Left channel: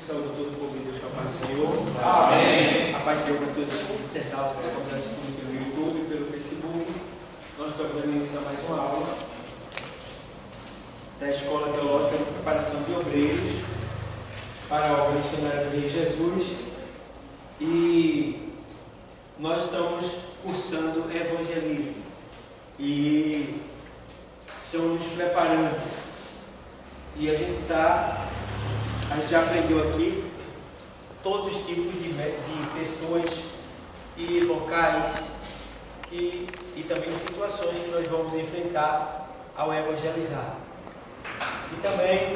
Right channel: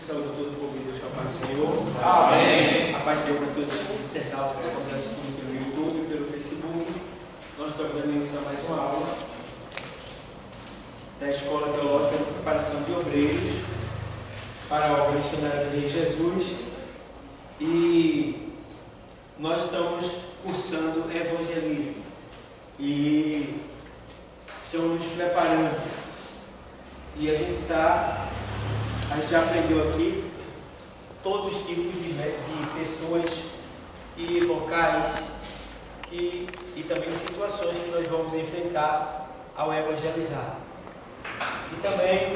Saúde a todo o povo de Deus com a paz do Senhor. Amém. A paz do Senhor para todos os internautas que estão assistindo pelo YouTube e pelo Facebook. Nós estamos dando início a mais uma aula da Escola Teológica de Preparação de Obreiros para a obra missionária de Jesus. E nós estamos cursando evangelismo e estamos nos preparando. E a gente já aprendeu aqui todos os tipos de pessoas e locais e também situações que nós vamos enfrentar ao evangelizar. E também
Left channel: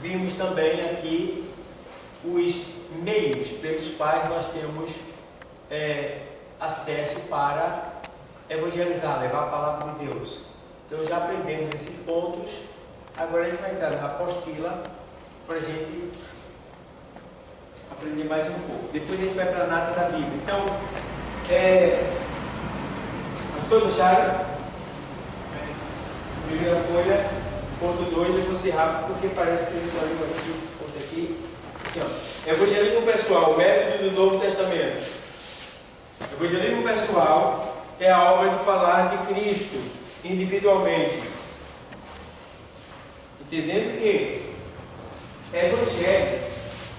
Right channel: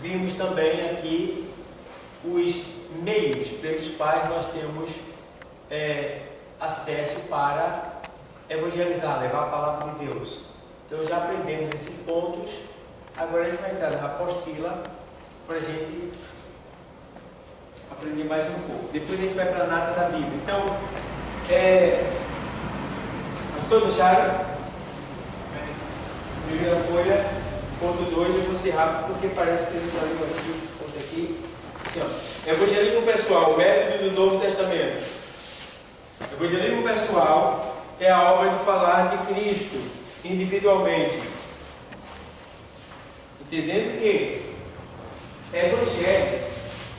vimos também aqui os meios pelos quais nós temos acesso para evangelizar, levar a palavra de Deus. Então já aprendemos esses pontos. Agora a gente vai entrar na apostila para a gente aprender mais um pouco. Depois a gente vai para a nata da Bíblia. Então, todos acharam? Primeira folha, ponto 2, eu vou ser rápido porque parece que ele já leu aqui, esse ponto aqui. Assim, ó. Evangelismo pessoal, o método do Novo Testamento. Evangelismo pessoal é a obra de falar de Cristo individualmente. Entendendo que Evangelho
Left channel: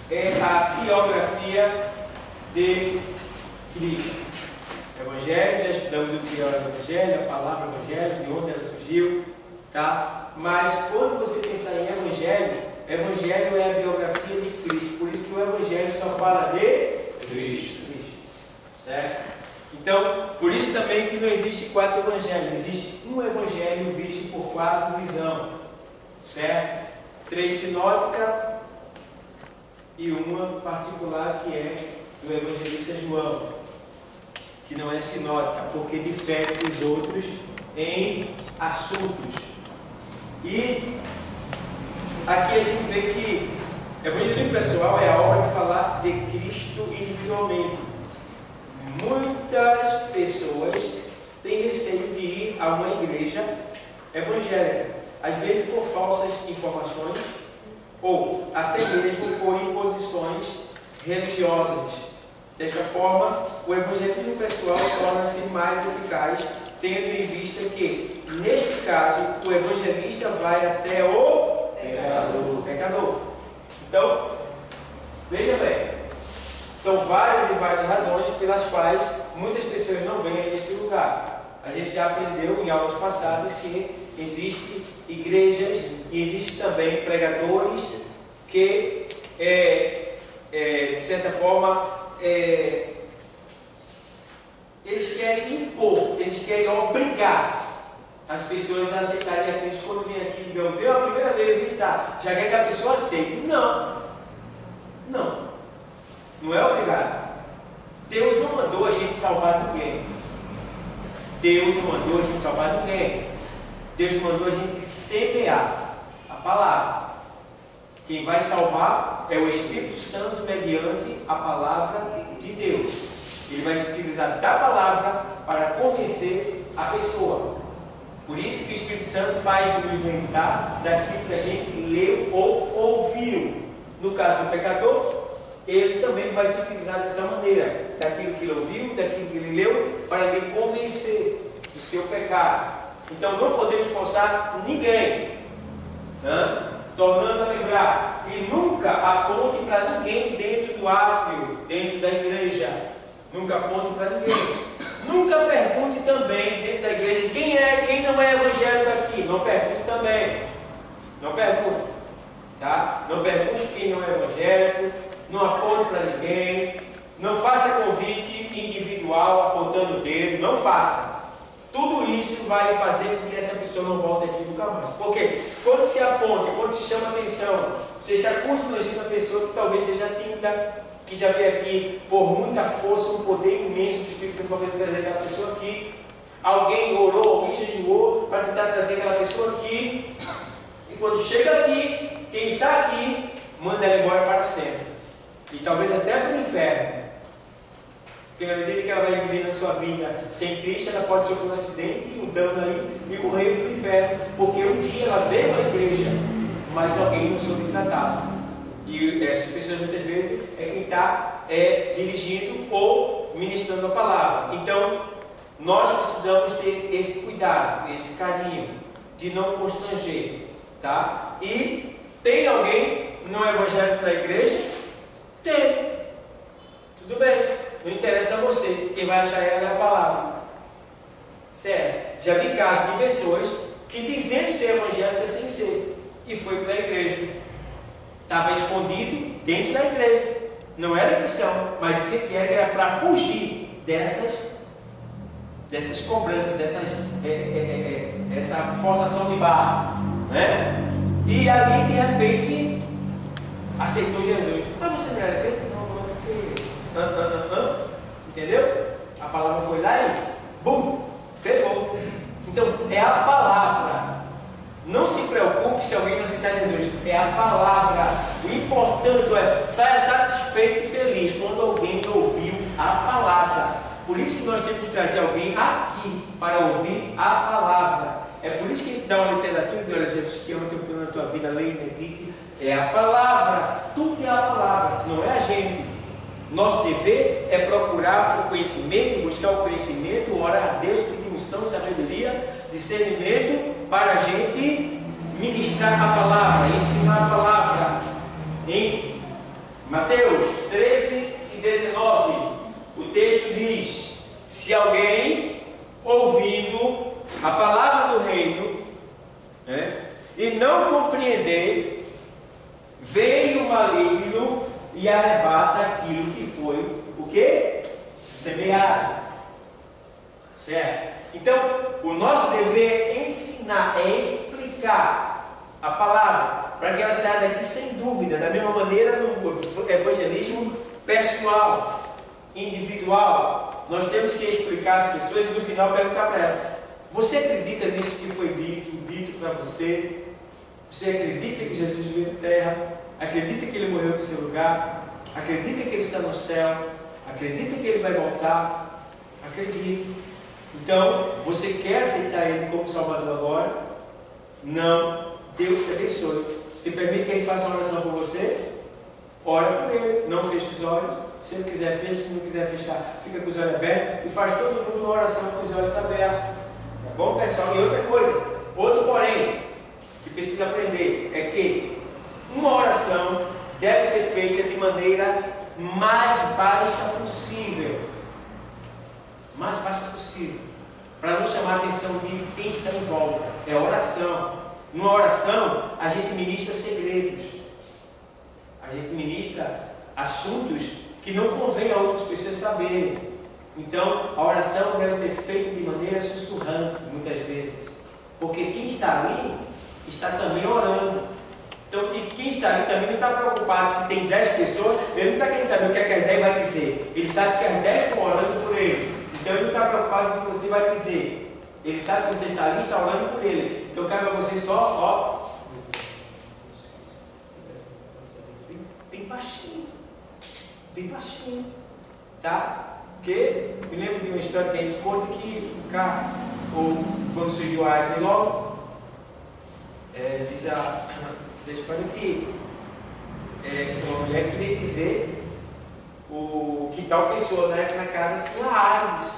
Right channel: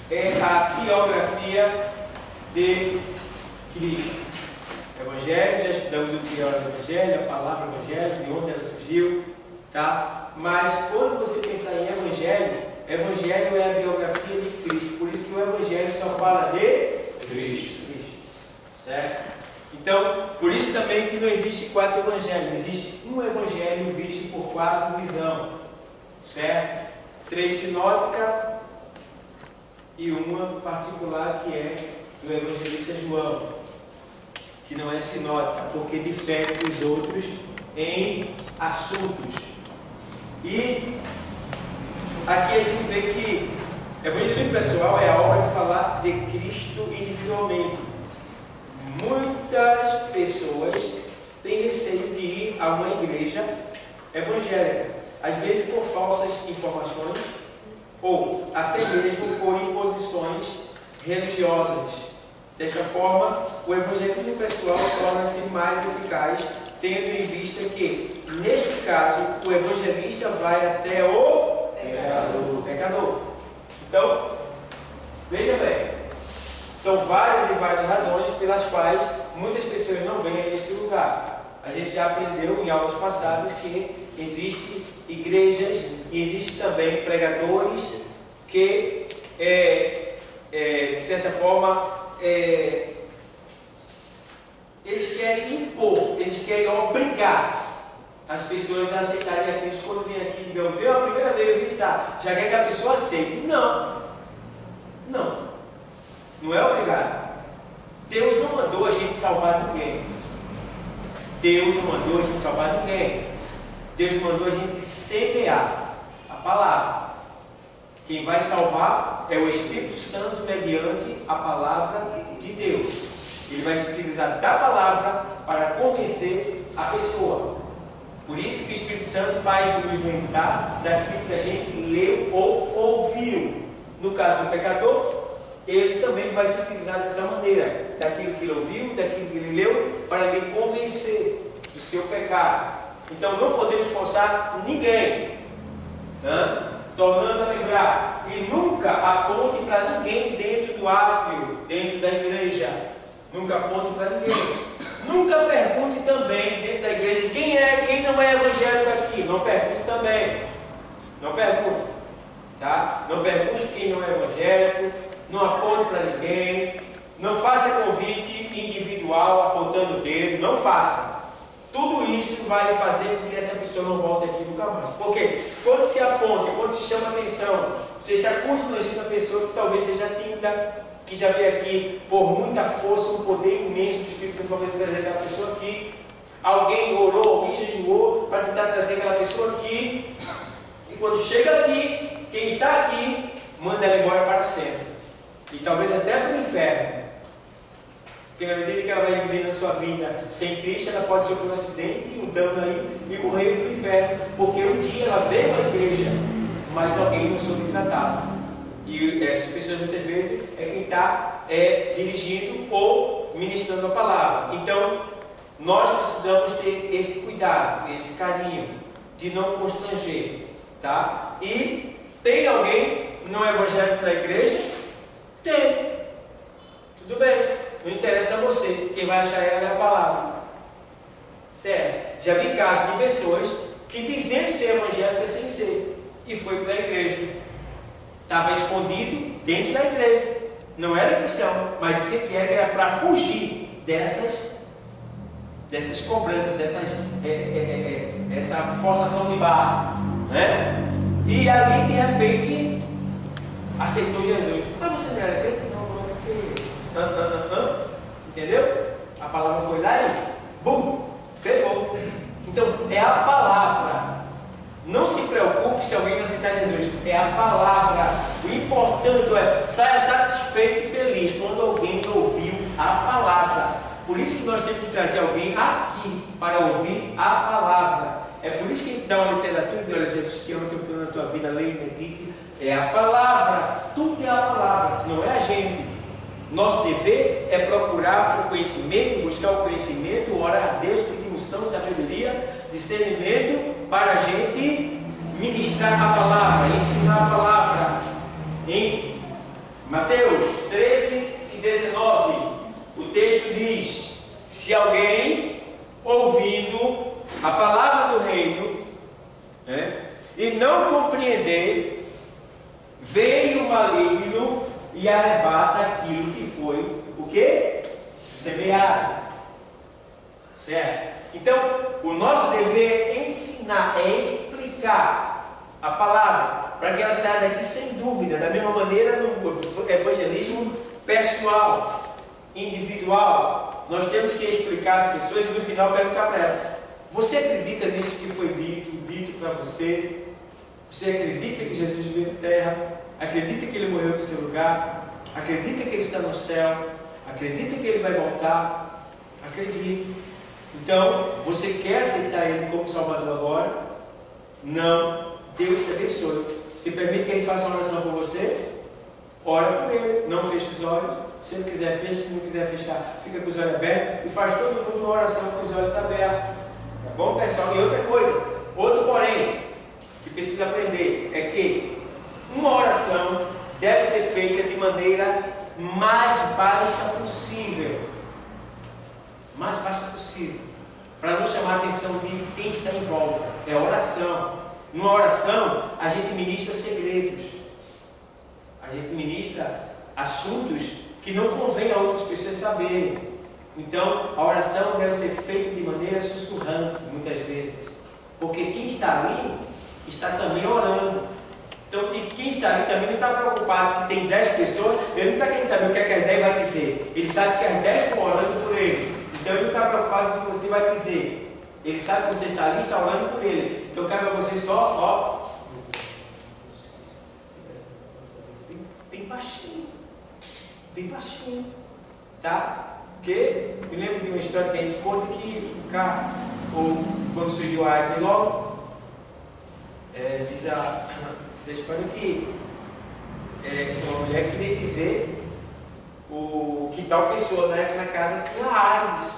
é a biografia de Cristo. Evangelho, já estudamos o que é o Evangelho, a palavra Evangelho, de onde ela surgiu, tá? Mas quando você pensar em Evangelho, Evangelho é a biografia de Cristo. Por isso que o Evangelho só fala de Cristo. Certo? Então, por isso também que não existe 4 evangelhos. Existe um evangelho visto por 4 visões. Certo? 3 sinóticas e uma particular que é do evangelista João, que não é sinótica, porque difere dos outros em assuntos. E aqui a gente vê que evangelismo pessoal é a obra de falar de Cristo individualmente. Muitas pessoas têm receio de ir a uma igreja evangélica, às vezes por falsas informações ou até mesmo por imposições religiosas. Desta forma, o evangelismo pessoal torna-se mais eficaz, tendo em vista que, neste caso, o evangelista vai até o pecador. Então, veja bem, são várias e várias razões pelas quais muitas pessoas não vêm a este lugar. A gente já aprendeu em aulas passadas que existem igrejas e existem também pregadores que, de certa forma, eles querem impor, eles querem obrigar as pessoas a aceitarem a Cristo. Quando vem aqui e ouvir a primeira vez visitar, já quer que a pessoa aceite. Não. Não é obrigado. Deus não mandou a gente salvar ninguém. Deus não mandou a gente salvar ninguém. Deus mandou a gente semear a palavra. Quem vai salvar é o Espírito Santo mediante a palavra de Deus. Ele vai se utilizar da palavra para convencer a pessoa. Por isso que o Espírito Santo faz nos lembrar daquilo que a gente leu ou ouviu. No caso do pecador, ele também vai se utilizar dessa maneira, daquilo que ele ouviu, daquilo que ele leu, para lhe convencer do seu pecado. Então não podemos forçar ninguém, tornando a lembrar, e nunca aponte para ninguém dentro do átrio, dentro da igreja. Nunca aponte para ninguém. Nunca pergunte também dentro da igreja quem não é evangélico aqui. Não pergunte também. Não pergunte, tá? Não pergunte quem não é evangélico. Não aponte para ninguém, não faça convite individual apontando o dedo, não faça. Tudo isso vai fazer com que essa pessoa não volte aqui nunca mais. Porque quando se aponta, quando se chama atenção, você está constrangendo a pessoa que talvez seja tímida, que já veio aqui por muita força, um poder imenso do Espírito Santo para trazer aquela pessoa aqui. Alguém orou, alguém jejuou para tentar trazer aquela pessoa aqui. E quando chega aqui, quem está aqui, manda ela embora para sempre. E talvez até para o inferno. Porque na medida que ela vai viver na sua vida sem Cristo, ela pode sofrer um acidente, um dano aí e morrer para o inferno. Porque um dia ela veio à igreja, mas alguém não soube tratá-la. E essas pessoas muitas vezes é quem está dirigindo ou ministrando a palavra. Então, nós precisamos ter esse cuidado, esse carinho, de não constranger, tá? E tem alguém não evangélico na igreja? Tem. Tudo bem. Não interessa a você. Quem vai achar ela é a palavra. Certo? Já vi casos de pessoas que dizendo ser evangélica sem ser. E foi para a igreja. Estava escondido dentro da igreja. Não era cristão, mas dizia que era para fugir dessas cobranças, essa forçação de barra, né? E ali de repente aceitou Jesus. Mas você não era crente? Não, porque entendeu? A palavra foi lá e bum, pegou. Então é a palavra. Não se preocupe se alguém não aceitar Jesus. É a palavra. O importante é saia satisfeito e feliz quando alguém ouviu a palavra. Por isso que nós temos que trazer alguém aqui para ouvir a palavra. É por isso que a gente dá uma literatura e olha, Jesus te ama, teu plano na tua vida, leia e medite. É a palavra. Tudo é a palavra, não é a gente. Nosso dever é procurar o conhecimento, buscar o conhecimento, orar a Deus, pedir unção, sabedoria, discernimento para a gente ministrar a palavra, ensinar a palavra. Em Mateus 13 e 19, o texto diz: se alguém ouvindo a palavra do reino, né, e não compreender, veio o maligno e arrebata aquilo que foi o que? Semeado. Certo? Então, o nosso dever é ensinar, é explicar a palavra, para que ela saia daqui sem dúvida, da mesma maneira no evangelismo pessoal, individual. Nós temos que explicar às pessoas e no final perguntar para elas: você acredita nisso que foi dito para você? Você acredita que Jesus veio à terra? Acredita que Ele morreu no seu lugar? Acredita que Ele está no céu? Acredita que Ele vai voltar? Acredita. Então, você quer aceitar Ele como Salvador agora? Não. Deus te abençoe. Se permite que a gente faça uma oração por você? Ora por Ele. Não feche os olhos. Se Ele quiser, fecha. Se não quiser fechar, fica com os olhos abertos. E faz todo mundo uma oração com os olhos abertos. Tá bom, pessoal? E outra coisa, outro porém, que precisa aprender, é que uma oração deve ser feita de maneira mais baixa possível. Mais baixa possível. Para não chamar a atenção de quem está em volta. É oração. Numa oração, a gente ministra segredos. A gente ministra assuntos que não convém a outras pessoas saberem. Então, a oração deve ser feita de maneira sussurrante, muitas vezes. Porque quem está ali, está também orando. Então, e quem está ali também não está preocupado se tem 10 pessoas, ele não está querendo saber o que é que as 10 vai dizer. Ele sabe que as 10 estão orando por ele. Então ele não está preocupado com o que você vai dizer. Ele sabe que você está ali e está orando por ele. Então cabe a você só, bem baixinho. Bem baixinho. Tá? Porque me lembro de uma história que a gente conta que o carro, ou quando surgiu a AIDS logo, diz essa história que uma mulher queria dizer que tal pessoa na casa tinha AIDS,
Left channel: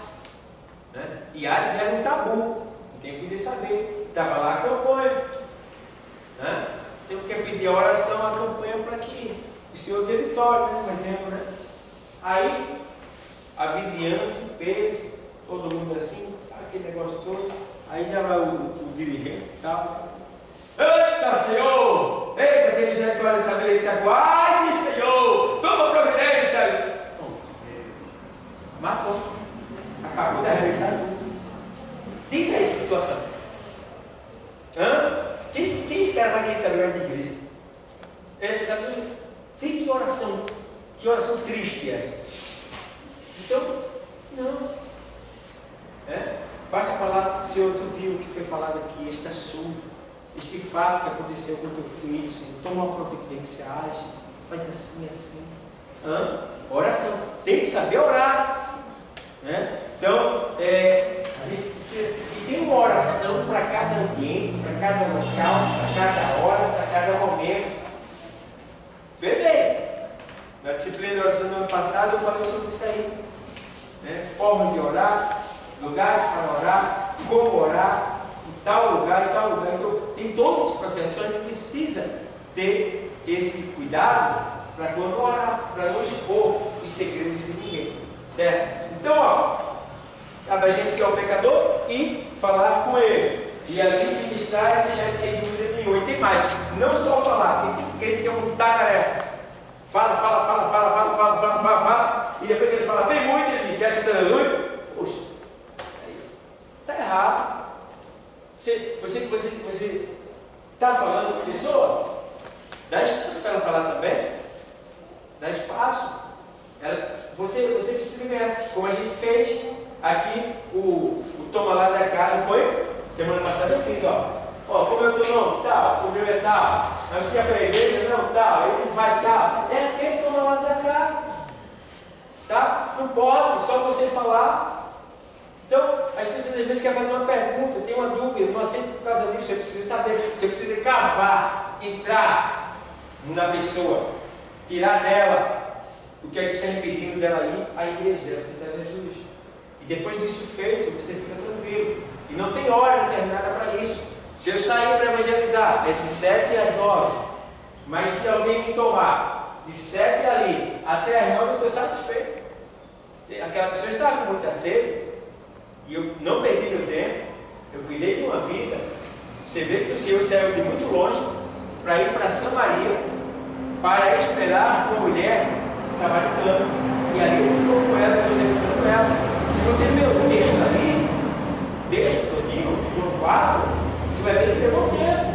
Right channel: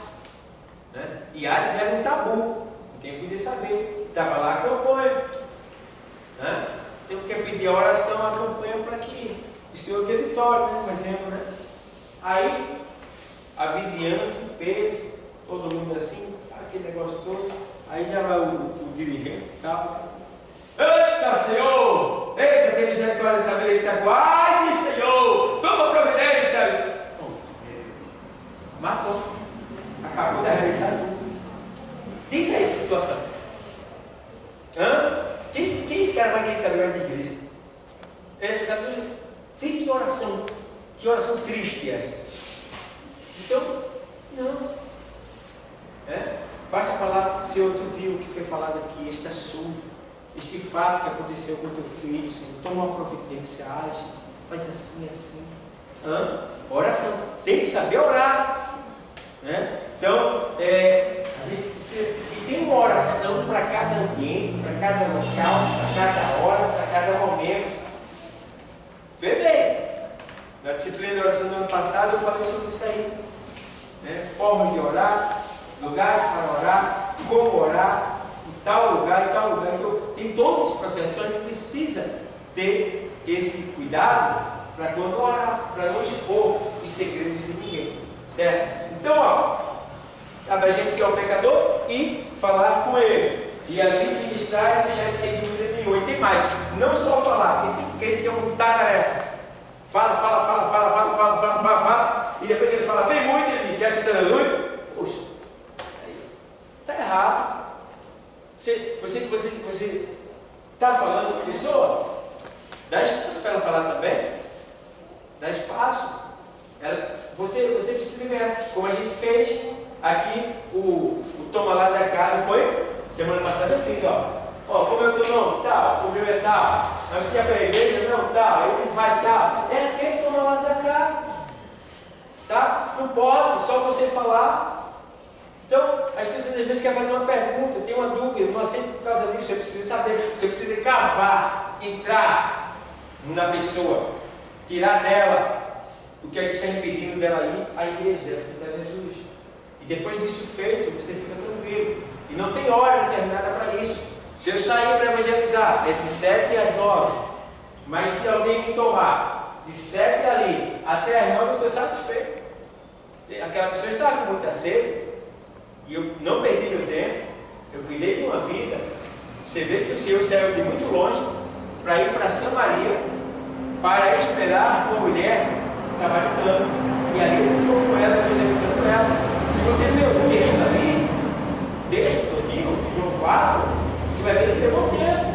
né? E AIDS era um tabu, ninguém podia saber. Estava lá a campanha, né? Tem que pedir a oração, a campanha para que o Senhor dê vitória, né? Por exemplo, né? Aí a vizinhança, Pedro, todo mundo assim, aquele negócio todo. Aí já vai o dirigente e tal. Eita, Senhor! Eita, tem misericórdia dessa vida, ele está com ai, Senhor! Toma providência! Matou. Acabou de arrebentar tudo. Diz aí a situação. Quem esse cara vai querer saber mais de igreja? Sabe? Fique em oração. Que oração triste essa. Então, não. Basta falar, Senhor, tu viu o que foi falado aqui, este assunto, este fato que aconteceu com teu filho, Senhor, toma uma providência, age, faz assim, assim. Oração. Tem que saber orar. Né? Então, e tem uma oração para cada ambiente, para cada local, para cada hora, para cada momento. Vê bem. Na disciplina de oração do ano passado eu falei sobre isso aí. Né? Formas de orar, lugares para orar, como orar, em tal lugar, em tal lugar. Então, tem todo esse processo. Então, a gente precisa ter esse cuidado para quando orar, para não expor os segredos de ninguém. Certo? Então, ó, cabe a gente que é o pecador e falar com ele. E ali ministrar e deixar de ser dúvida nenhuma. E tem mais, não só falar, porque tem crente que é um tagarela. Fala, e depois que ele fala bem muito, ele diz, essa aleluia. Poxa, aí está errado. Você está falando com a pessoa, dá espaço para ela falar também. Dá espaço. Você precisa ganhar, como a gente fez aqui, o toma lá da casa, foi? Semana passada eu fiz, ó, como é o teu nome? Tal, o meu é tal. Mas você já foi à igreja? Não, tal, ele vai tal. É aquele que toma lá da cá. Tá? Não pode, só você falar. Então, as pessoas às vezes querem fazer uma pergunta, tem uma dúvida, não aceita por causa disso. Você precisa saber, você precisa cavar, entrar na pessoa, tirar dela o que é que está impedindo dela ir à igreja, aceitar Jesus. E depois disso feito, você fica tranquilo. E não tem hora determinada para isso. Se eu sair para evangelizar, é de 7 às 9. Mas se alguém me tomar de 7 ali até às 9, eu estou satisfeito. Aquela pessoa estava com muita sede. E eu não perdi meu tempo. Eu cuidei de uma vida. Você vê que o Senhor saiu de muito longe para ir para Samaria para esperar uma mulher samaritana. E ali ele ficou com ela, evangelizando ela. Se você vê o texto ali, texto todinho, João 4, você vai ver que levou tempo.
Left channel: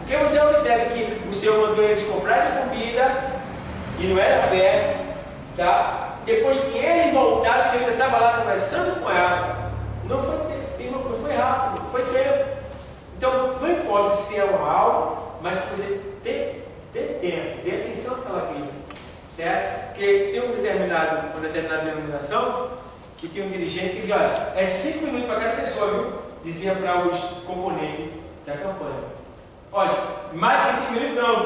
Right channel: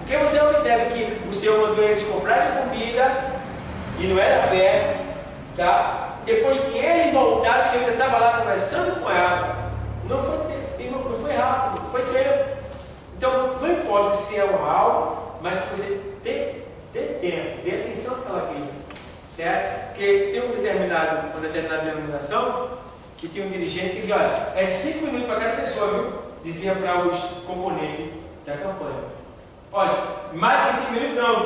Porque você observa que o Senhor mandou eles comprarem comida e não era perto, tá? Depois que ele voltar, o Senhor ainda estava lá conversando com ela. Não foi rápido, foi tempo. Então, não importa se é um mal, mas que você dê tempo, dê atenção àquela vida, certo? Porque tem uma determinada denominação que tinha um dirigente que dizia, olha, é 5 minutos para cada pessoa, viu? Dizia para os componentes da campanha. Olha, mais de 5 minutos não.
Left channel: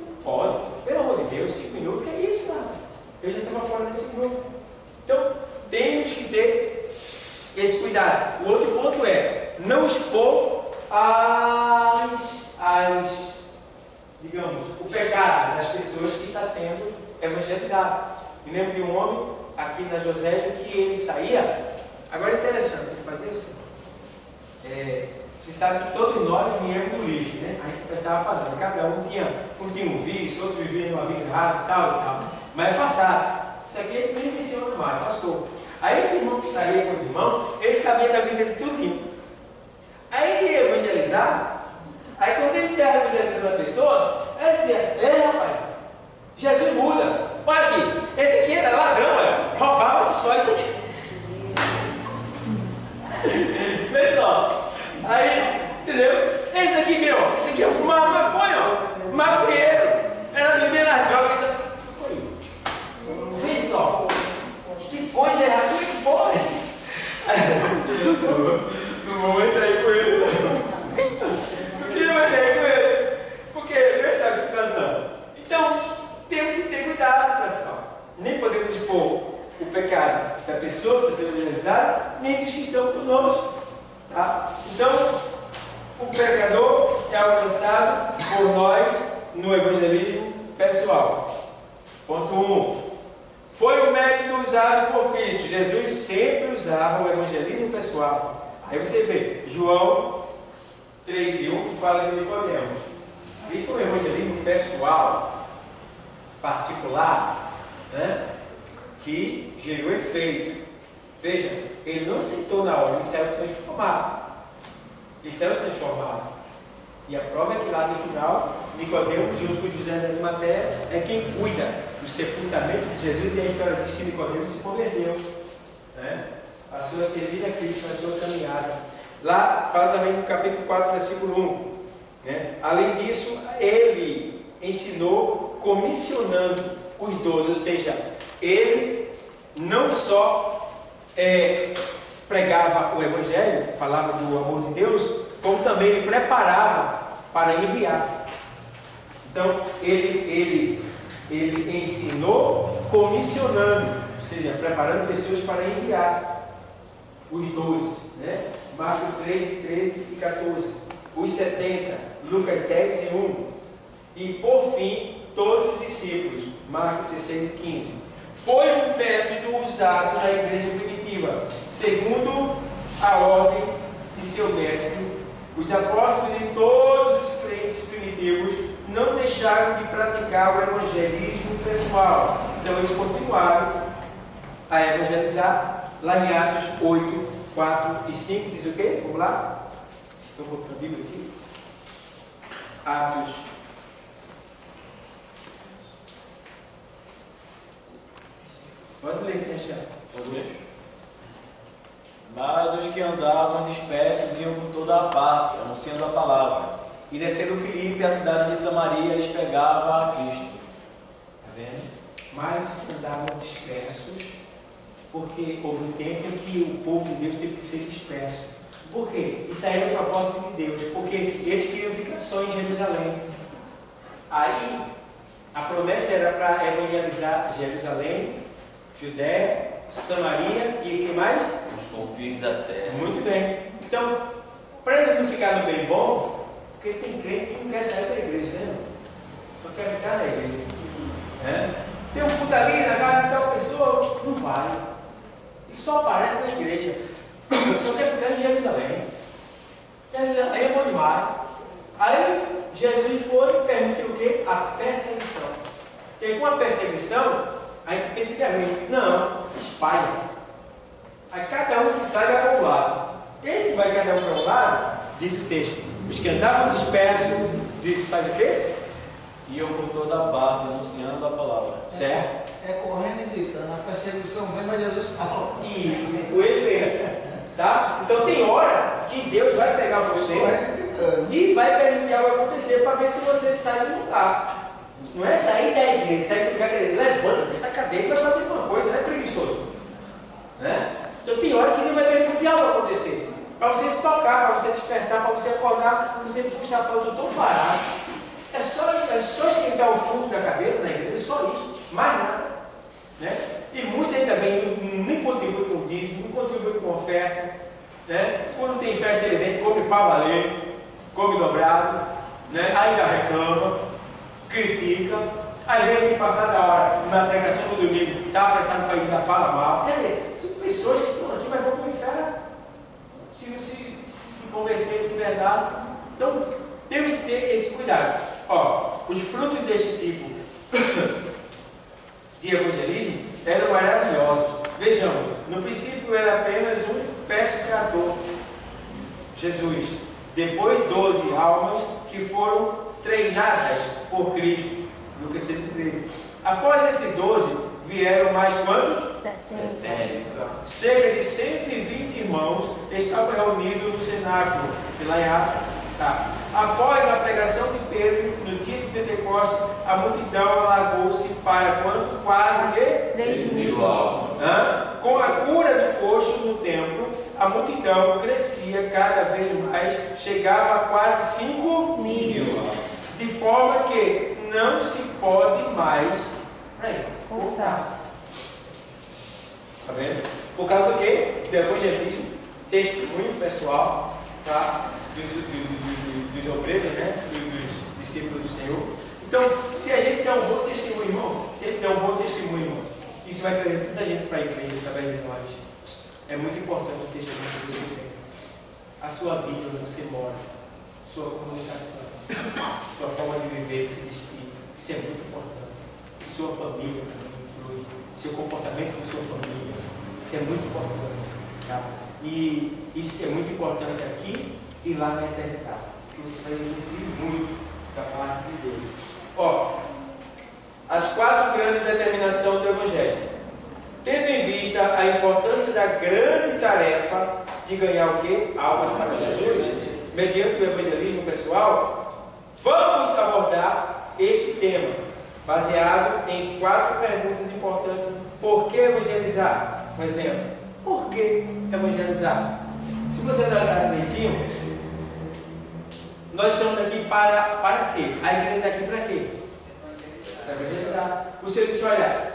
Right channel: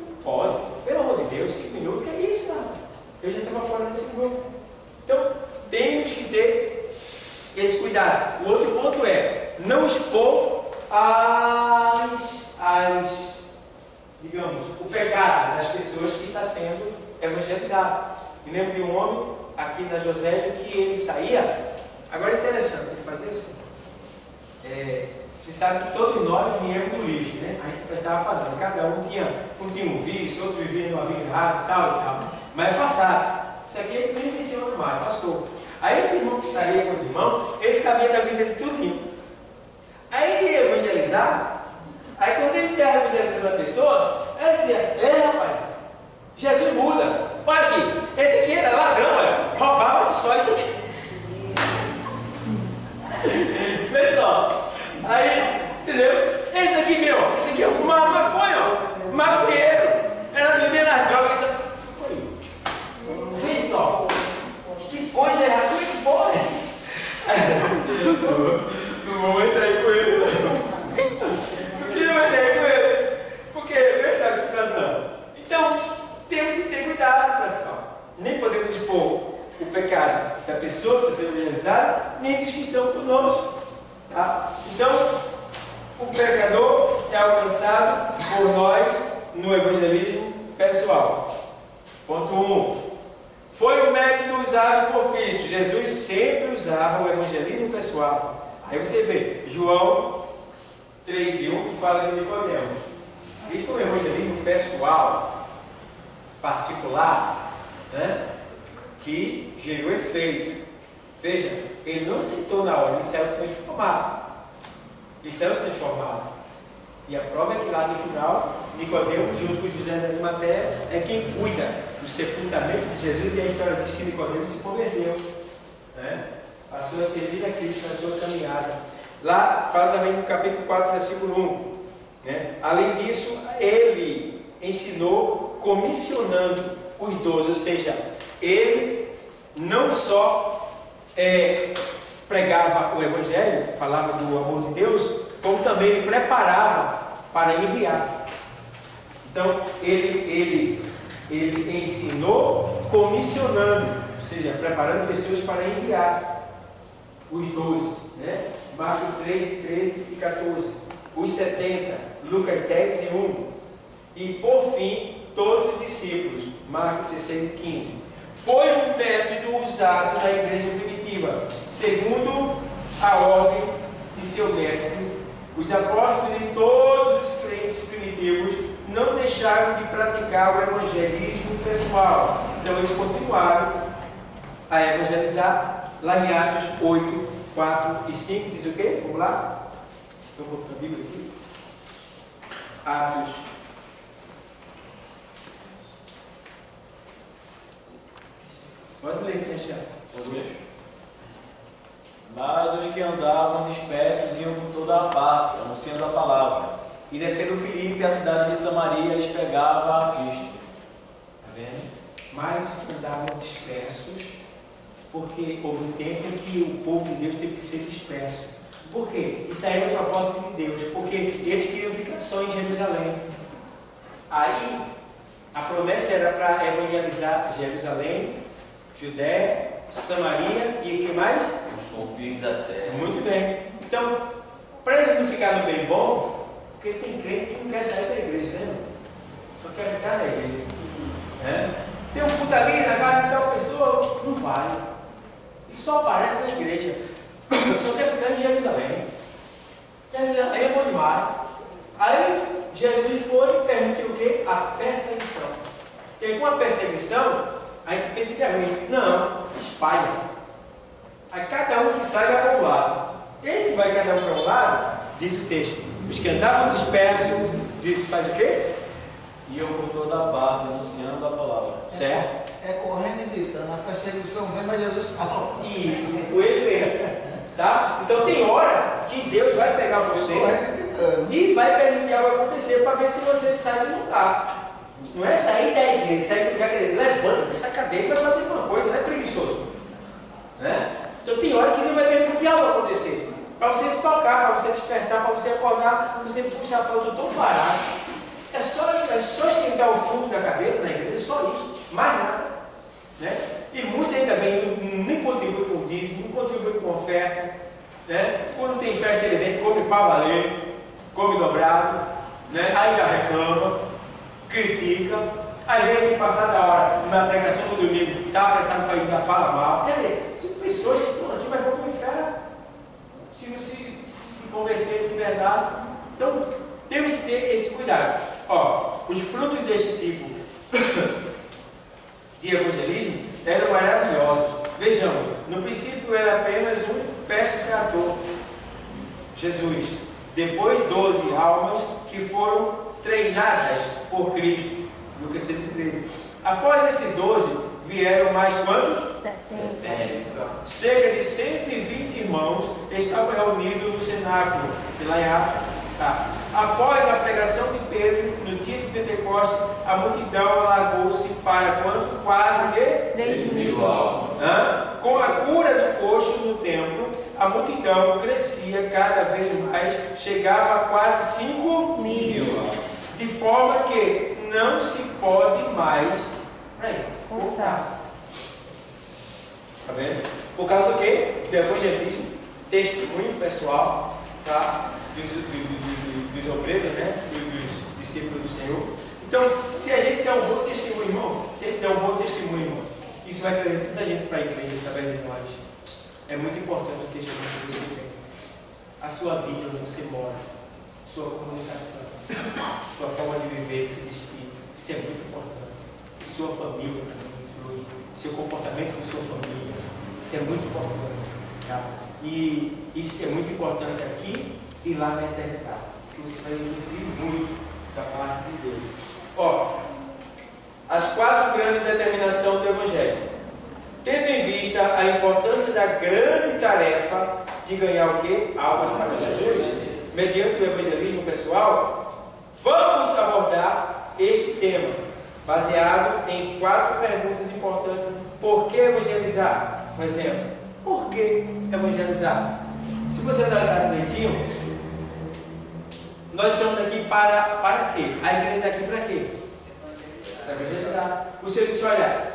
Não pode, pelo amor de Deus, 5 minutos, que é isso, cara? Eu já estava fora desse grupo. Então, temos que ter esse cuidado. O outro ponto é não expor digamos, o pecado das pessoas que está sendo evangelizado. Me lembro de um homem aqui na Josélia que ele saía. Agora é interessante, ele fazia assim. Você sabe que todos nós viemos do lixo, né? A gente prestava para nada. Cada um tinha um vício, outros viviam numa vida errada, tal e tal. Mas é passado. Isso aqui ele nem menciona mais, passou. Aí esse irmão que saía com os irmãos, ele sabia da vida de tudinho. Aí ele ia evangelizar. Aí quando ele estava evangelizando a pessoa, ela dizia, rapaz, Jesus muda. Olha aqui, esse aqui era ladrão, roubava só isso aqui. Vê só. Aí, entendeu? Esse daqui, esse aqui eu fumava maconha, maconheiro. Era viver nas drogas. Vê só. Que coisa errada, como é que pode? Não vou sair com ele, não. Por que não vai sair com ele? Porque não sabe a situação. Então, temos que ter cuidado, pessoal. Nem podemos expor o pecado da pessoa que está sendo evangelizada, nem dos que estão conosco. Tá? Então, o pecador é alcançado por nós no evangelismo pessoal. Ponto 1. Foi o método usado por Cristo. Jesus sempre usava o evangelismo pessoal. Aí você vê, João 3:1 que fala de Nicodemos. Ele foi um evangelismo pessoal, particular, né? Que gerou efeito. Veja, ele não aceitou na hora, ele saiu transformado. Ele saiu transformado. E a prova é que lá no final, Nicodemos, junto com José de Arimateia, é quem cuida do sepultamento de Jesus. E a história diz que Nicodemos se converteu, né? Passou a servir a Cristo na sua caminhada. Lá fala também no capítulo 4, versículo 1. Né? Além disso, ele ensinou comissionando os 12, ou seja, ele não só pregava o Evangelho, falava do amor de Deus, como também ele preparava para enviar. Então, ele Ele ensinou comissionando, ou seja, preparando pessoas para enviar. Os 12, né? Marcos 3, 13 e 14. Os 70, Lucas 10 e 1. E por fim, todos os discípulos, Marcos 16 e 15. Foi um método usado na igreja primitiva, segundo a ordem de seu mestre. Os apóstolos e todos os crentes primitivos não deixaram de praticar o evangelismo pessoal. Então eles continuaram a evangelizar. Lá em Atos 8, 4 e 5 diz o quê? Vamos lá? Eu vou para a Bíblia aqui. Atos. Pode ler, deixa. Mas os que andavam dispersos iam por toda a parte, anunciando a palavra. E descendo Filipe, a cidade de Samaria, eles pregavam a Cristo. Está vendo? Mas os que andavam dispersos, porque houve um tempo em que o povo de Deus teve que ser disperso. Por quê? Isso aí é o propósito de Deus, porque eles queriam ficar só em Jerusalém. Aí, a promessa era para evangelizar Jerusalém, Judéia, Samaria e o que mais? Os confins da terra. Muito bem. Então, para ele não ficar no bem bom, porque tem crente que não quer sair da igreja, né? Só quer ficar na igreja. Tem um culto ali na casa de tal pessoa, não vai. E só aparece na igreja. Só quer ficar em Jerusalém. Jerusalém é bom demais. Aí Jesus foi e permitiu o quê? A perseguição. Porque com a perseguição, a gente pensa que é ruim. Não, espalha. Aí cada um que sai vai para um lado. Esse que vai cada um para um lado, diz o texto, os que andavam dispersos, diz, faz o quê? Iam por toda a parte, anunciando a palavra. Certo? É correndo e gritando, a perseguição vem, mas Jesus salva. Isso, o efeito. Tá? Então tem hora que Deus vai pegar você e vai permitir algo acontecer para ver se você sai do lugar. Não é sair da igreja, sair do lugar da igreja. Levanta dessa cadeira para fazer alguma coisa, não é preguiçoso. Né? Então tem hora que Deus vai permitir algo acontecer. Para você se tocar, para você despertar, para você acordar, você puxar para o doutor parado. É só esquentar o fundo da cadeira na igreja, só isso, mais nada. Né? E muitos ainda vêm, nem contribuem com dízimo, não contribuem com oferta. Né? Quando tem festa, ele vem, come para valer, come dobrado, né? Ainda reclama, critica. Às vezes, se passar da hora, na pregação do domingo, está apressado para ir ainda fala mal. Quer dizer, são pessoas que estão aqui, mas vão para o inferno se não se converterem de verdade. Então, temos que ter esse cuidado. Ó, os frutos deste tipo de evangelismo eram maravilhosos. Vejamos, no princípio era apenas um pescador, Jesus. Depois 12 almas que foram treinadas por Cristo. Lucas 6 e 13. Após esses 12, vieram mais quantos? 70. Cerca de 120 irmãos estavam reunidos no cenáculo de lá em Atos. Tá. Após a pregação de Pedro, no dia de Pentecostes, a multidão alargou-se para quanto? Quase o quê? 3.000 almas. Com a cura do coxo no templo, a multidão crescia cada vez mais, chegava a quase 5.000. De forma que não se pode mais contar. Tá vendo? Por causa do quê? Do evangelismo, testemunho pessoal, tá? Dos obreiros, né? Dos discípulos do Senhor. Então, se a gente der um bom testemunho, irmão, se a gente der um bom testemunho, irmão, isso vai trazer tanta gente para a igreja através de nós. É muito importante o testemunho que você tem. A sua vida, onde você mora, sua comunicação, sua forma de viver, de se vestir, isso é muito importante. Sua família também influi, seu comportamento com sua família, isso é muito importante. Tá? E isso é muito importante aqui e lá na eternidade. Você vai usufruir muito da parte de Deus. Ó, as 4 grandes determinações do Evangelho. Tendo em vista a importância da grande tarefa de ganhar o quê? Almas para Jesus, mediante o evangelismo pessoal, vamos abordar este tema, baseado em 4 perguntas importantes. Por que evangelizar? Por exemplo, por que evangelizar? Se você analisar direitinho, nós estamos aqui para quê? A igreja está aqui para quê? Para evangelizar. O Senhor disse, olha,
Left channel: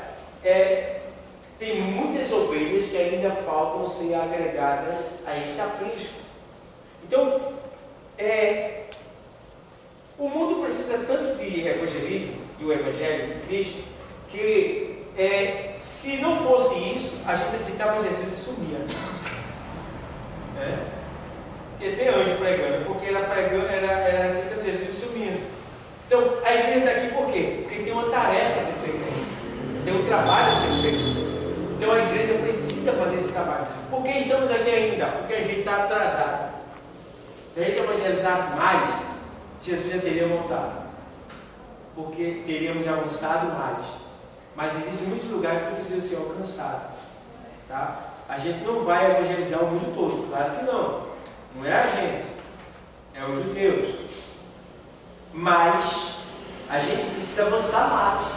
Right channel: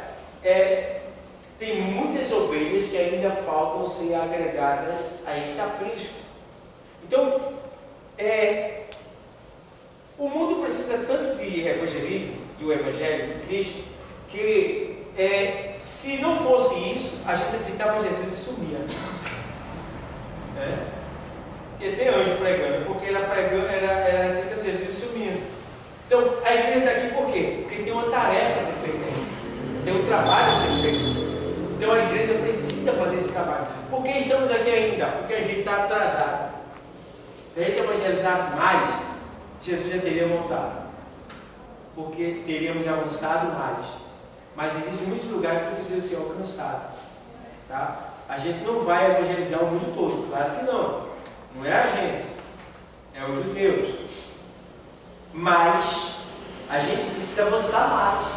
tem muitas ovelhas que ainda faltam ser agregadas a esse aprisco. Então, o mundo precisa tanto de evangelismo, do Evangelho de Cristo, que se não fosse isso, a gente aceitava Jesus e sumia. E tem anjo pregando, porque ela aceitando Jesus e sumindo. Então, a igreja está aqui por quê? Porque tem uma tarefa a ser feita aí. Tem um trabalho a ser feito. Então, a igreja precisa fazer esse trabalho. Por que estamos aqui ainda? Porque a gente está atrasado. Se a gente evangelizasse mais, Jesus já teria voltado. Porque teríamos avançado mais. Mas existem muitos lugares que precisam ser alcançados. Tá? A gente não vai evangelizar o mundo todo, claro que não. Não é a gente, é os judeus. Mas a gente precisa avançar mais.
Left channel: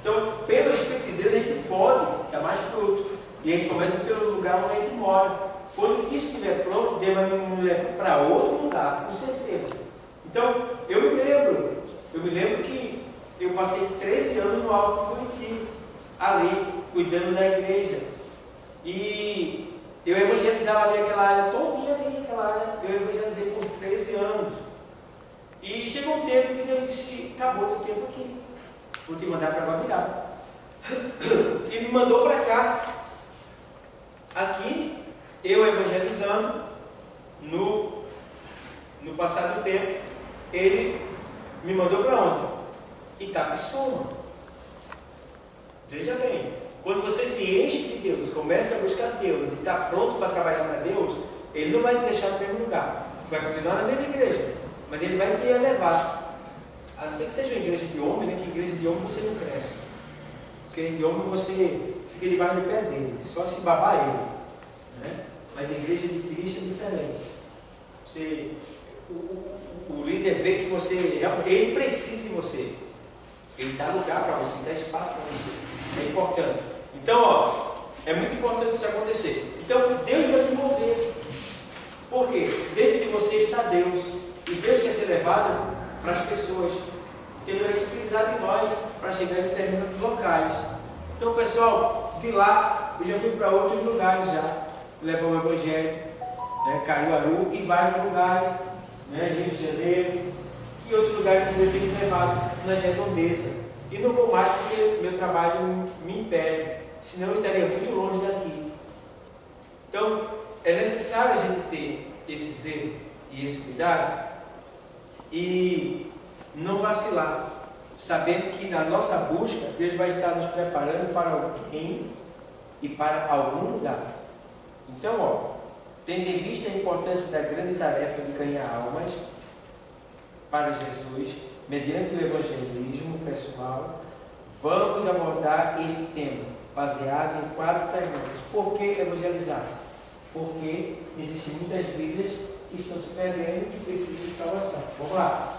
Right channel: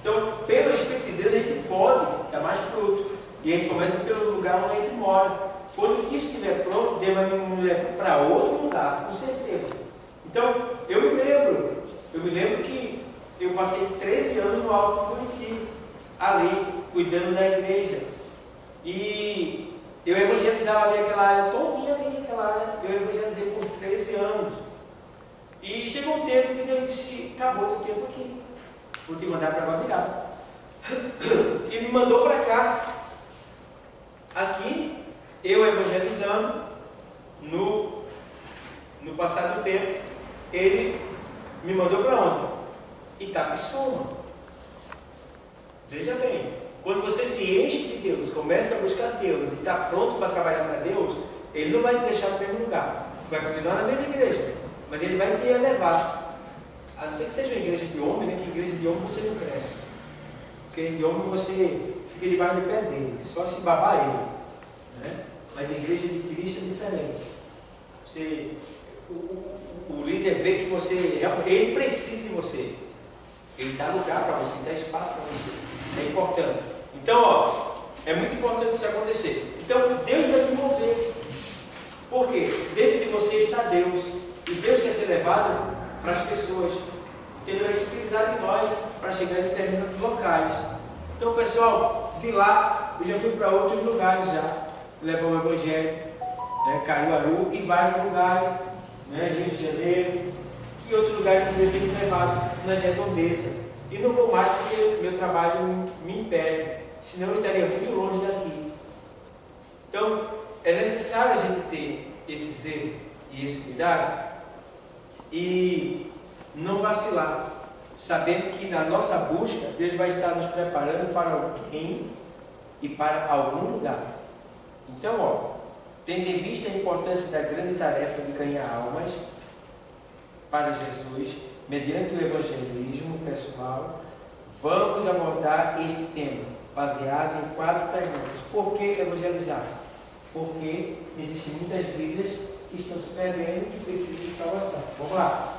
Então, pelo Espírito de Deus, a gente pode dar mais fruto. E a gente começa pelo lugar onde a gente mora. Quando isso estiver pronto, Deus vai me levar para outro lugar, com certeza. Então, eu me lembro que eu passei 13 anos no Alto Curitiba, ali, cuidando da igreja. E eu evangelizava ali aquela área todinha ali, aquela área, eu evangelizei por 13 anos. E chegou um tempo que Deus disse, acabou o teu tempo aqui, vou te mandar para Guabiraba. E me mandou para cá. Aqui, eu evangelizando, no passado do tempo, ele me mandou para onde? Itapissuma. Veja bem, quando você se enche de Deus, começa a buscar Deus e está pronto para trabalhar para Deus, Ele não vai te deixar no mesmo lugar. Vai continuar na mesma igreja, mas Ele vai te elevar. A não ser que seja uma igreja de homem, né? Que igreja de homem você não cresce. Porque de homem você fica debaixo do pé dele, só se babar ele. Né? Mas a igreja de Cristo é diferente. O líder vê que ele precisa de você. Ele dá lugar para você, dá espaço para você. Isso é importante. Então, é muito importante isso acontecer. Então, Deus vai te mover. Por quê? Dentro de você está Deus. E Deus quer ser levado para as pessoas. Então, Ele vai se utilizar de nós para chegar em determinados locais. Então, pessoal, de lá, eu já fui para outros lugares já. Levar o Evangelho, Caruaru e vários lugares, Rio de Janeiro, e outros lugares que eu tenho levado nas redondezas. E não vou mais porque o meu trabalho me impede, senão eu estaria muito longe daqui. Então, é necessário a gente ter esse zelo e esse cuidado e não vacilar, sabendo que na nossa busca, Deus vai estar nos preparando para alguém e para algum lugar. Então, tendo em vista a importância da grande tarefa de ganhar almas para Jesus, mediante o evangelismo pessoal, vamos abordar este tema, baseado em 4 perguntas. Por que evangelizar? Porque existem muitas vidas que estão se perdendo e que precisam de salvação. Vamos lá.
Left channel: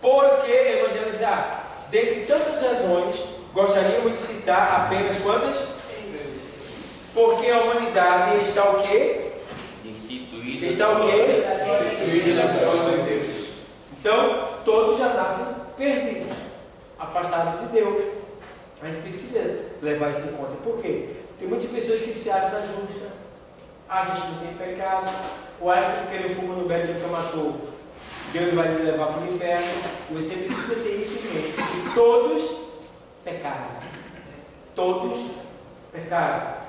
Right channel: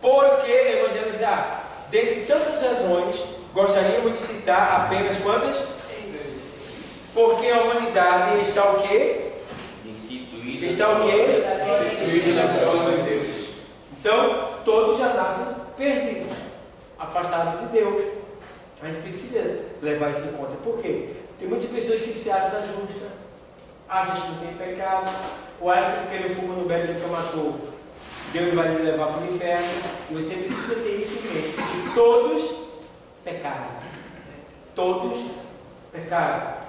Por que evangelizar? Dentre tantas razões, gostaríamos de citar apenas quantas? Porque a humanidade está o quê? Está o quê? Instituída na glória de Deus. Então, todos já nascem perdidos, afastados de Deus. A gente precisa levar isso em conta. Por quê? Tem muitas pessoas que se acham justas, acham que não tem pecado, ou acham que porque ele fuma no beco que matou, Deus vai lhe levar para o inferno. E você precisa ter isso em mente. Que todos pecaram. Todos pecaram.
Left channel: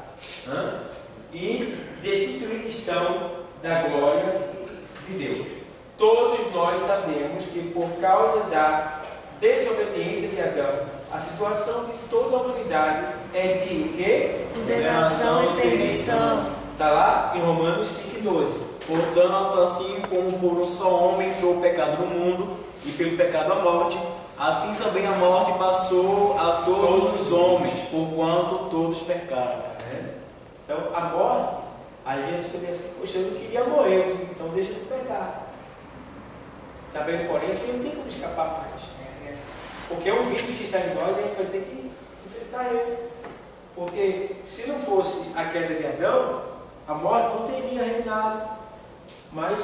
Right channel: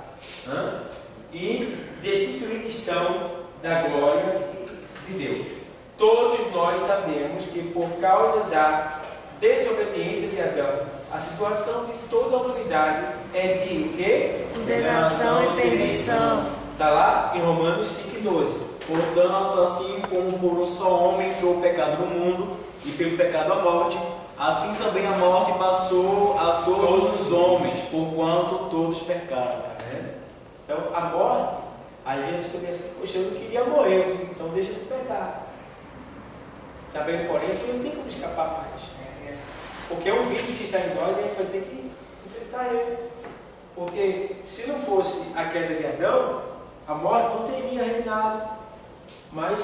E destituídos estão da glória de Deus. Todos nós sabemos que por causa da desobediência de Adão, a situação de toda a humanidade é de o quê? Condenação e perdição. Está lá em Romanos 5,12. Portanto, assim como por um só homem entrou o pecado no mundo, e pelo pecado a morte, assim também a morte passou a todos os homens, porquanto todos pecaram. Então, a morte, a gente pensa assim, poxa, eu não queria morrer, então deixa de pecar. Sabendo, porém, que não tem como escapar mais. Porque é um vírus que está em nós e a gente vai ter que enfrentar ele. Porque se não fosse a queda de Adão, a morte não teria reinado. Mas,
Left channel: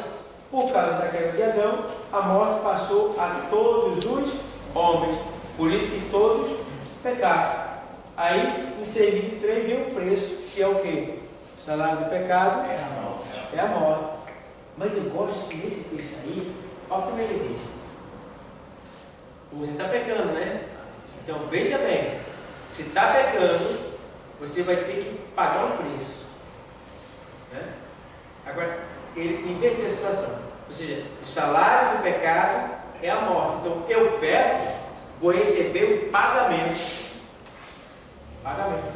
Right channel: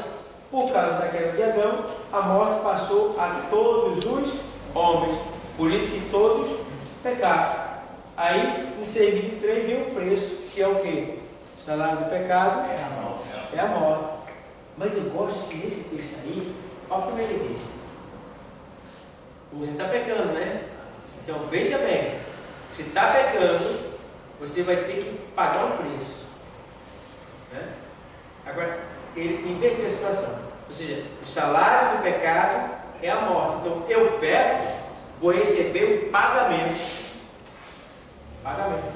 por causa da queda de Adão, a morte passou a todos os homens. Por isso que todos pecaram. Aí, em seguida de 3 vem o preço, que é o quê? O salário do pecado é a morte. Mas eu gosto que nesse texto aí, olha o que ele diz. Você está pecando, né? Então veja bem, se está pecando, você vai ter que pagar um preço. Né? Agora, ele inverte a situação. Ou seja, o salário do pecado é a morte. Então eu peco, vou receber um pagamento. Pagamento.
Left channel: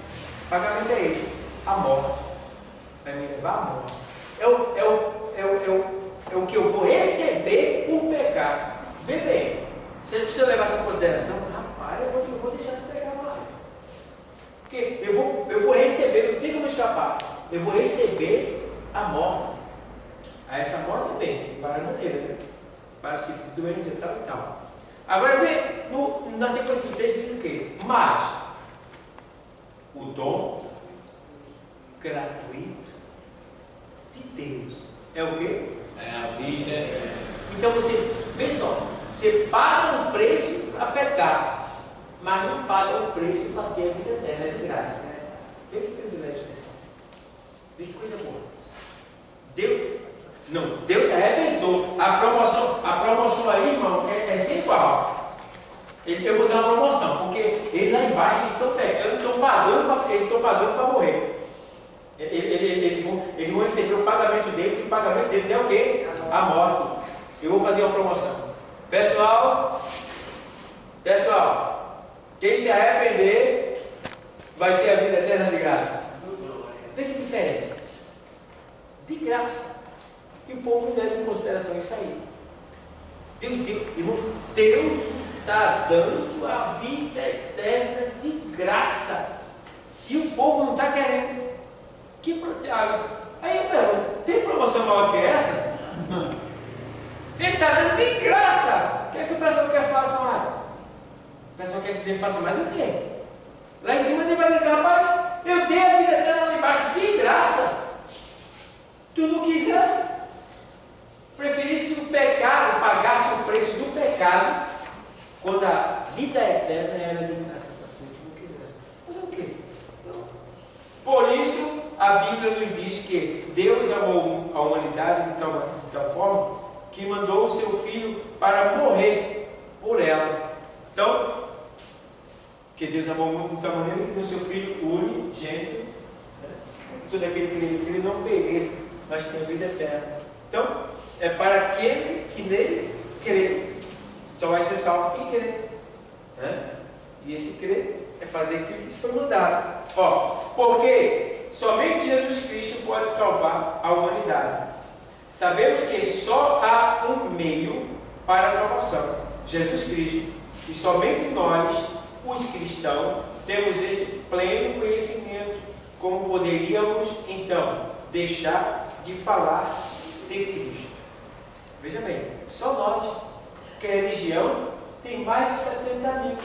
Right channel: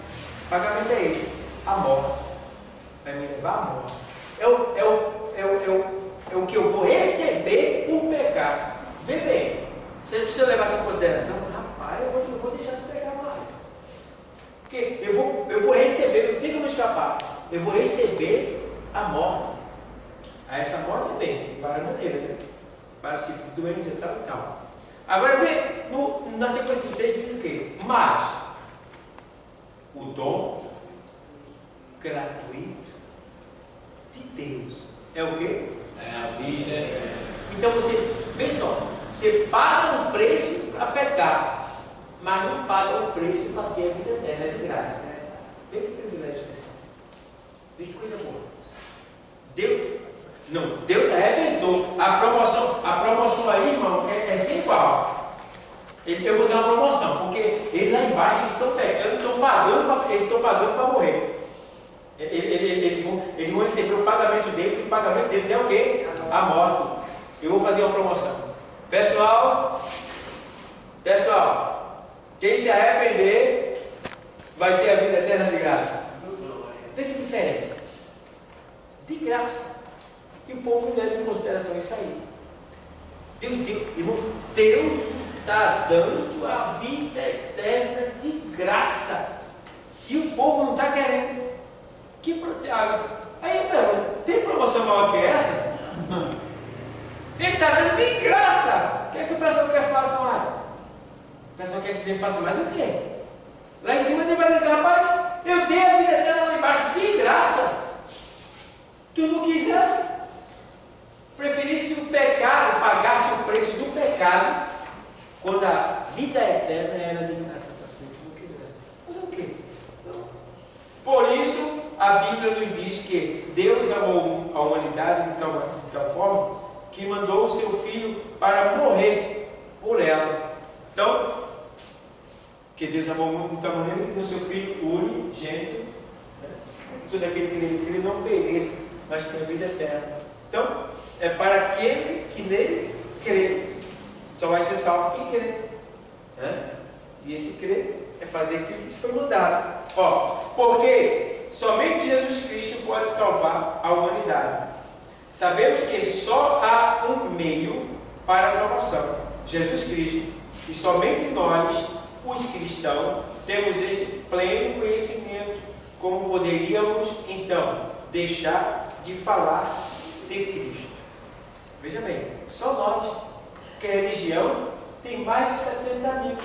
O pagamento é esse, a morte. Vai me levar à morte. É o que eu vou receber por pecar. Vê bem, você precisa levar isso em consideração. Rapaz, eu vou deixar de pecar mais. Porque eu vou receber, não tem como escapar. Eu vou receber a morte. Aí essa morte vem de várias maneiras, né? Vários tipos de doença e tal. Agora vê, na sequência do texto diz o quê? Mas o dom gratuito de Deus é o quê? É a vida. Então você, vê só, você paga um preço para pecar, mas não paga o preço para ter a vida eterna, é de graça. Né? Vê que privilégio especial. Vê que coisa boa. Deus arrebentou. A promoção aí, irmão, é sem igual. Eu vou dar uma promoção, porque eles lá embaixo eles estão pegando, eles estão pagando para morrer. Eles vão receber o pagamento deles, e o pagamento deles é o quê? A morte. Eu vou fazer uma promoção. Pessoal, quem se arrepender vai ter a vida eterna de graça. Vê que diferença. De graça. E o povo não leva em consideração isso aí. Deus está dando a vida eterna de graça. E o povo não está querendo. Aí eu pergunto, tem promoção maior do que essa? Ele está dando de graça. O que é que o pessoal quer faça mais? O pessoal quer que ele faça mais o quê? Lá em cima ele vai dizer, rapaz, eu dei a vida eterna lá embaixo de graça. Tu não quisesse? Preferisse o pecado, pagasse o preço do pecado, quando a vida eterna era de graça para tu, tu não quisesse. Fazer o quê? Não. Por isso, a Bíblia nos diz que Deus amou a humanidade de tal forma que mandou o seu Filho para morrer por ela. Então, que Deus amou o mundo de tal maneira que deu o seu Filho unigênito, né? Todo aquele que ele não pereça, mas tenha vida eterna. Então, é para aquele que nele crê. Só vai ser salvo quem crê. Né? E esse crer é fazer aquilo que foi mandado. Porque somente Jesus Cristo pode salvar a humanidade. Sabemos que só há um meio para a salvação, Jesus Cristo. E somente nós, os cristãos, temos este pleno conhecimento. Como poderíamos, então, deixar de falar de Cristo? Veja bem, só nós, que a religião tem mais de 70 mil.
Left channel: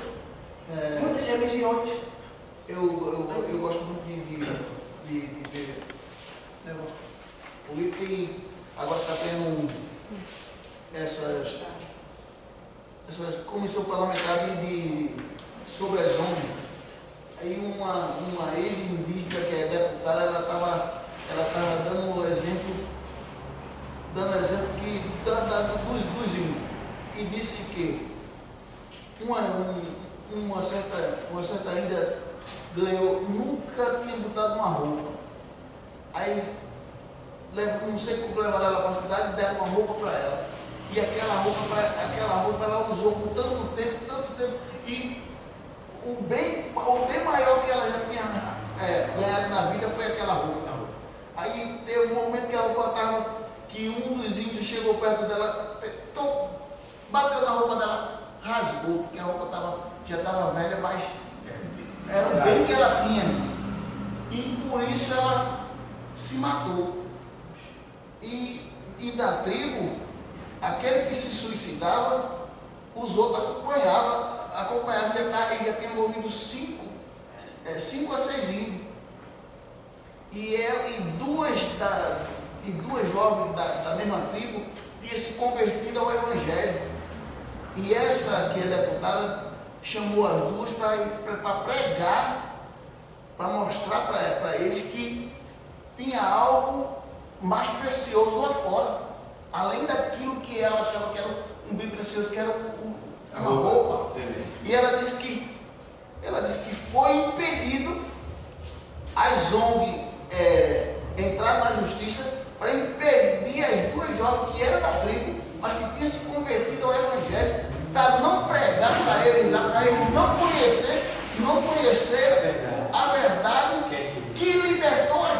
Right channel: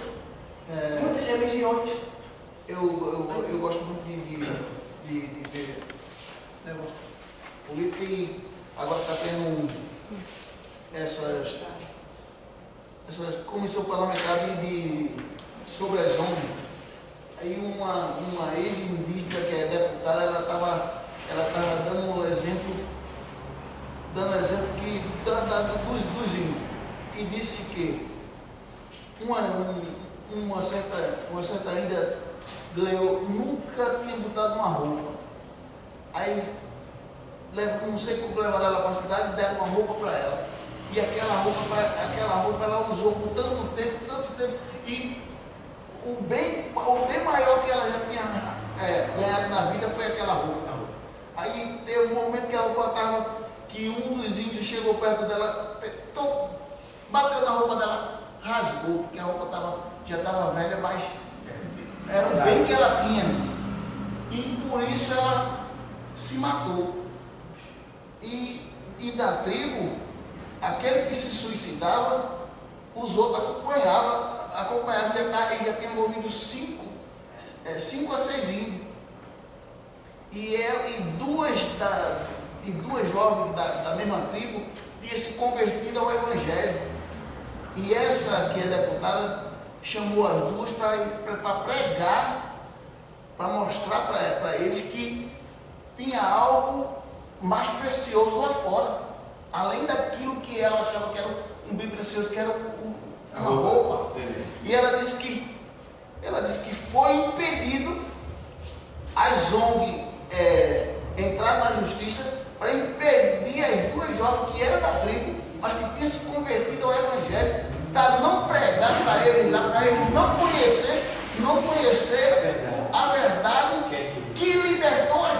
Muitas religiões. Eu gosto muito de ver negócio política e agora está tendo essas comissão parlamentar sobre as ONGs. Aí uma ex-indígena que é deputada, ela estava dando exemplo que dos índios, e disse que uma certa índia ganhou, nunca tinha botado uma roupa. Aí não sei como levaram ela para a cidade e deram uma roupa para ela. E aquela roupa ela usou por tanto tempo, e o bem maior que ela já tinha ganhado na vida foi aquela roupa. Aí teve um momento que a roupa estava, que um dos índios chegou perto dela, bateu na roupa dela, rasgou, porque a roupa já estava velha, mas era o bem que ela tinha. E por isso ela se matou. E da tribo, aquele que se suicidava, os outros acompanhavam, e já tinha morrido 5 a 6 índios. E duas jovens da mesma tribo tinham se convertido ao Evangelho. E essa que é deputada chamou as duas para pregar, para mostrar para eles que tinha algo mais precioso lá fora, além daquilo que ela achava que era um bem precioso, que era uma roupa. E ela disse que foi impedido as ONG entrar na justiça para impedir as duas jovens que eram da tribo, mas que tinham se convertido ao Evangelho, para não pregar para eles não conhecer a verdade que libertou as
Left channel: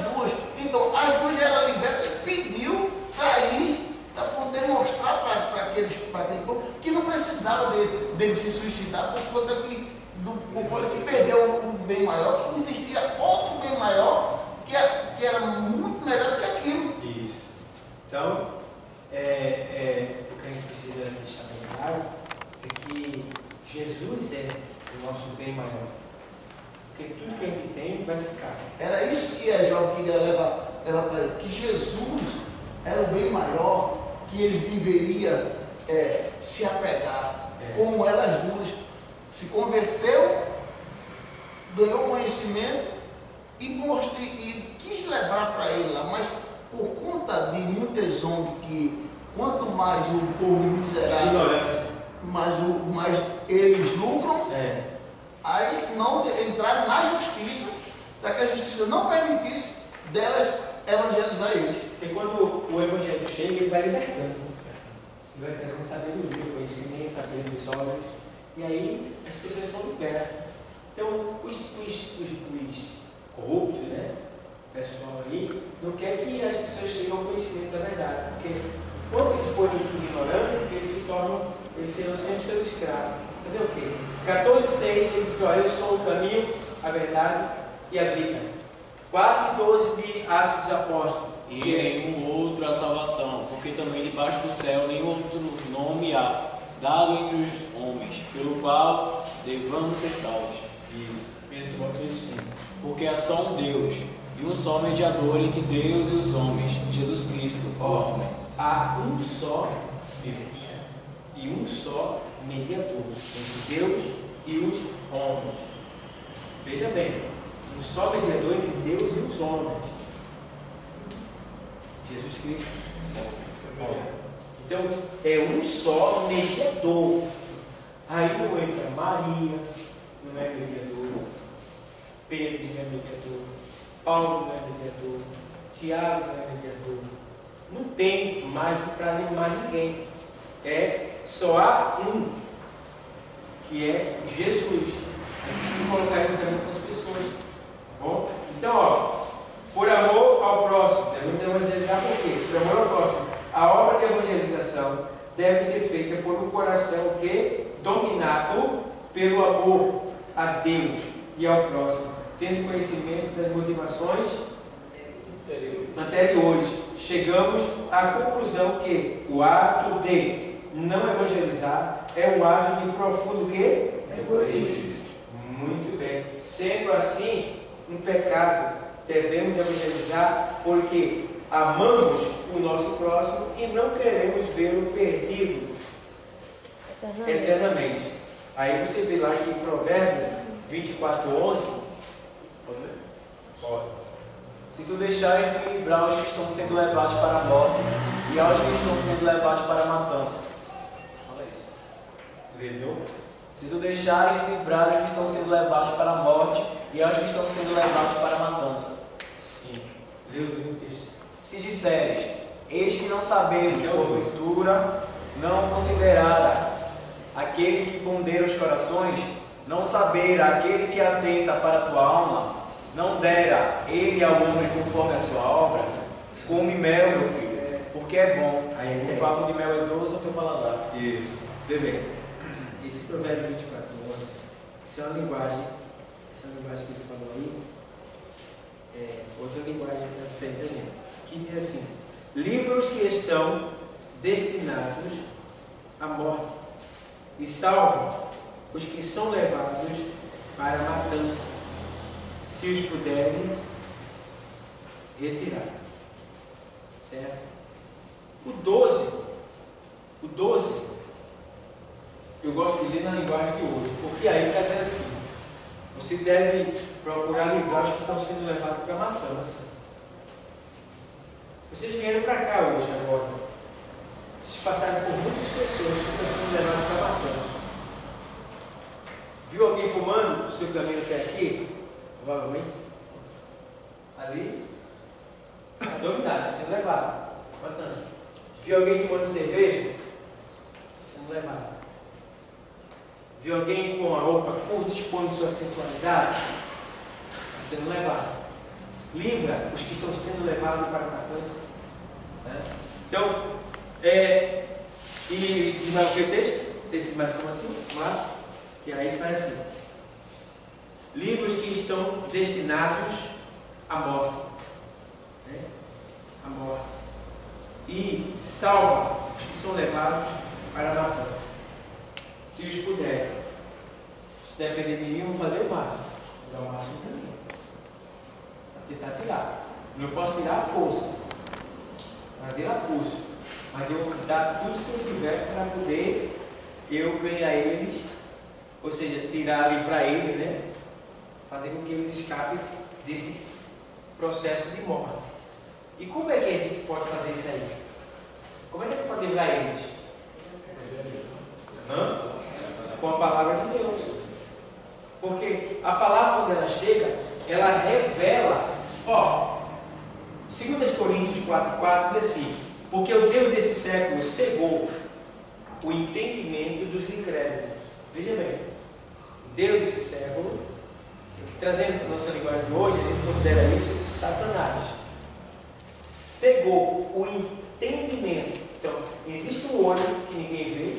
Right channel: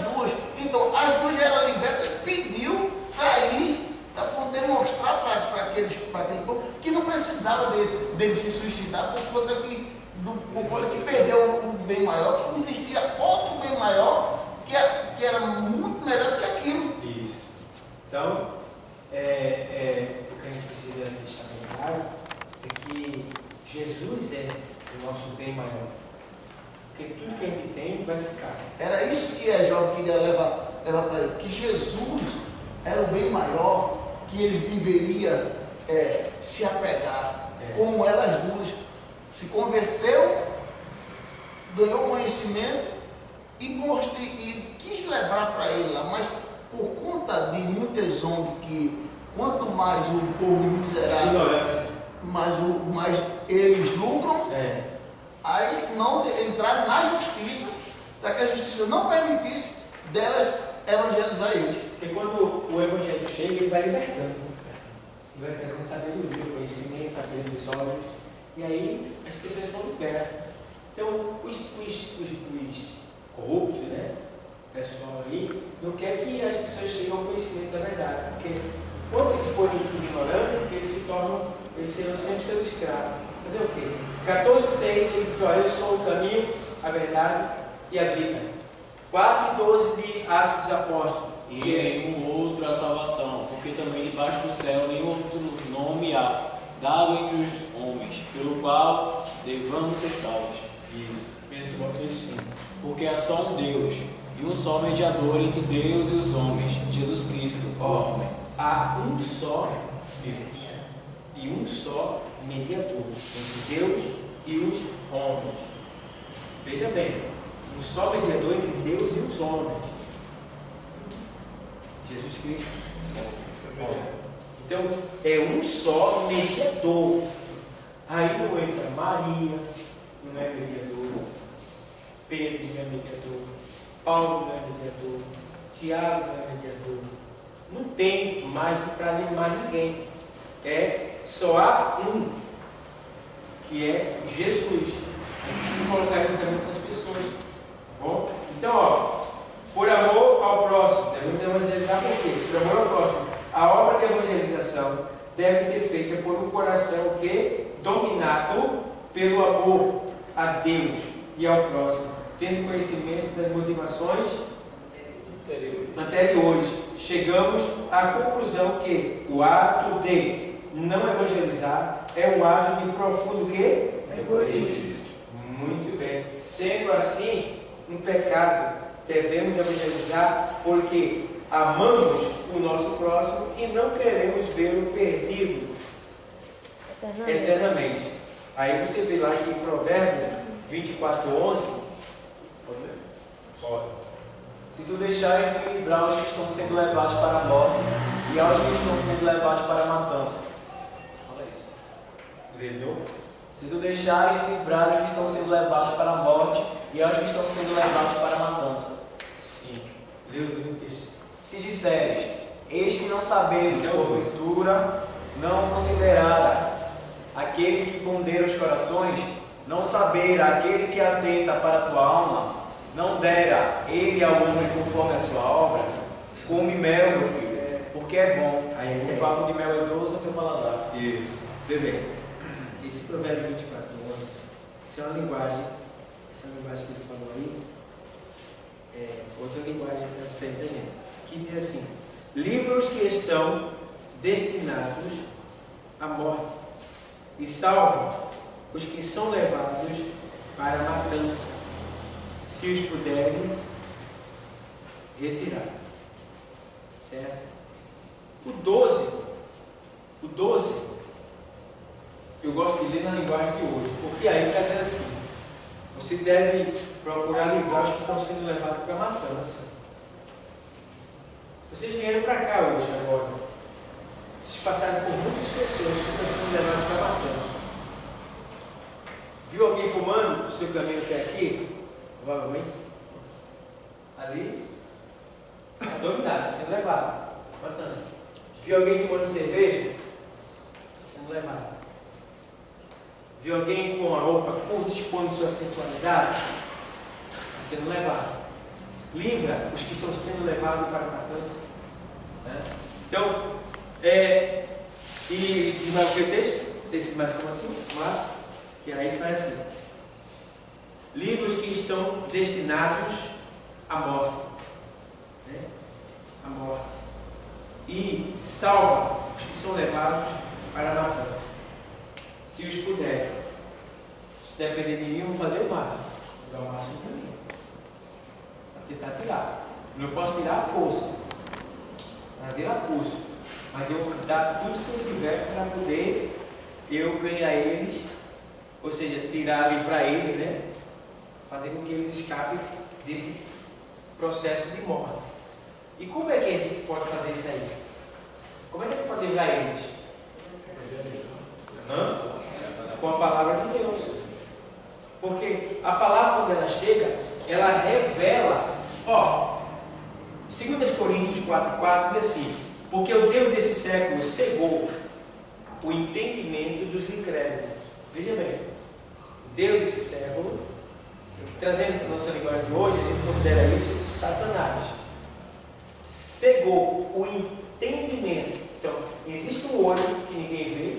duas. Então as duas eram libertas e pediu para ir, para poder mostrar para aquele povo que não precisava dele se suicidar por conta que perdeu o bem maior, que existia outro bem maior que era muito melhor que aquilo. Isso. Então, o que a gente precisa deixar bem claro é que Jesus é o nosso bem maior. Porque tudo que a gente tem vai ficar. Era isso que a jovem queria levar para ele, que Jesus era o bem maior, que eles deveriam se apegar, como elas duas. Se converteu, ganhou conhecimento e quis levar para ele lá, mas por conta de muitas ONG que quanto mais o povo miserável, mais eles lucram, aí não entraram na justiça, para que a justiça não permitisse delas evangelizar eles. Porque quando o evangelho chega, ele vai libertando. Ele vai trazendo sabedoria, conhecimento, abrir os olhos, e aí as pessoas são libertas. Então, os corruptos, né? O pessoal aí, não quer que as pessoas cheguem ao conhecimento da verdade, porque quando eles forem ignorantes, eles serão sempre seus escravos. Fazer o quê? 14:6 ele diz: olha, eu sou o caminho, a verdade e a vida. 4:12 de Atos dos Apóstolos. E nenhum outro a salvação, porque também debaixo do céu nenhum outro nome há, dado entre os homens, pelo qual devamos ser salvos. Isso. 1 Timóteo 5. Porque há só um Deus, e um só mediador entre Deus e os homens, Jesus Cristo, o homem. Há um só Deus e um só mediador entre Deus e os homens. Veja bem, um só mediador entre Deus e os homens. Jesus Cristo. Então, é um só mediador. Aí não entra Maria, não é mediador. Pedro não é mediador. Paulo não é mediador. Tiago não é mediador. Não tem mais para mais ninguém. Só há um, que é Jesus. A gente precisa colocar isso também com as pessoas. Tá bom? Então, por amor ao próximo, devemos evangelizar por quê? Por amor ao próximo. A obra de evangelização deve ser feita por um coração dominado pelo amor a Deus e ao próximo, tendo conhecimento das motivações anteriores. Chegamos à conclusão que o ato de não evangelizar é um ato de profundo egoísmo. Muito bem. Sendo assim, um pecado, devemos evangelizar porque amamos o nosso próximo e não queremos vê-lo perdido eternamente. Aí você vê lá que em Provérbios 24:11, Pode ler? pode. Se tu deixares de livrar os que estão sendo levados para a morte e aos que estão sendo levados para a matança. Olha isso. Leu? Se tu deixares de livrar os que estão sendo levados para a morte e aos que estão sendo levados para a matança. Sim. Leu o texto. Se disseres, eis que não sabeis, porventura, não considerara aquele que pondera os corações, não saber aquele que atenta para a tua alma, não dera ele ao homem conforme a sua obra, come mel, meu filho, porque é bom. O favo de mel é doce ao teu paladar. Isso. Vê bem. Esse provérbio 24:11, isso é uma linguagem, essa linguagem que ele falou aí, outra linguagem diferente da gente, que diz assim: livra-os que estão destinados à morte e salva os que são levados para a matança, se os puderem retirar. Certo? O 12 eu gosto de ler na linguagem de hoje, porque aí está dizendo assim, você deve procurar linguagens que estão sendo levadas para a matança. Vocês vieram para cá hoje agora. Vocês passaram por muitas pessoas que estão sendo levadas para a matança. Viu alguém fumando no seu caminho até aqui? Provavelmente. Ali, está dominado, está sendo levado. Matança. Viu alguém tomando cerveja? Está sendo levado. Viu alguém com a roupa curta expondo sua sensualidade? Está sendo levado. Livra os que estão sendo levados para a matança. Né? Então, e mais o que o texto? O texto mais como assim? Mas, que aí faz assim. Livra os que estão destinados à morte. Né? À morte. E salva os que são levados para a matança. Se os puder. Se depender de mim, eu vou fazer o máximo. Vou dar o máximo para mim. Para tentar tirar. Não posso tirar a força. Fazer a pulso. Mas eu vou dar tudo que eu tiver para poder eu ganhar eles. Ou seja, tirar, livrar eles, né? Fazer com que eles escapem desse processo de morte. E como é que a gente pode fazer isso aí? Como é que a gente pode livrar eles? Com a palavra de Deus. Porque a palavra, quando ela chega, ela revela. 2 Coríntios 4,4 diz assim: porque o Deus desse século cegou o entendimento dos incrédulos. Veja bem, o Deus desse século, trazendo para a nossa linguagem de hoje, a gente considera isso Satanás. Cegou o entendimento. Então, existe um olho que ninguém vê,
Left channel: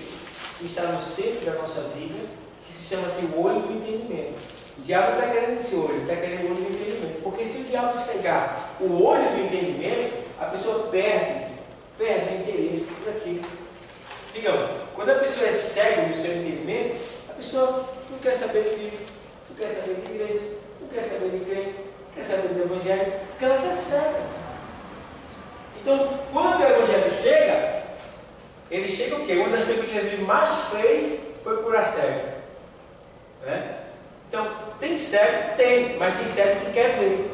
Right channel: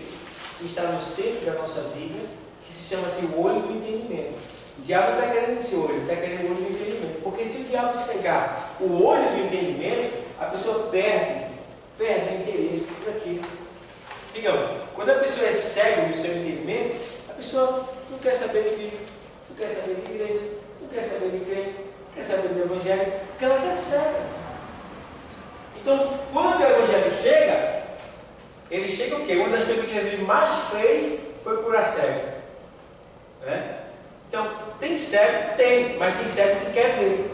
que está no centro da nossa vida, que se chama assim, o olho do entendimento. O diabo está querendo esse olho, está querendo o olho do entendimento. Porque se o diabo cegar o olho do entendimento, a pessoa perde o interesse por aquilo. Digamos, quando a pessoa é cega no seu entendimento, a pessoa não quer saber de Bíblia, não quer saber de igreja, não quer saber de crente, não quer saber do Evangelho, porque ela está cega. Então, quando o Evangelho chega, ele chega o quê? Uma das coisas que Jesus mais fez foi curar cego. Né? Então, tem cego? Tem, mas tem cego que quer ver.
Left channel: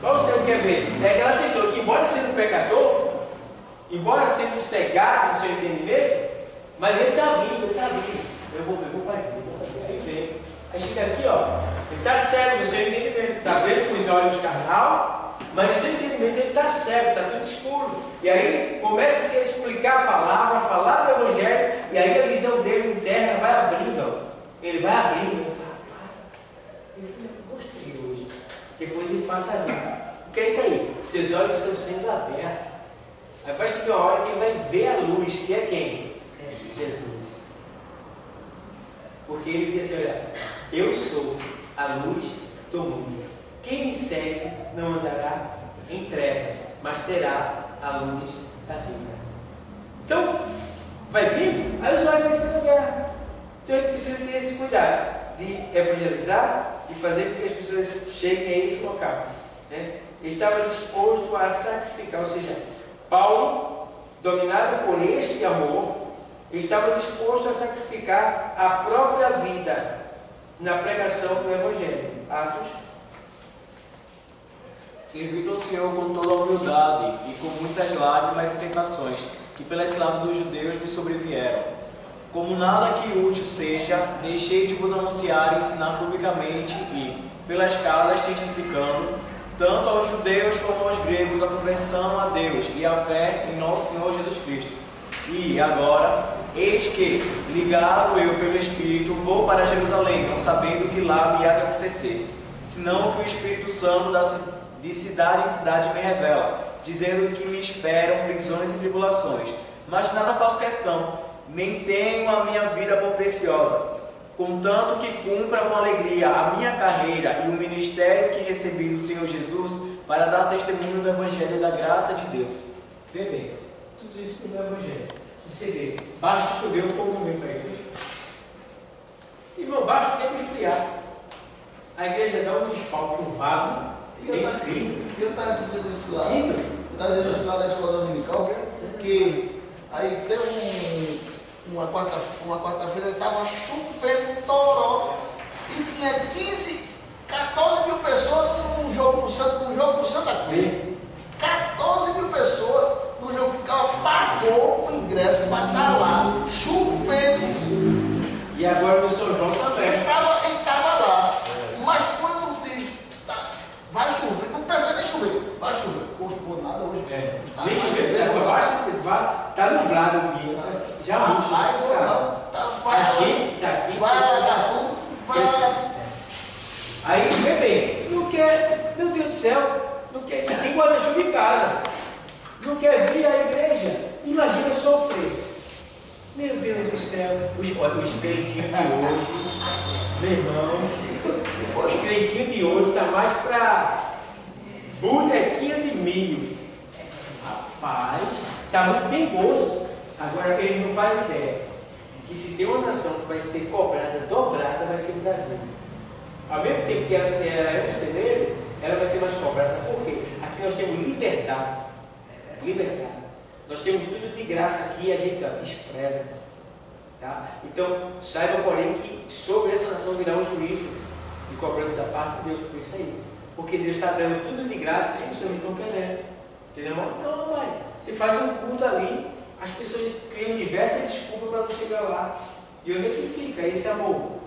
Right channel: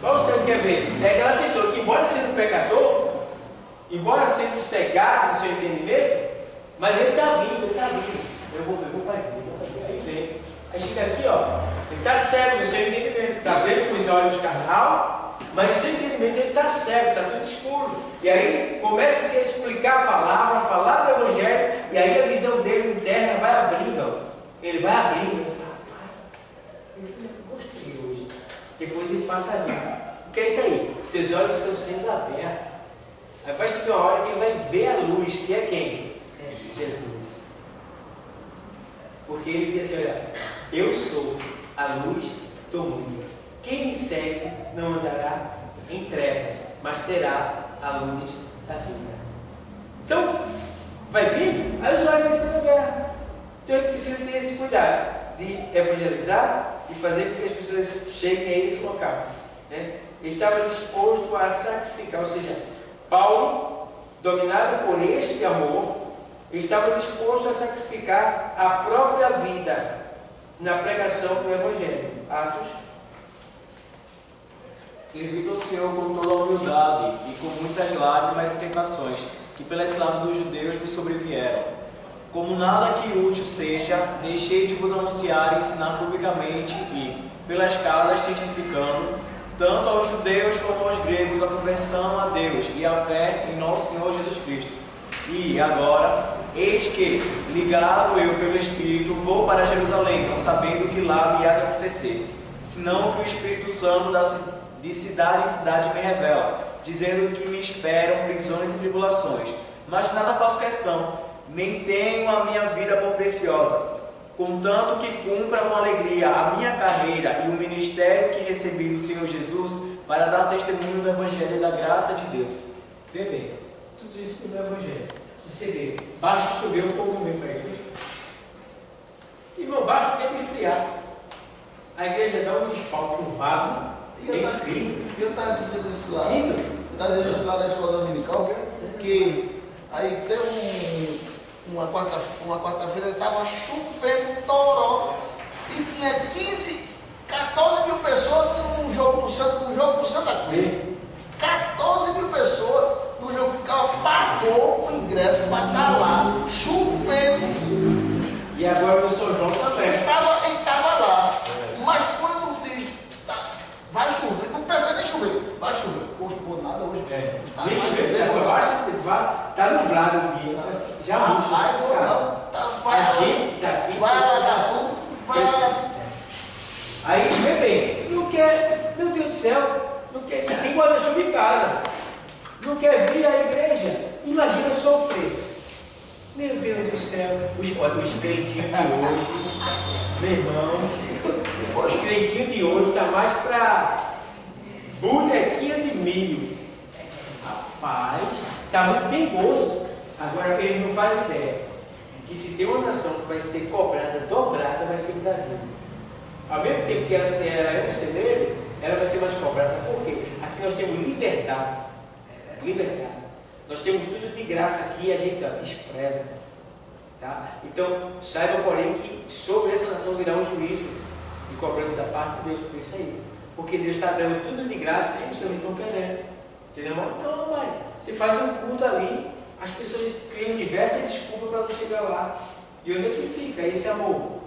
Qual o cego que quer ver? É aquela pessoa que, embora sendo pecador, embora sendo cegado no seu entendimento, mas ele está vindo, Eu vou ver, vai ver. Aí vem. Aí chega aqui, ele está cego no seu entendimento, está vendo com os olhos carnal, mas no seu entendimento ele está cego, está tudo escuro. E aí começa-se a explicar a palavra, a falar do Evangelho, e aí a visão dele interna vai abrindo. Ele vai abrindo. Ele fala, eu gostei hoje. Depois ele passa ali. O que é isso aí? Seus olhos estão sendo abertos. Aí vai chegar uma hora que ele vai ver a luz, que é quem? Jesus. Porque ele diz assim, olha, eu sou a luz do mundo. Quem me segue não andará em trevas, mas terá a luz da vida. Então, vai vir, aí os olhos vão sendo abertos. Então ele precisa ter esse cuidado de evangelizar e fazer com que as pessoas cheguem a esse local. Né? Ele estava disposto a sacrificar, ou seja, Paulo, dominado por este amor, estava disposto a sacrificar a própria vida na pregação do Evangelho. Atos. Servindo ao Senhor com toda a humildade e com muitas lágrimas e tentações, que pela cilada dos judeus me sobrevieram. Como nada que útil seja, deixei de vos anunciar e ensinar publicamente e, pelas casas, testificando, tanto aos judeus como aos gregos, a conversão a Deus e a fé em nosso Senhor Jesus Cristo. E agora, eis que, ligado eu pelo Espírito, vou para Jerusalém, não sabendo o que lá me há de acontecer, senão que o Espírito Santo de cidade em cidade me revela, dizendo que me esperam prisões e tribulações. Mas nada faço questão, nem tenho a minha vida por preciosa, contanto que cumpra com alegria a minha carreira e o ministério que recebi do Senhor Jesus para dar testemunho do Evangelho da graça de Deus. Vê bem, tudo isso pelo Evangelho. Você vê, basta chover, o povo vem para a igreja. Irmão, basta o tempo esfriar. A igreja dá um desfalque, um vago. É incrível. Eu estava dizendo isso lá. Eu estava dizendo isso lá na escola dominical, porque aí tem uma quarta-feira, estava chovendo toró e tinha 14 mil pessoas num jogo do Santa Cruz. 14 mil pessoas no jogo, o cara pagou o ingresso para estar lá, chovendo. E agora o São João também. Ele estava lá, mas quando diz, vai chover, não precisa nem chover, vai chover. Hoje por nada, hoje. Nem chover, só basta, está nublado o dia. Já muito. A gente está aqui. Vai alagar tudo, vai alagar. Aí, vê bem, não quer, meu Deus do céu, não quer, tem guarda-chuva em casa, não quer vir à igreja, imagina sofrer. Meu Deus do céu, os crentes de hoje, meu irmão, os crentes de hoje está mais para bonequinha de milho. Rapaz, está muito perigoso. Agora ele não faz ideia que se tem uma nação que vai ser cobrada, dobrada, vai ser o Brasil. Ao mesmo tempo que ela é um celeiro, ela vai ser mais cobrada. Por quê? Aqui nós temos liberdade. Nós temos tudo de graça aqui e a gente despreza. Tá? Então, saiba, porém, que sobre essa nação virá um juízo de cobrança da parte de Deus por isso aí. Porque Deus está dando tudo de graça e as pessoas não estão querendo. Entendeu? Não, pai. Você faz um culto ali, as pessoas criam diversas desculpas para não chegar lá. E onde é que fica esse amor?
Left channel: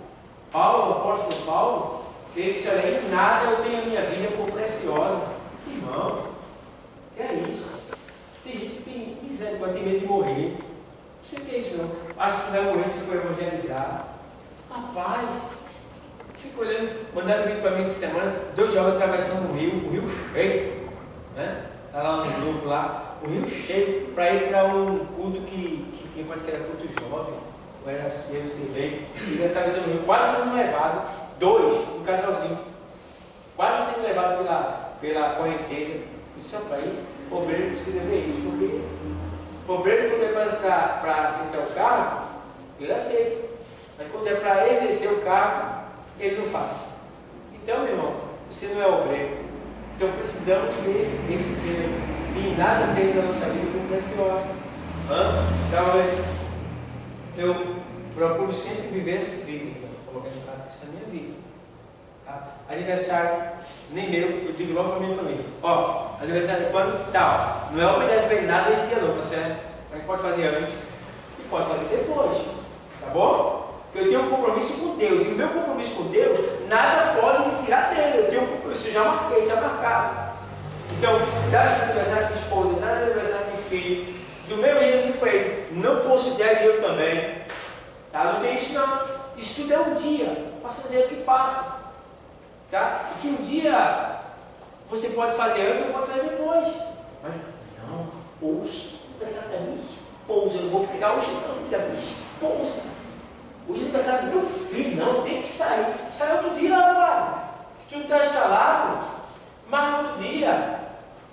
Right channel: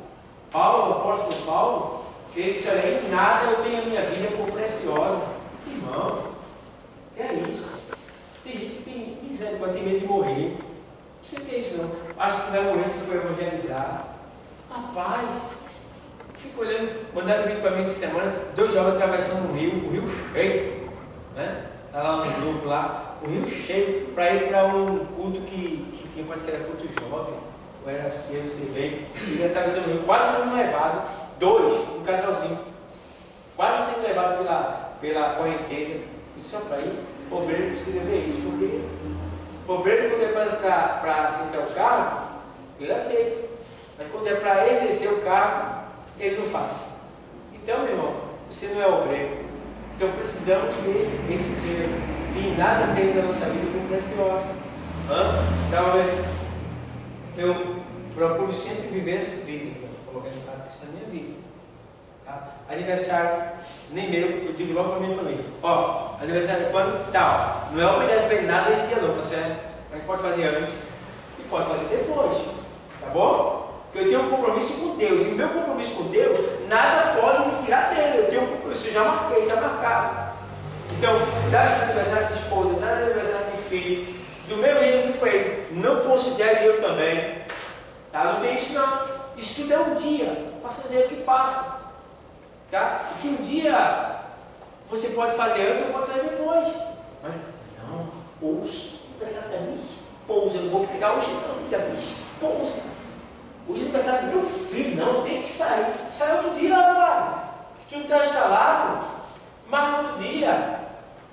Paulo, o apóstolo Paulo, ele disse: olha, em nada eu tenho a minha vida por preciosa. Irmão, é isso. Tem gente que tem misericórdia, tem medo de morrer. Não sei o que é isso, não. Acho que vai morrer se for evangelizar. Rapaz, fico olhando, mandaram um vídeo para mim essa semana, 2 jovens atravessando o rio cheio, né? Está lá no grupo lá, o rio cheio, para ir para um culto que tinha, parece que era culto jovem, ou era cedo, sei bem. Eles atravessando o rio, quase sendo levado, 2, um casalzinho, quase sendo levado pela correnteza. Eu disse: para ir, o obreiro precisa ver isso, porque o obreiro, quando é para sentar o carro, ele aceita. Mas quando é para exercer o cargo, ele não faz. Então, meu irmão, você não é obreiro. Então precisamos ver esse zelo. De nada temos na nossa vida como preciosa. Eu procuro sempre viver essa vida, colocando em prática isso na minha vida. Tá? Aniversário, nem meu, eu digo logo para a minha família: ó, aniversário é quando? Tal. Não é obrigado a fazer nada esse dia não, tá certo? A gente pode fazer antes e pode fazer depois. Tá bom? Porque eu tenho um compromisso com Deus. E o meu compromisso com Deus, nada pode me tirar dele. Eu tenho um compromisso, eu já marquei, está marcado. Então, dá aniversário de esposa, dá aniversário de filho, do meu irmão com ele, não considere eu também. Tá? Não tem isso não. Isso tudo é um dia. Passa a dizer o que passa. Tá? E que um dia você pode fazer antes ou pode fazer depois. Mas não, hoje, aniversário da minha esposa, eu não vou pegar hoje não, da minha esposa. Hoje é aniversário do meu filho, não, tem que sair. Sai outro dia, rapaz. Tu não está instalado, mas outro dia.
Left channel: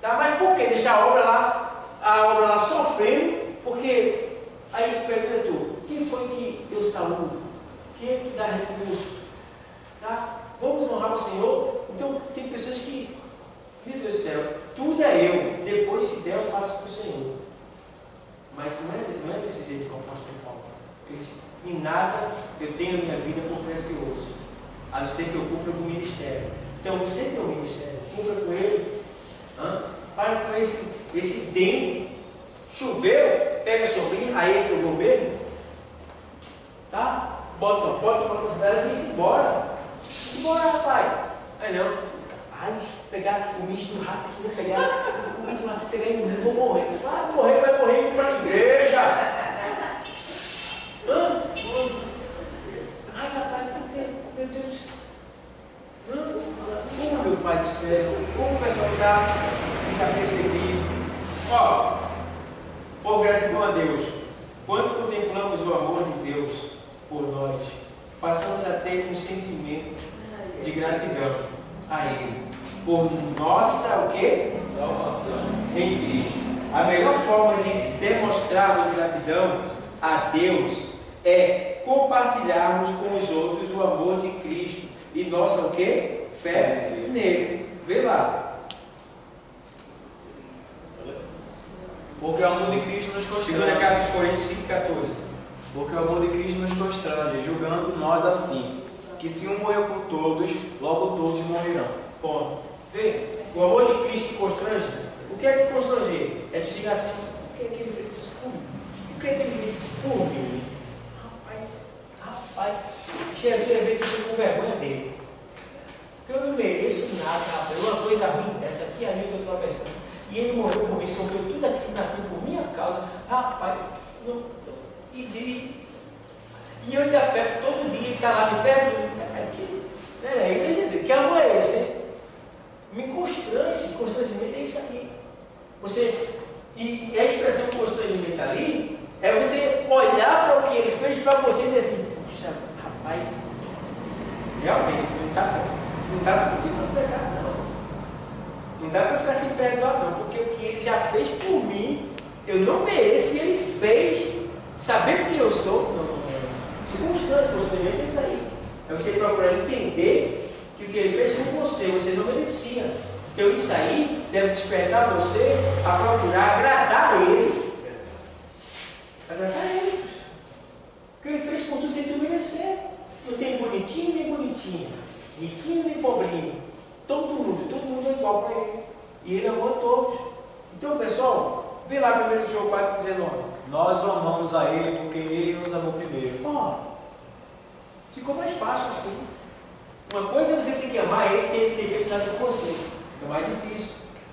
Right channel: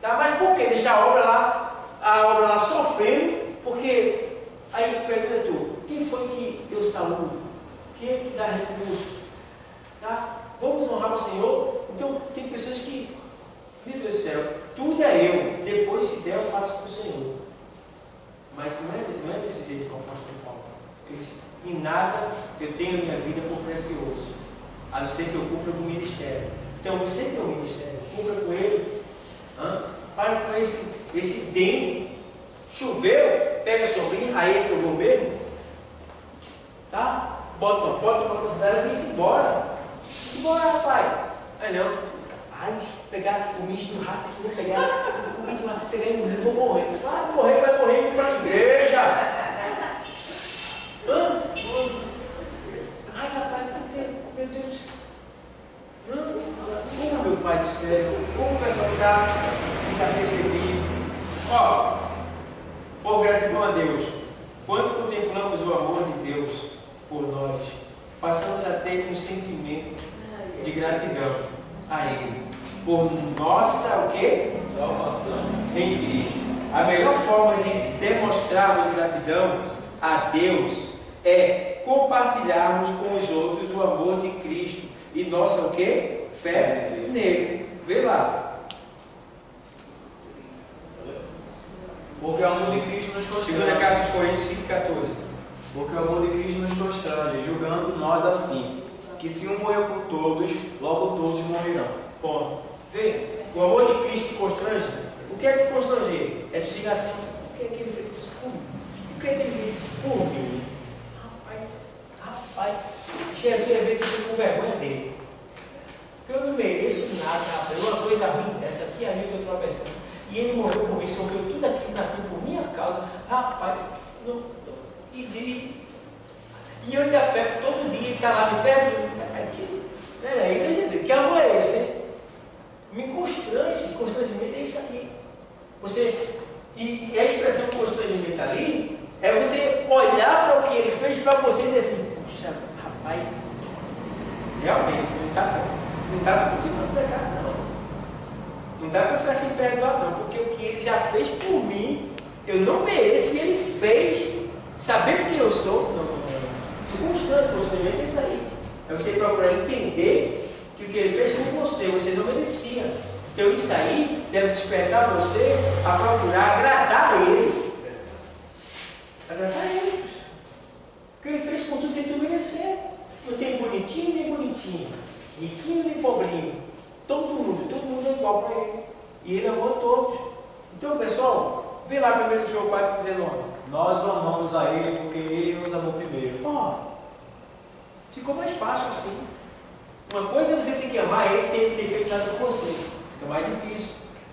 Tá? Mas por que deixar a obra lá sofrendo? Porque aí pergunta tu, quem foi que deu saúde? Quem é que dá recurso? Tá? Vamos honrar o Senhor? Então tem pessoas que, meu Deus do céu, tudo é eu, depois se der eu faço para o Senhor. Mas não é desse jeito que o apóstolo Paulo. Ele disse: em nada eu tenho a minha vida por precioso, a não ser que eu cumpra com o ministério. Então você tem um ministério, cumpra com ele. Para com esse tempo. Choveu, pega a sombrinha, aí é que eu vou mesmo. Tá? Bota uma porta para a cidade e vem-se embora. Embora, rapaz. Aí não. Ai, pegar o misto do rato aqui, vou pegar o misto do rato, pegar e vou morrer. Vai morrer indo para a igreja. Ai, rapaz, meu Deus. Como, meu Pai do céu, como o pessoal está desapercebido. Ó, por gratidão a Deus, quando contemplamos o amor de Deus por nós, passamos a ter um sentimento de gratidão a Ele, por nossa, o quê? Salvação em Cristo. A melhor forma de demonstrarmos gratidão a Deus é compartilharmos com os outros o amor de Cristo e nossa, o quê? Fé nele. Vê lá. Porque o amor de Cristo nos constrange. 2 Coríntios 5,14. Porque o amor de Cristo nos constrange, julgando nós assim, que se um morreu por todos, logo todos morrerão. Bom, vê, o amor de Cristo constrange. O que é que constranger? É tu chegar assim, por que é que ele fez isso por mim? Por que é que ele fez isso por mim? Rapaz, Jesus ia ver que eu estou com vergonha dele. Porque eu não mereço nada, rapaz. Uma coisa ruim dessa aqui, ali eu estou tropeçando. E ele morreu por mim, sofreu tudo aquilo na cruz por minha causa. Rapaz, e eu ainda pego todo dia, ele está lá me perguntando. Peraí, Jesus, que amor é esse, hein? Me constrange, constrangimento é isso aí. E a expressão constrangimento ali é você olhar para o que ele fez para você e dizer assim, puxa, rapaz, realmente não está pedindo para pegar, não. Não dá para ficar sem perdoar, não, porque o que ele já fez por mim, eu não mereço, e ele fez, sabendo quem eu sou, constrangimento é isso aí. É você procurar entender que o que ele fez por você não merecia. Então isso aí deve despertar você a procurar agradar a ele. Agradar a ele. O que ele fez por tu sem tu merecer. Não tem bonitinho nem bonitinho, riquinho nem pobrinho. Todo mundo é igual para ele. E ele amou a todos. Então, pessoal, vê lá 1 João 4,19. Nós o amamos a ele porque ele nos amou primeiro. Ficou mais fácil assim. Uma coisa é você ter que amar ele sem ele ter feito nada com você. É mais difícil.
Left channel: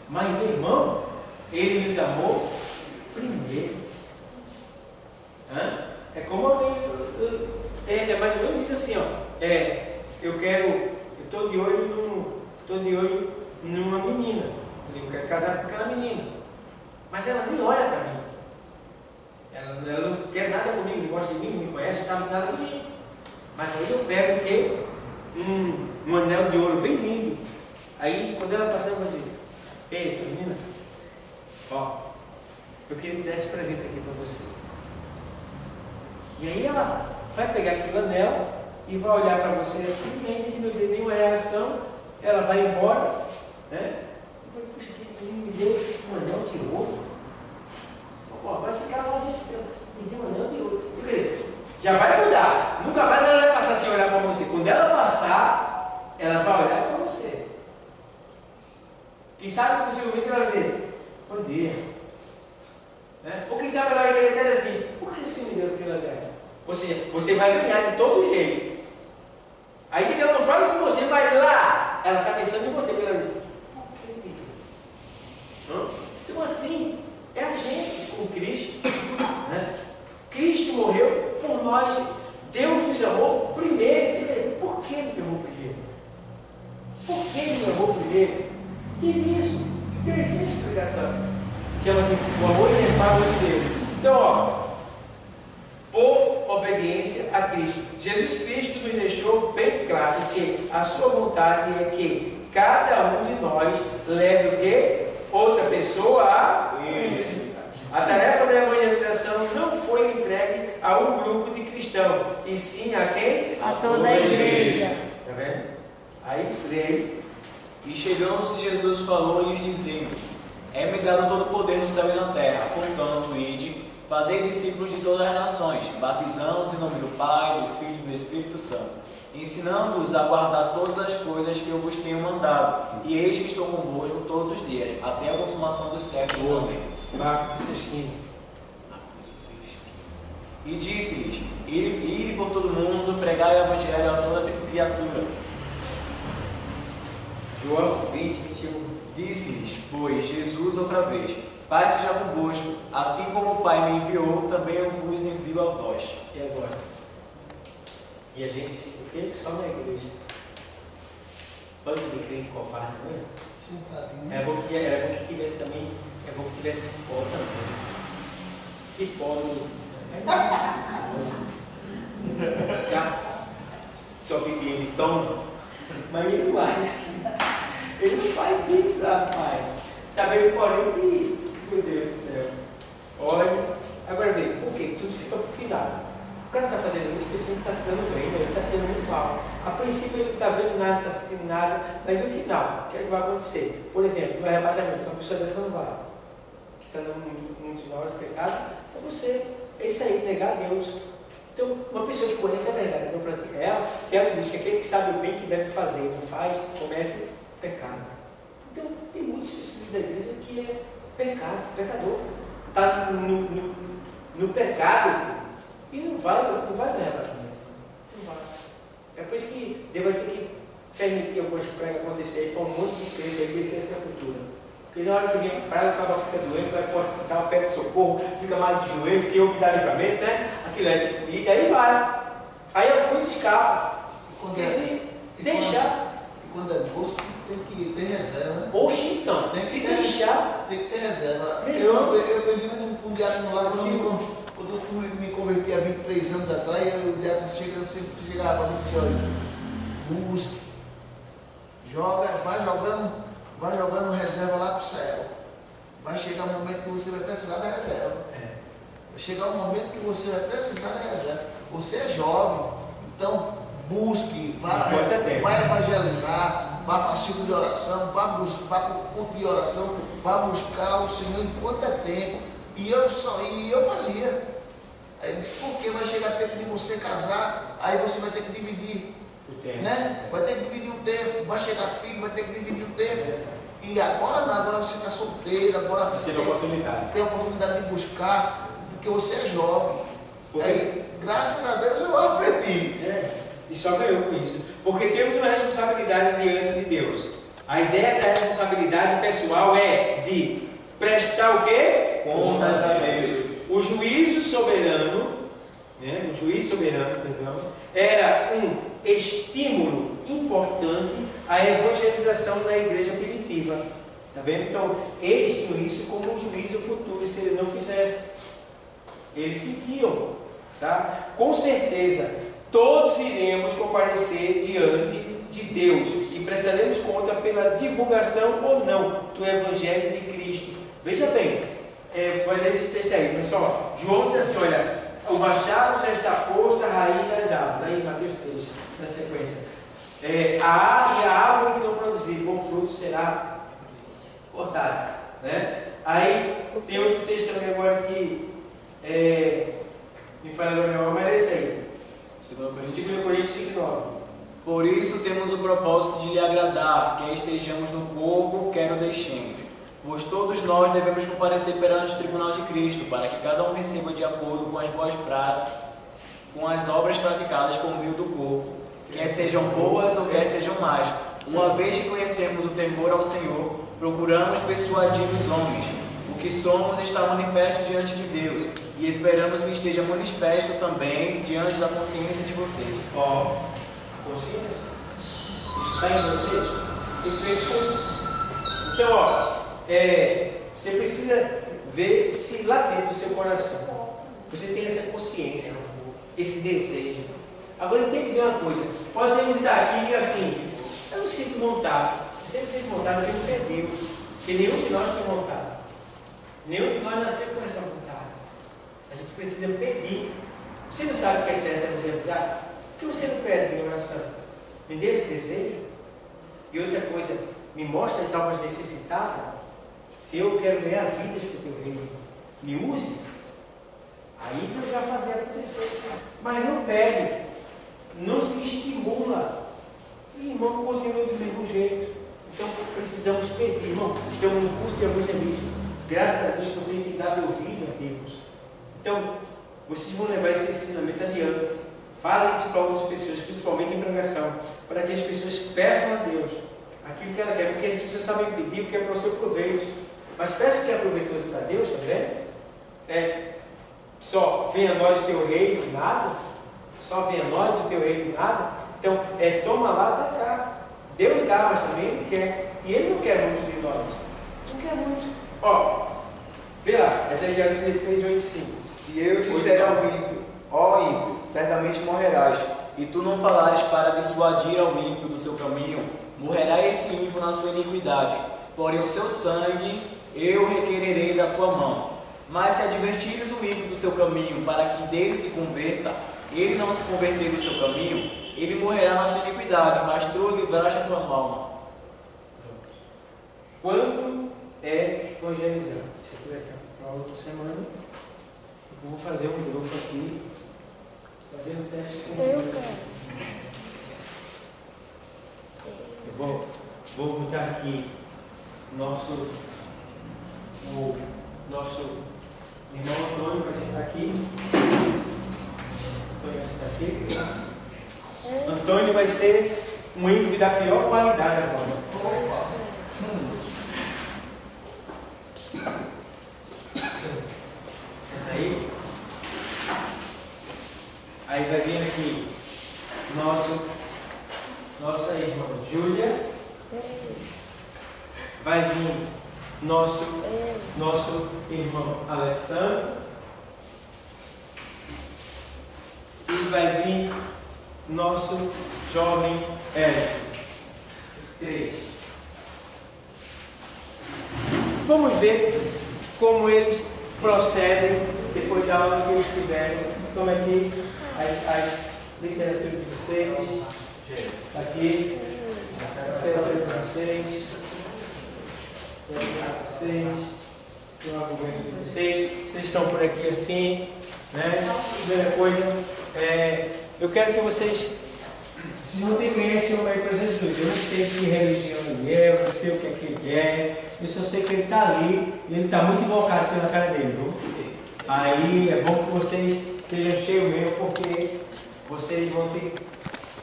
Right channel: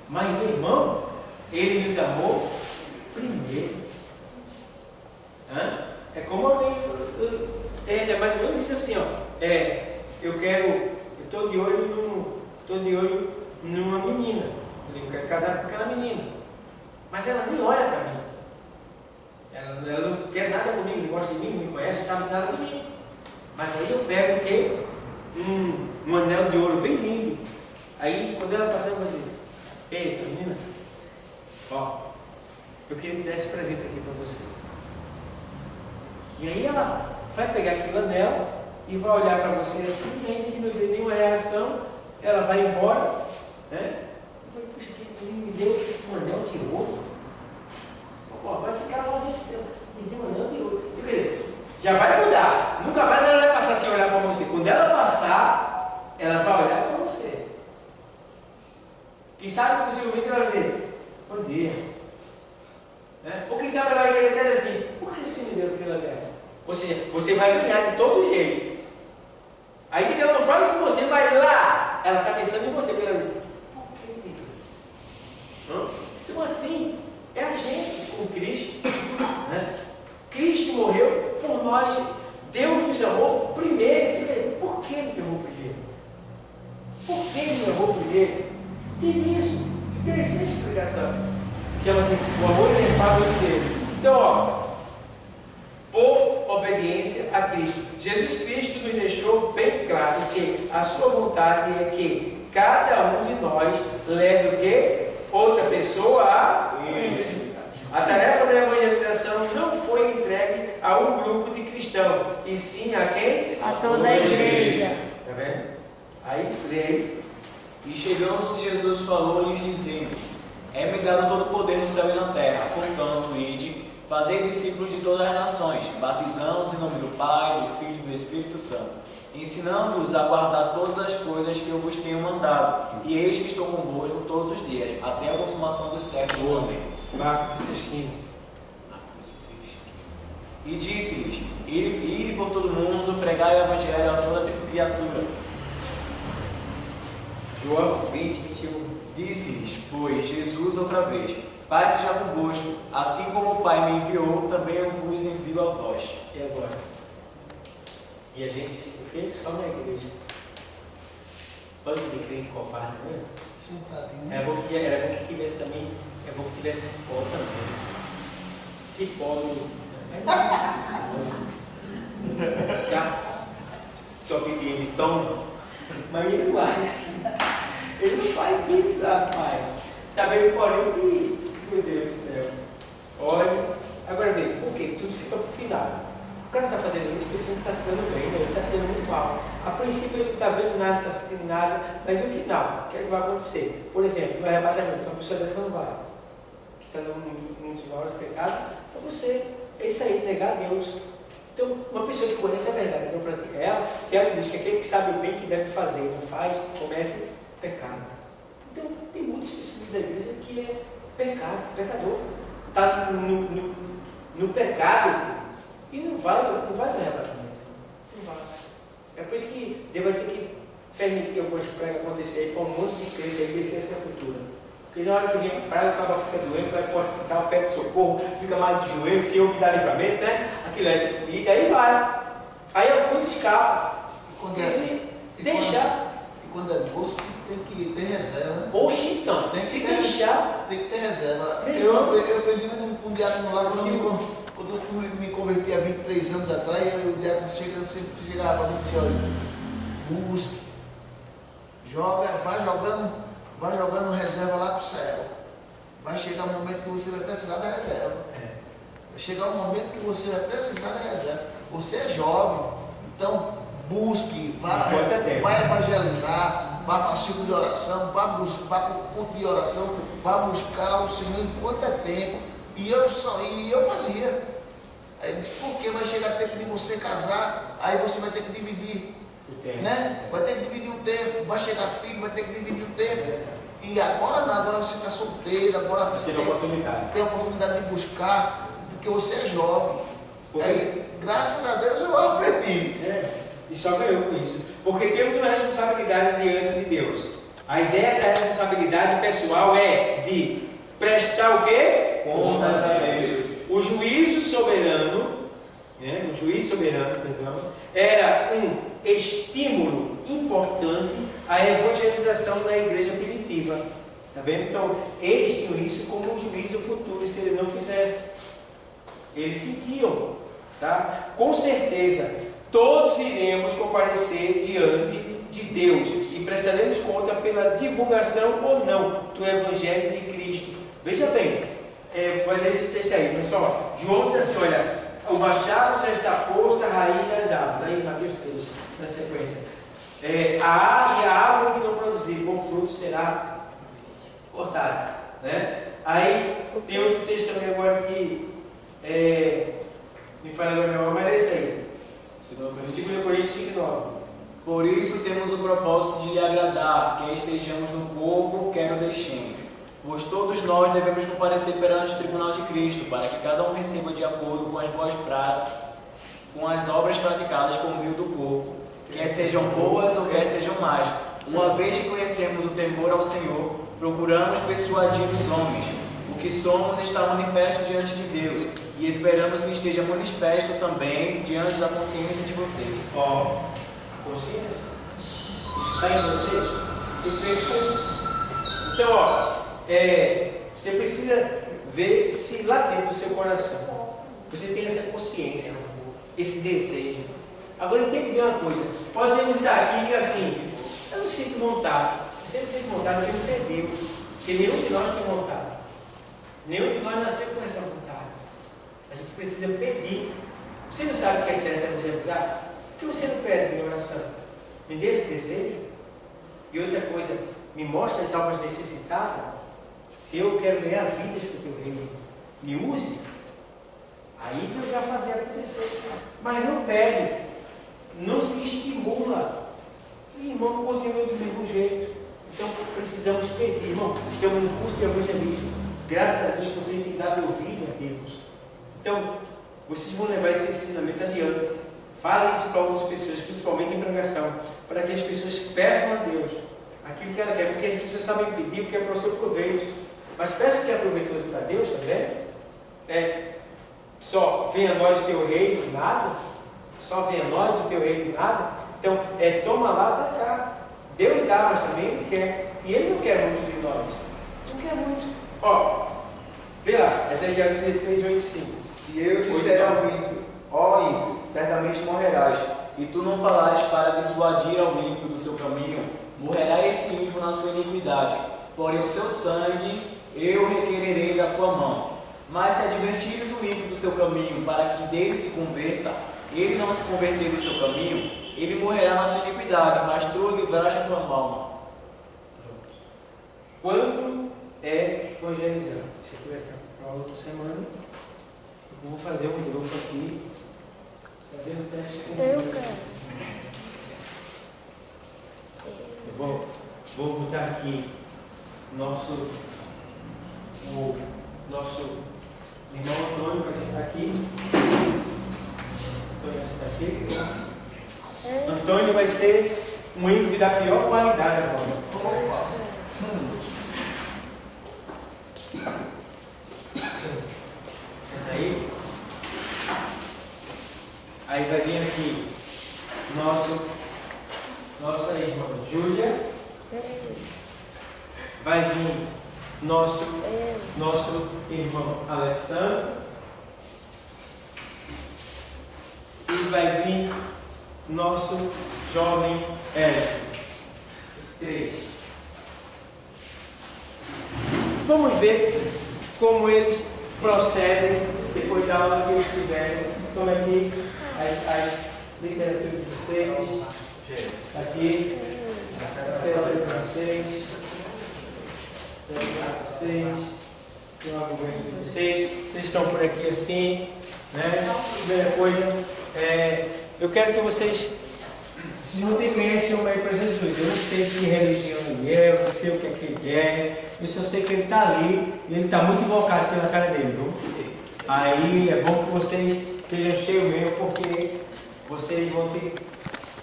Mas, meu irmão, ele nos amou primeiro. É como alguém. É mais ou menos isso assim, ó. Eu estou de olho numa menina. Eu quero casar com aquela menina. Mas ela nem olha para mim. Ela não quer nada comigo, não gosta de mim, não me conhece, não sabe nada de mim. Mas aí eu pego o quê? Um anel de ouro bem lindo. Aí quando ela passar, eu vou dizer, ei, essa menina, eu queria te dar esse presente aqui para você. E aí ela vai pegar aquele anel e vai olhar para você assim, e ainda que não dê nenhuma reação, ela vai embora, né? Eu falei, puxa, que menino me deu um anel de ouro. Vai ficar lá dentro, me deu um anel de ouro. Já vai mudar. Nunca mais ela vai passar sem olhar para você. Quando ela passar, ela vai olhar para você. Quem sabe, possivelmente, ela vai dizer, bom dia. Ou quem sabe ela vai querer até dizer assim, por que você me deu aquele anel? Ou seja, você vai ganhar de todo jeito. Aí que ela não fala com você, vai lá. Ela está pensando em você. Ela diz, por que me deu? Então assim, é a gente com Cristo. Cristo morreu por nós. Deus nos amou primeiro. Por que Ele me amou primeiro? Por que Ele me amou primeiro? Tem isso. Interessante explicação. Chama-se o amor inefável de Deus. Então, por obediência a Cristo. Jesus Cristo nos deixou bem claro que a sua vontade é que cada um de nós leve o quê? Outra pessoa a Ele. A tarefa da evangelização não foi entregue a um grupo de cristãos, e sim a quem? A toda a igreja. Está vendo? Aí, leia. E chegando-se Jesus falou-lhes dizendo, é-me dado todo o poder no céu e na terra, portanto, ide, fazei discípulos de todas as nações, batizando-os em nome do Pai, do Filho e do Espírito Santo, ensinando-os a guardar todas as coisas que eu vos tenho mandado, e eis que estou convosco todos os dias, até a consumação dos séculos. Amém. Marcos 16:15. E disse-lhes, ide por todo mundo, pregai o evangelho a toda criatura. João 20:21. Disse-lhes, pois, Jesus outra vez, Pai seja convosco, assim como o Pai me enviou, também eu vos envio a vós. E agora? E a gente fica o quê? Só na igreja. Bando de crente covarde, né? Sentadinho. Era bom que tivesse também, é bom que tivesse cipó também. Cipó no... Só que ele toma, mas ele não age assim. Ele não faz isso, rapaz. Sabendo, porém, que, meu Deus do céu. Olha, agora vê, por quê? Tudo fica pro final. O cara está fazendo isso porque ele está se dando bem, ele está se dando muito mal. A princípio ele não está vendo nada, não está sentindo nada, mas no final, o que é que vai acontecer? Por exemplo, no arrebatamento, uma pessoa dessa não vai, que está num dos maiores pecados, é você. É isso aí, negar a Deus. Então, uma pessoa que conhece a verdade e não pratica ela, Tiago diz que aquele que sabe o bem que deve fazer e não faz, comete pecado. Então, tem muitas pessoas da igreja que é pecador. Está no pecado e não vai ganhar para mim. Não vai. É por isso que Deus vai ter que permitir algumas pragas acontecerem para um monte de crente aí descer essa cultura. Porque na hora que vem a praga, o cara fica doente, vai para o hospital, pede socorro, fica mal de joelho, Senhor me dá livramento, né? Aquilo aí, e daí vai. Aí alguns escapam. E quando é moço, tem que ter reserva. Oxi, então, Tem que se ter, deixar. Tem que ter reserva. Melhor. Eu aprendi com um diácono lá, quando eu me converti há 23 anos atrás, o diácono sempre chegava para mim e dizia, olha, busque, vai jogando reserva lá para o céu. Vai chegar um momento que você vai precisar da reserva. Vai chegar um momento que você vai precisar da reserva. Você é jovem, então busque, vai evangelizar, vá para o ciclo de oração, vá para o culto de oração, vá buscar o Senhor enquanto é tempo. E eu fazia. Aí ele disse, porque vai chegar tempo de você casar, aí você vai ter que dividir O tempo. né? Vai ter que dividir o tempo, vai chegar filho, vai ter que dividir o tempo. E agora não, agora você está solteiro, agora você tem a oportunidade de buscar, porque você é jovem. Aí, graças a Deus eu aprendi. E só ganhou com isso. Porque temos uma responsabilidade diante de Deus. A ideia da responsabilidade pessoal é de prestar o quê? Contas a Deus. O juízo soberano, era um estímulo importante à evangelização da igreja primitiva. Tá vendo? Então, eles tinham isso como um juízo futuro, se ele não fizesse. Eles sentiam, tá? Com certeza, todos iremos comparecer diante de Deus e prestaremos conta pela divulgação ou não do Evangelho de Cristo. Veja bem, vai ler esse texto aí, pessoal. João diz assim, olha, o machado já está posto à raiz das árvores. Aí, Mateus 3, na sequência. E a árvore que não produzir bom fruto será cortada. Né? Aí, tem outro texto também agora que me fala agora meu mas é esse aí. 2 Coríntios 5:9. Por isso temos o propósito de lhe agradar, quer estejamos no corpo, quer o deixemos. Pois todos nós devemos comparecer perante o tribunal de Cristo, para que cada um receba de acordo com com as obras praticadas por meio do corpo, quer sejam boas ou quer sejam más. Uma vez que conhecemos o temor ao Senhor, procuramos persuadir os homens. O que somos está manifesto diante de Deus, e esperamos que esteja manifesto também diante da consciência de vocês. Consciência? Isso está em você? Tem que crescer. Então, você precisa ver se lá dentro do seu coração você tem essa consciência, esse desejo. Agora entende bem uma coisa. Podemos estar aqui que assim, eu não sinto vontade. Você não sente vontade porque você perdeu. Porque nenhum de nós tem vontade. Nenhum de nós nasceu com essa vontade. A gente precisa pedir. Você não sabe o que é certo evangelizar? Por que você não pede em oração? Me dê esse desejo. E outra coisa, me mostra as almas necessitadas. Se eu quero ganhar vidas para o teu reino, me use. Aí Deus vai fazer acontecer. Mas não pede, não se estimula. E irmão, continua do mesmo jeito. Então precisamos pedir, irmão. Estamos no curso de evangelismo. Graças a Deus vocês têm dado ouvido a Deus. Então, vocês vão levar esse ensinamento adiante. Fale isso para outras pessoas, principalmente em pregação, para que as pessoas peçam a Deus aquilo que ela quer, porque as pessoas sabem pedir porque é para o seu proveito. Mas peça o que é proveitoso para Deus também. Só venha a nós o teu reino, nada. Só venha a nós o teu reino, nada. Então, toma lá, dá cá. Deus dá, mas também Ele quer. E Ele não quer muito de nós. Não quer muito. Vê lá, essa é de 3:8-5. Se eu disser ao ímpio, ó ímpio, certamente morrerás, e tu não falares para dissuadir ao ímpio do seu caminho, morrerá esse ímpio na sua iniquidade, porém o seu sangue eu requererei da tua mão. Mas se advertires o ímpio do seu caminho, para que dele se converta, ele não se converter do seu caminho, ele morrerá na sua iniquidade, mas tu o livraste a tua mão. Quando evangelizar? Isso aqui vai ficar para outra semana. Eu vou fazer um grupo aqui Fazendo o teste com Eu quero. Eu vou botar aqui o nosso irmão Antônio vai sentar aqui. Antônio vai sentar aqui. Antônio vai ser um ímpio da pior qualidade agora. Senta aí. Aí vai vir aqui nossa irmã Júlia. Vai vir nosso irmão Alexandre. E vai vir nosso jovem Érico. 3. Vamos ver como eles procedem depois da aula que eles tiverem. Toma aqui as literaturas de vocês. Aqui. Literatura de vocês. Tem um argumento de vocês. Vocês estão por aqui assim, né? Primeira coisa, eu quero que vocês não conhecem o meio para Jesus. Eu não sei que religião ele é, eu não sei o que é que ele é. Eu só sei que ele está ali e ele está muito invocado pela cara dele, viu? Aí é bom que vocês estejam cheios mesmo, porque vocês vão ter,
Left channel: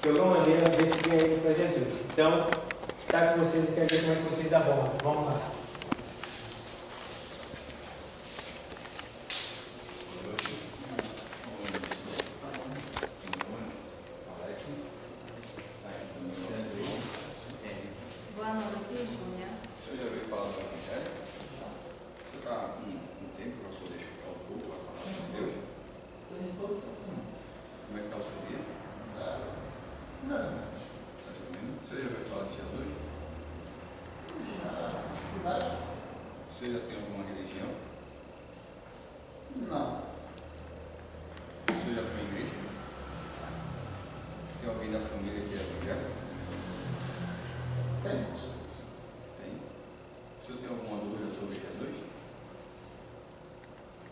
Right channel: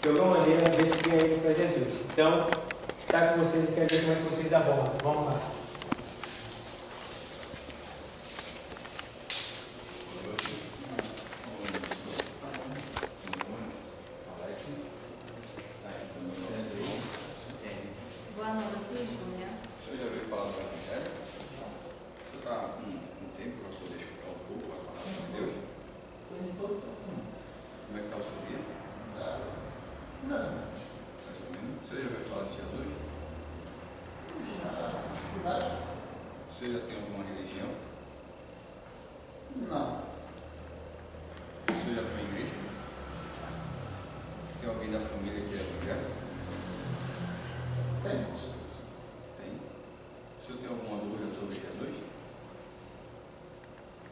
de alguma maneira, ver se ganham para Jesus. Então, está com vocês e quero ver como é que vocês abordam. Vamos lá. Boa noite, Júlia. O senhor já ouviu falar do Evangelho? Você está com um tempo para poder escutar um pouco a palavra de Deus? Como é que está o seu dia? Mais ou menos. Mais ou menos. O senhor já ouviu falar de Jesus? Você já tem alguma religião? Não. O senhor já foi em igreja? Tem alguém da família que é evangélico? Tem, com certeza. Tem. O senhor tem alguma dúvida sobre Jesus?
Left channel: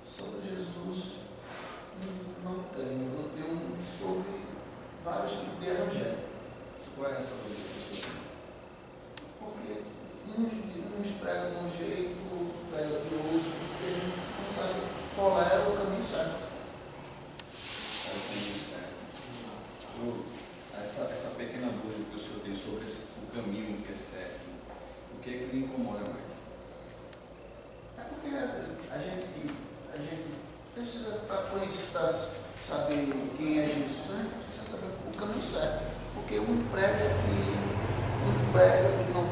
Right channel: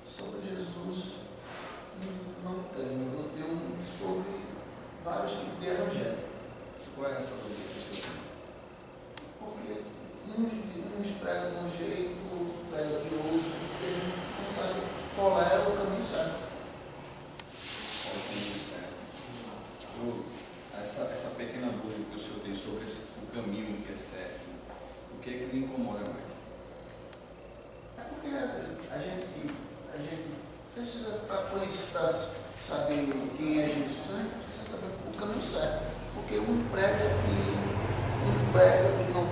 Sobre Jesus, não tenho. Eu tenho sobre vários tipos de evangelho. Qual é essa dúvida que o senhor tem? Porque uns pregam de um jeito, outros pregam de outro, porque a gente não sabe qual é o caminho certo. Qual é o caminho certo? Essa pequena dúvida que o senhor tem sobre o caminho que é certo, o que é que lhe incomoda mais? É porque a gente precisa, para saber quem é Jesus, a gente precisa saber o caminho certo. Porque um prega que não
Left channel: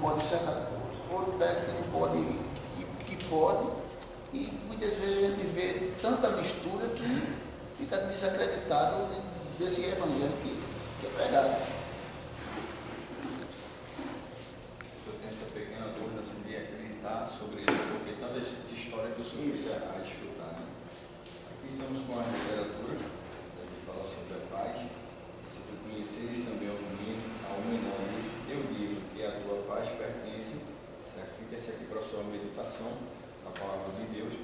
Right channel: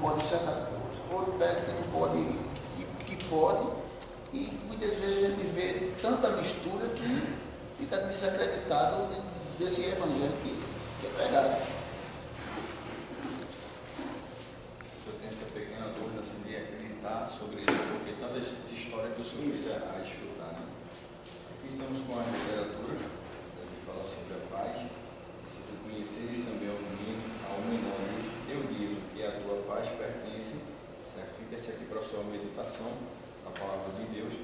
pode certa coisa, outro prega que não pode, que pode, e muitas vezes a gente vê tanta mistura que fica desacreditado desse evangelho que é pregado. O senhor tem essa pequena dúvida assim, de acreditar sobre isso, porque tantas histórias que o senhor precisa escutar, né? Aqui estamos com a literatura, que fala sobre a paz. Se tu conheceres também ao menor, eu digo que a tua paz pertence, certo? Fica essa aqui para a sua meditação, a palavra de Deus,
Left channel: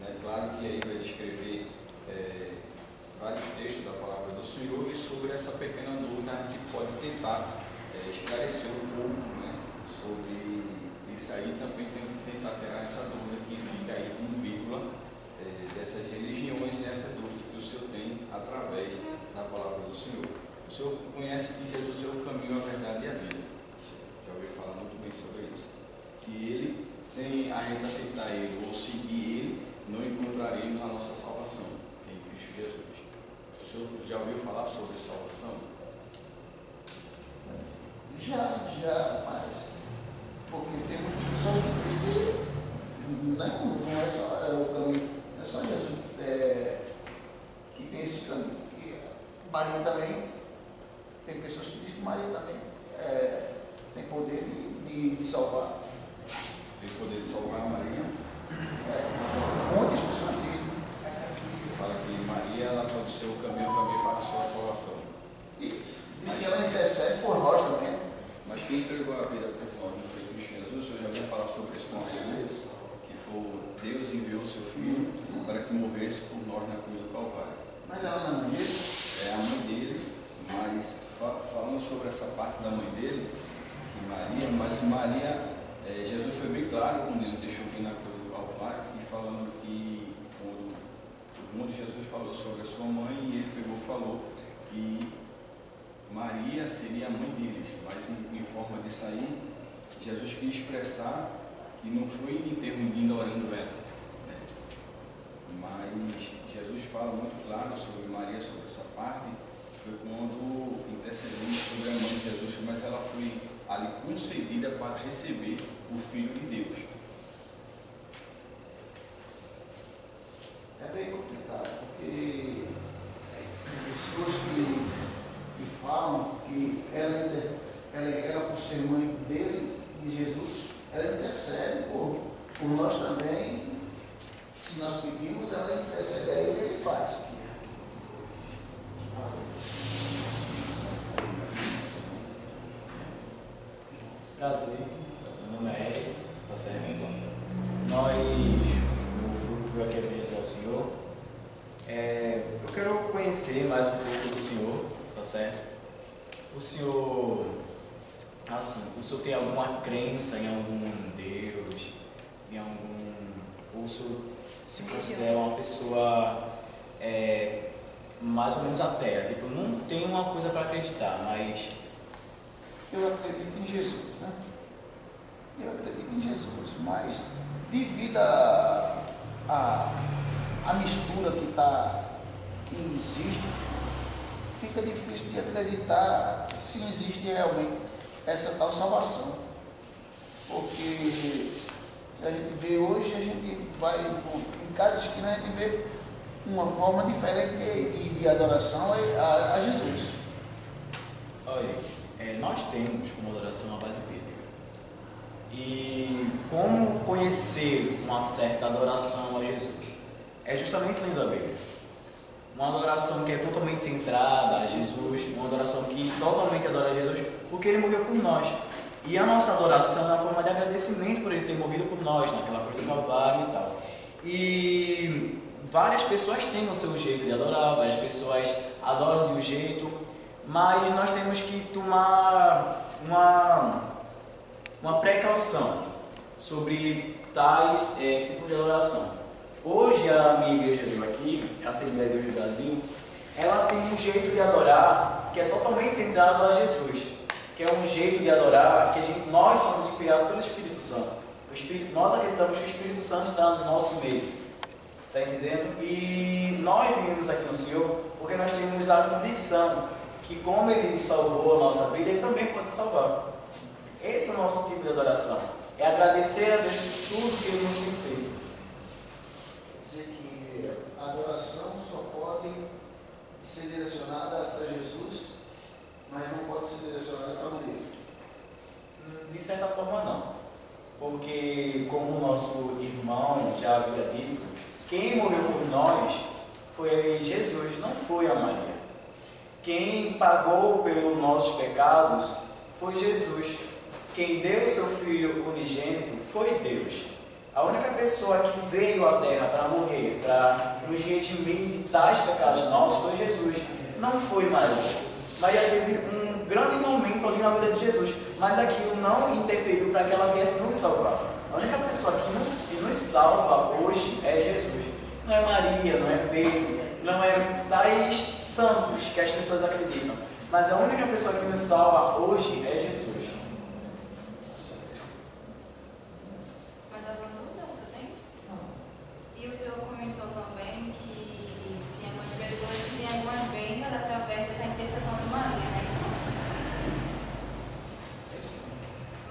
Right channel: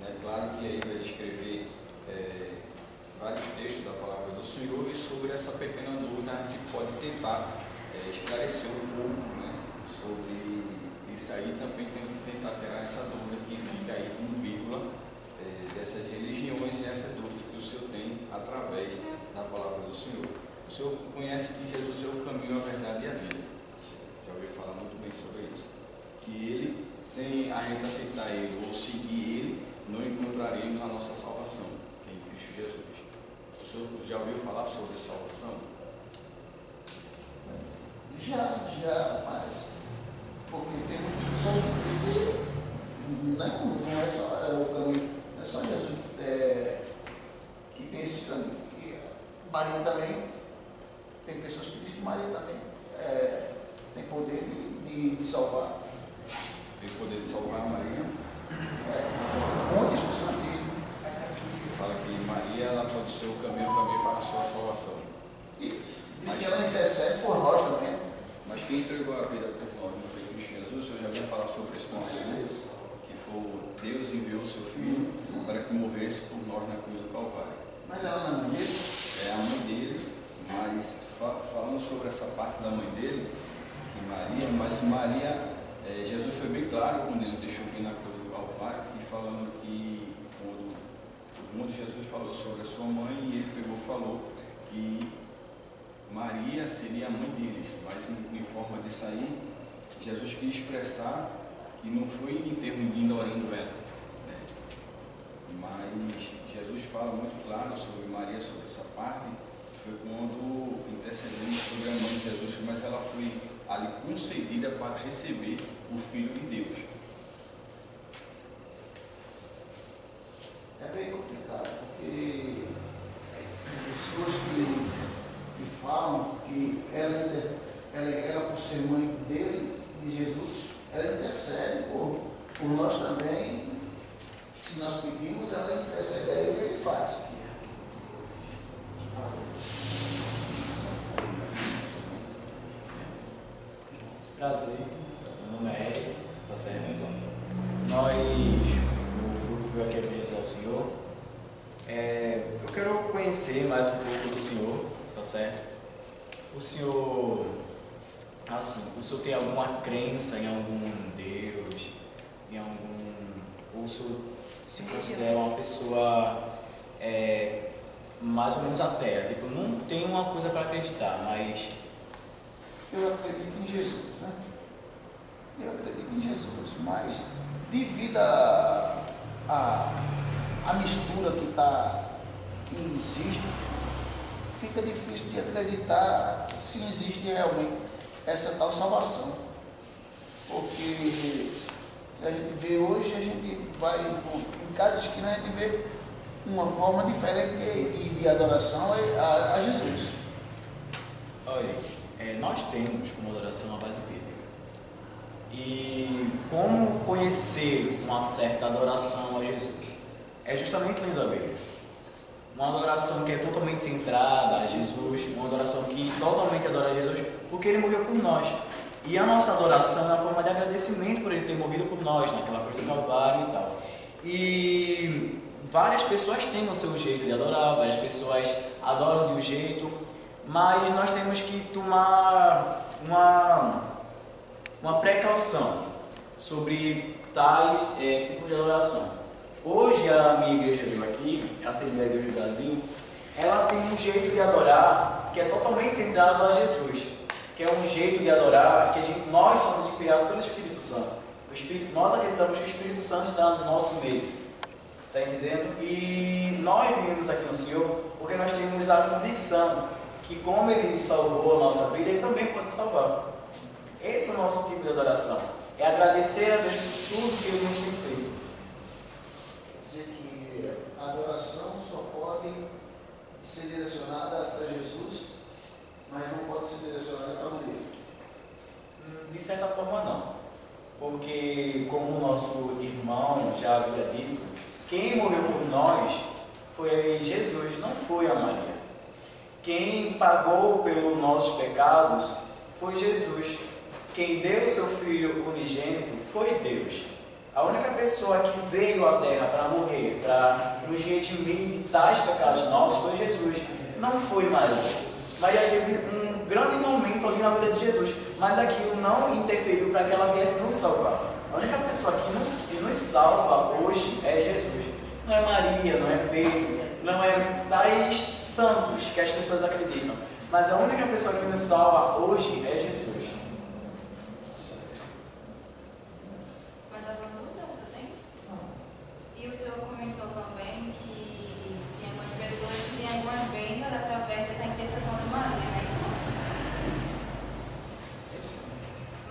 né? Claro que aí vai descrever vários textos da palavra do Senhor e sobre essa pequena dúvida a gente pode tentar esclarecer um pouco, né? Sobre isso aí também tem que tentar tirar essa dúvida que fica aí com vírgula dessas religiões e essa dúvida que o Senhor tem através da palavra do Senhor. O Senhor conhece que Jesus é o caminho, a verdade e a vida. Já ouviu falar muito bem sobre isso. Que ele, sem a gente aceitar ele ou seguir ele, não encontraremos a nossa salvação em Cristo Jesus. O Senhor já ouviu falar sobre salvação? Já, mas porque tem muitas pessoas que dizem que não é só o caminho, não é só Jesus que tem esse caminho. E Maria também, tem pessoas que dizem que Maria também tem poder de salvar. Tem poder de salvar a Maria? Muitas pessoas dizem. Fala que Maria ela pode ser o caminho também para a sua salvação. E diz que ela intercede por nós também. Mas quem entregou a vida por nós não foi Cristo Jesus? O senhor já ouviu falar sobre isso Com certeza. Que foi Deus enviou o seu Filho para que morresse por nós na cruz do Calvário. Mas ela não é mãe dele? É a mãe dele, mas falando sobre essa parte da mãe dele, que Maria, mas Maria, Jesus foi bem claro quando ele deixou vir na cruz do Calvário, que falando que quando Jesus falou sobre a sua mãe, e ele pegou e falou que Maria seria a mãe deles, mas em forma de sair, Jesus quis expressar que não foi em termos de ignorando ela, né? Mas Jesus fala muito claro sobre Maria, sobre essa parte, foi quando intercedemos sobre a mãe de Jesus, mas ela foi ali concedida para receber o Filho de Deus. É bem complicado, porque pessoas que falam que ela por ser mãe dele, de Jesus, ela intercede por nós também. Se nós pedimos, ela intercede a ele e ele faz. Prazer, meu nome é Eric, tá certo? Nós, o grupo aqui é ao Senhor, eu quero conhecer mais um pouco do Senhor, tá certo? O Senhor, assim, o Senhor tem alguma crença em algum Deus, em algum, ou o Senhor se considera uma pessoa mais ou menos ateia, tipo, não tem uma coisa para acreditar, mas... Eu acredito em Jesus, né? Eu acredito em Jesus, mas devido à mistura que existe, fica difícil de acreditar se existe realmente essa tal salvação. Porque se a gente vê hoje, a gente vai em cada esquina, a gente vê uma forma diferente de adoração a Jesus. Olha, nós temos como adoração a base bíblica. E como conhecer uma certa adoração a Jesus? É justamente lendo a Bíblia. Uma adoração que é totalmente centrada a Jesus, uma adoração que totalmente adora a Jesus, porque Ele morreu por nós. E a nossa adoração é uma forma de agradecimento por Ele ter morrido por nós, naquela cruz do Calvário e tal. E várias pessoas têm o seu jeito de adorar, várias pessoas adoram de um jeito, mas nós temos que tomar uma precaução sobre tais tipos de adoração. Hoje a minha igreja aqui, a Assembleia de Deus do Brasil, ela tem um jeito de adorar que é totalmente centrado a Jesus, que é um jeito de adorar que nós somos inspirados pelo Espírito Santo. Nós acreditamos que o Espírito Santo está no nosso meio, está entendendo? E nós viemos aqui no Senhor porque nós temos a convicção que como Ele salvou a nossa vida, Ele também pode salvar. Esse é o nosso tipo de adoração, é agradecer a Deus por tudo que Ele nos tem feito. Dizer que a adoração só pode ser direcionada para Jesus, mas não pode ser direcionada para a mulher. De certa forma não, porque como o nosso irmão já havia dito, quem morreu por nós foi Jesus, não foi a Maria. Quem pagou pelos nossos pecados foi Jesus. Quem deu seu Filho unigênito foi Deus. A única pessoa que veio à Terra para morrer, para nos redimir de tais pecados nossos, foi Jesus, não foi Maria. Maria teve um grande momento ali na vida de Jesus, mas aquilo não interferiu para que ela viesse nos salvar. A única pessoa que nos salva hoje é Jesus. Não é Maria, não é Pedro, não é tais santos que as pessoas acreditam, mas a única pessoa que nos salva hoje é Jesus. Mas alguma dúvida você tem? E o senhor comentou também que tem algumas pessoas que têm algumas bênçãos através dessa intercessão de Maria, não é isso?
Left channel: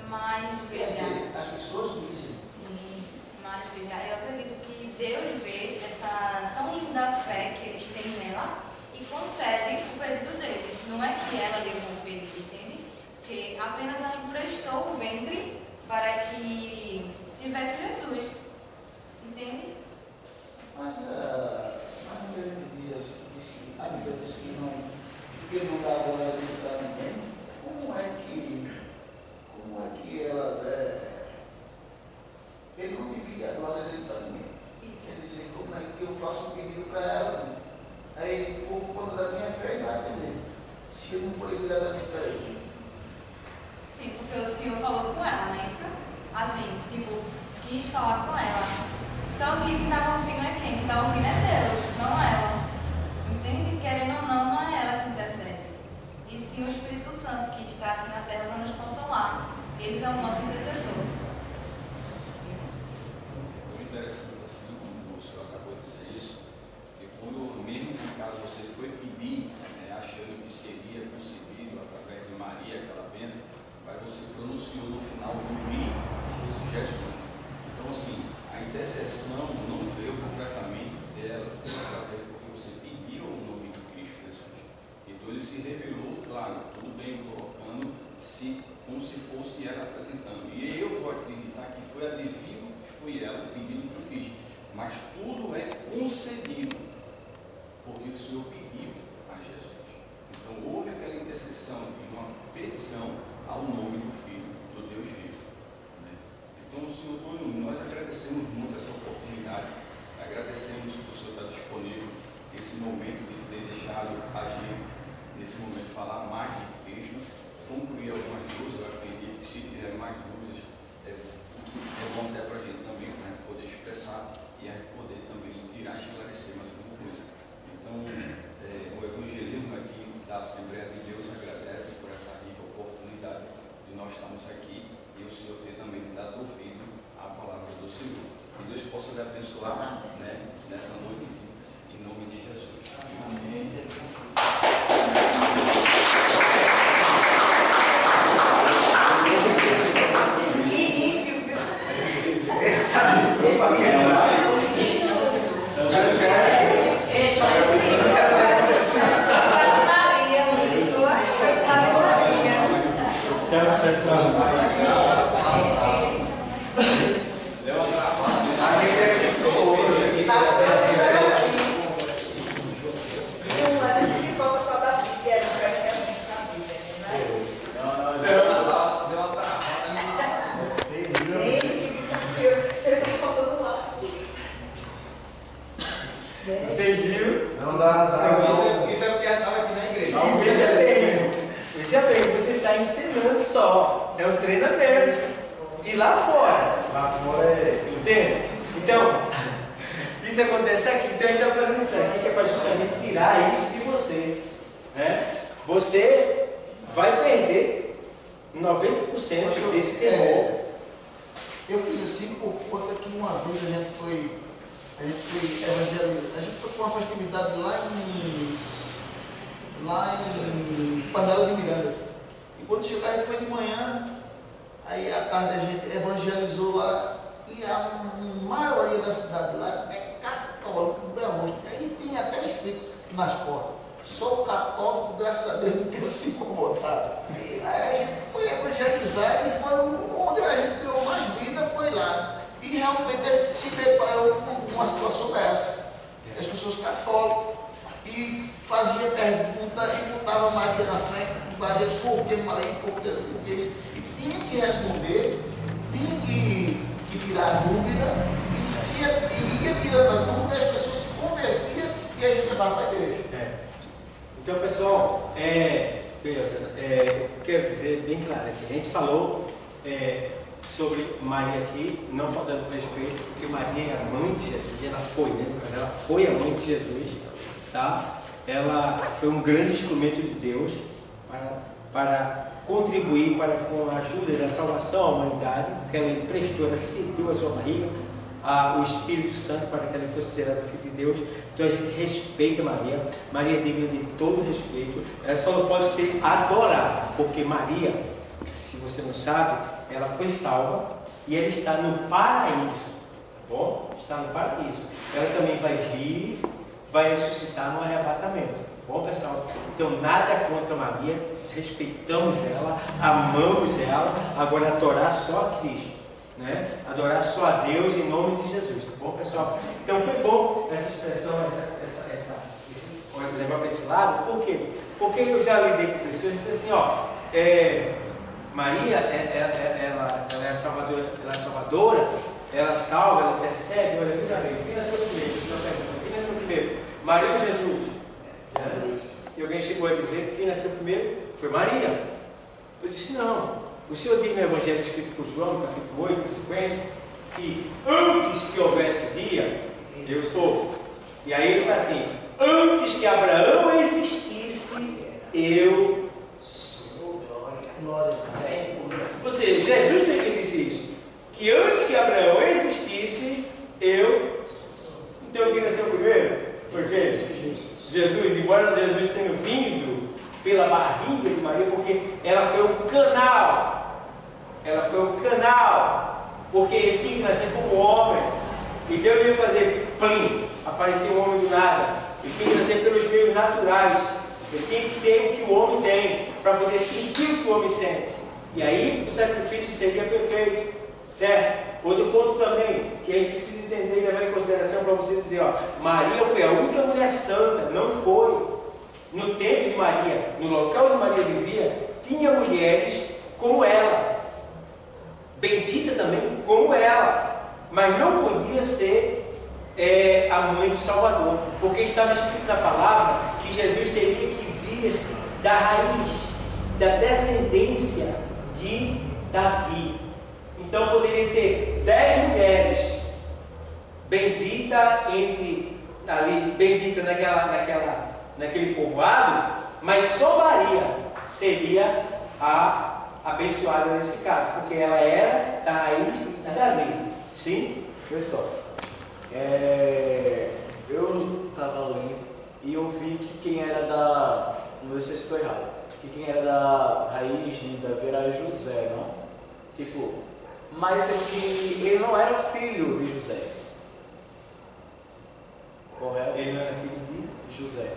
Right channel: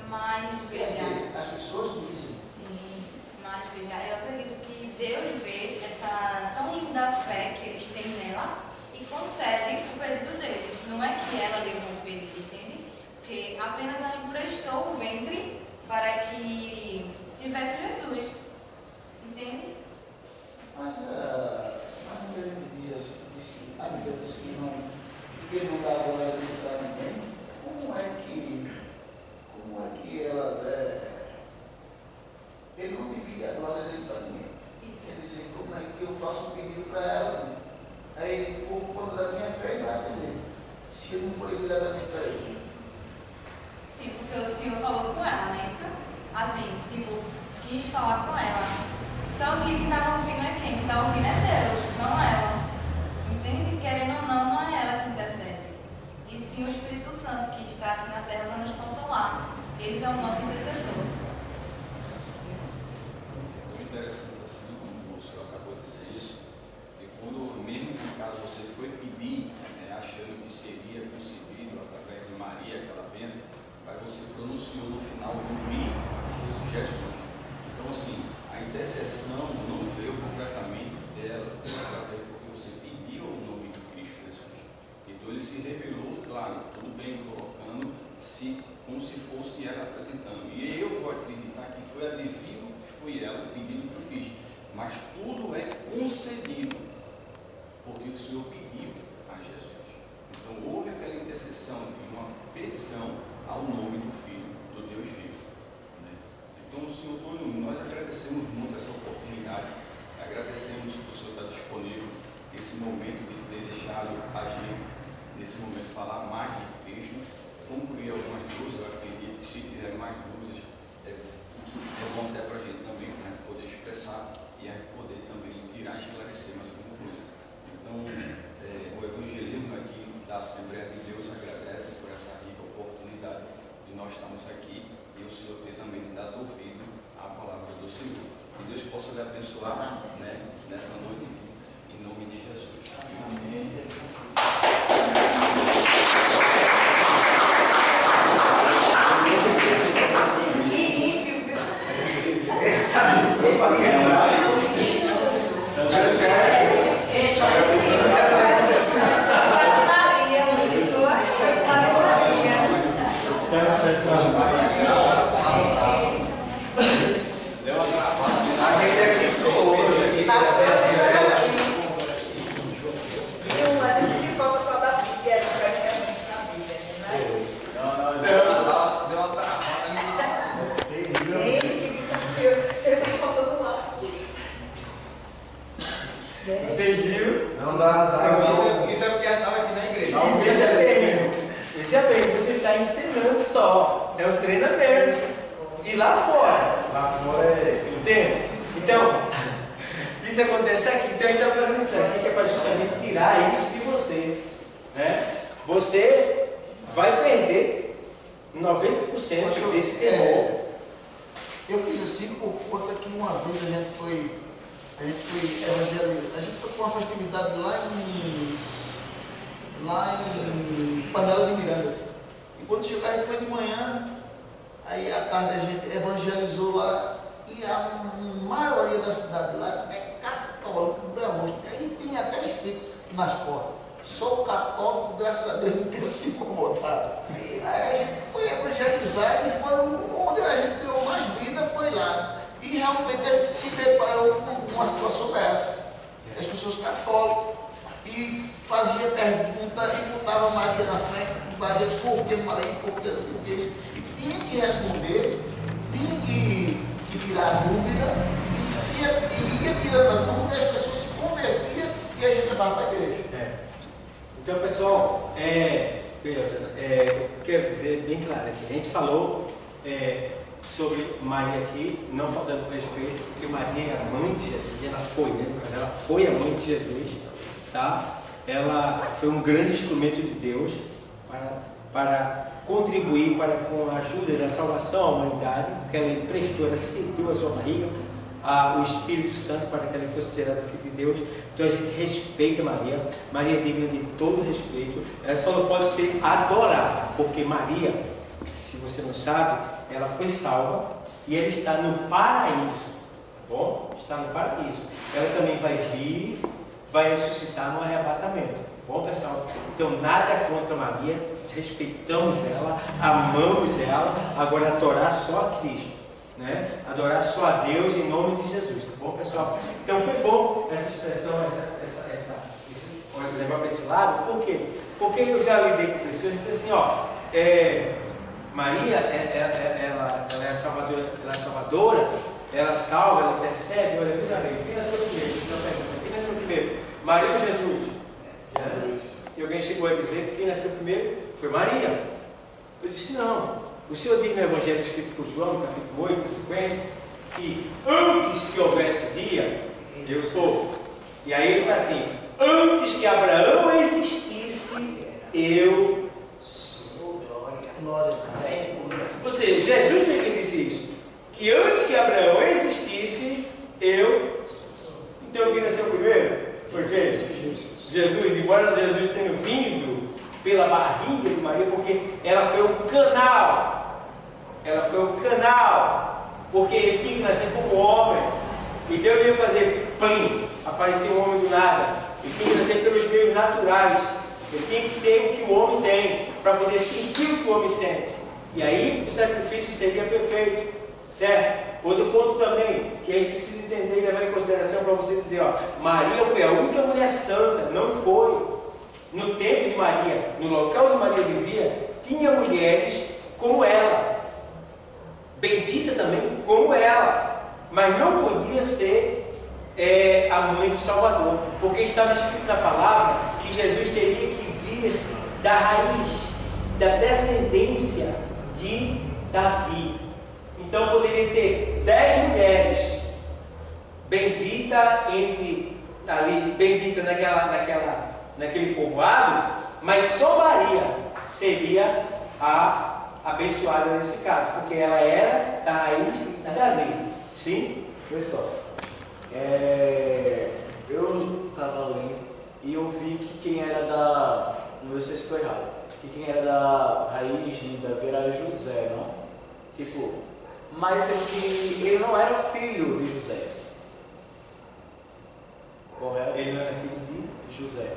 Mas Quer veja. dizer, as pessoas dizem. Sim, mas veja, eu acredito que Deus vê essa tão linda fé que eles têm nela e concede o pedido deles. Não é que ela levou o pedido, entende? Porque apenas ela emprestou o ventre para que tivesse Jesus. Entende? Mas a Bíblia diz que a Bíblia diz que não dá glória para ninguém. Como é que ela ele não divide a glória dele para ninguém? Isso. Quer dizer, como é que eu faço um pedido para ela? Aí Espírito Santo, que está aqui na terra para nos consolar. Ele é o nosso intercessor. É interessante assim, como o senhor acabou de dizer isso, que quando, mesmo que caso você foi pedir, achando que seria concebido através de Maria, aquela bênção, mas você pronunciou no final do I, Jesus. Então assim, a intercessão não veio completamente dela, porque você pediu o nome de Cristo Jesus. Então ele se revelou, claro, tudo bem, colocando-se como se fosse ela apresentando. E eu vou acreditar que foi a devido que foi ela, o pedido que eu fiz. Mas tudo é concedido, porque o Senhor pediu a Jesus. Então houve aquela intercessão e uma petição ao nome do Filho do Deus vivo. Né? Então, Senhor Antônio, nós agradecemos muito essa oportunidade, agradecemos que o Senhor está disponível esse momento de ter deixado a gente, nesse momento, falar mais de Cristo, concluir algumas dúvidas. Eu acredito que se tiver mais dúvidas, é bom até para a gente também, para a gente poder expressar e a gente poder também tirar e esclarecer mais alguma coisa. Então, o evangelismo aqui da Assembleia de Deus agradece por essa rica oportunidade de nós estarmos aqui e o Senhor ter também dado ouvido à palavra do Senhor. Que Deus possa lhe abençoar, né, nessa noite, em nome de Jesus. Amém. Isso é porque ela estava aqui na igreja. Veja bem, você está ensinando só. É um treinamento. E lá fora. Lá fora é. Entende? Então, isso acontece aqui. Então a gente está falando isso aqui, que é para justamente tirar isso de você. Né? Você vai perder 90% desse temor. Eu fiz assim por conta que uma vez a gente foi evangelizar. A gente foi com uma festividade lá em Panela de Miranda. E quando chegou, a gente foi de manhã, aí à tarde a gente evangelizou lá, e a maioria da cidade lá é católico, aí tem até escrito nas portas: sou católico, graças a Deus não tenho se incomodado. Aí a gente foi evangelizar e foi onde a gente deu mais vida, foi lá. E realmente a gente se deparou com uma situação dessa. As pessoas católicas, e fazia pergunta e botava Maria na frente, Maria, por que Maria, por que isso? E tinha que responder, tinha que tirar a dúvida, e ia tirando a dúvida, as pessoas se convertiam e a gente levava para a igreja. Então, pessoal, eu quero dizer bem claro aqui, a gente falou sobre Maria aqui, não faltando respeito, porque Maria é a mãe de Jesus, e ela foi, né? No caso, ela foi a mãe de Jesus, tá? Ela foi um grande instrumento de Deus para contribuir com a ajuda da salvação à humanidade, porque ela emprestou, ela cedeu a sua barriga o Espírito Santo para que ela fosse gerada do Filho de Deus. Então a gente respeita Maria. Maria é digna de todo respeito. Ela só não pode ser adorada, porque Maria, se você não sabe, ela foi salva e ela está no paraíso, tá bom? Está no paraíso. Ela também vai vir, vai ressuscitar no arrebatamento, tá bom, pessoal? Então nada contra Maria, respeitamos ela, amamos ela. Agora adorar só a Cristo, né? Adorar só a Deus em nome de Jesus, tá bom, pessoal? Então foi bom essa expressão, levar para esse lado. Por quê? Porque eu já lidei com pessoas que dizem assim, Maria, ela é salvadora, ela salva, ela intercede. Olha, veja bem, quem nasceu primeiro? Quem nasceu primeiro? Maria ou Jesus? Jesus. E alguém chegou a dizer que quem nasceu primeiro foi Maria. Eu disse, não. O Senhor diz no Evangelho escrito por João, no capítulo 8, na sequência, que antes que houvesse dia, eu sou. E aí ele fala assim, antes que Abraão existisse, eu sou. Glória. Ou seja, Jesus foi quem disse isso. Que antes que Abraão existisse, eu. Então quem nasceu primeiro? Foi quem? Jesus. Embora Jesus tenha vindo pela barriga de Maria, porque ela foi o canal. Ela foi o canal. Porque ele tinha que nascer como homem. Então ele ia fazer plim, aparecer um homem do nada. Ele tinha que nascer pelos meios naturais. Ele tem que ter o que o homem tem, para poder sentir o que o homem sente. E aí o sacrifício seria perfeito. Certo? Outro ponto também, que a gente precisa entender e levar em consideração para você dizer, ó, Maria foi a única mulher santa, não foi. No tempo de Maria, no local onde Maria vivia, tinha mulheres como ela. Bendita também como ela. Mas não podia ser a mãe do Salvador, porque estava escrito na palavra que Jesus teria que vir da raiz, da descendência de Davi. Então poderia ter 10 mulheres, bendita entre ali, bendita naquele povoado, mas só Maria seria a abençoada nesse caso, porque ela era da raiz de Davi. Sim? Pessoal, eu estava lendo e eu vi que quem era da. Não sei se estou errado. Que quem era da raiz de Davi era José, não? Tipo, mas sendo que ele não era filho de José. Correto? Ele não era filho de José.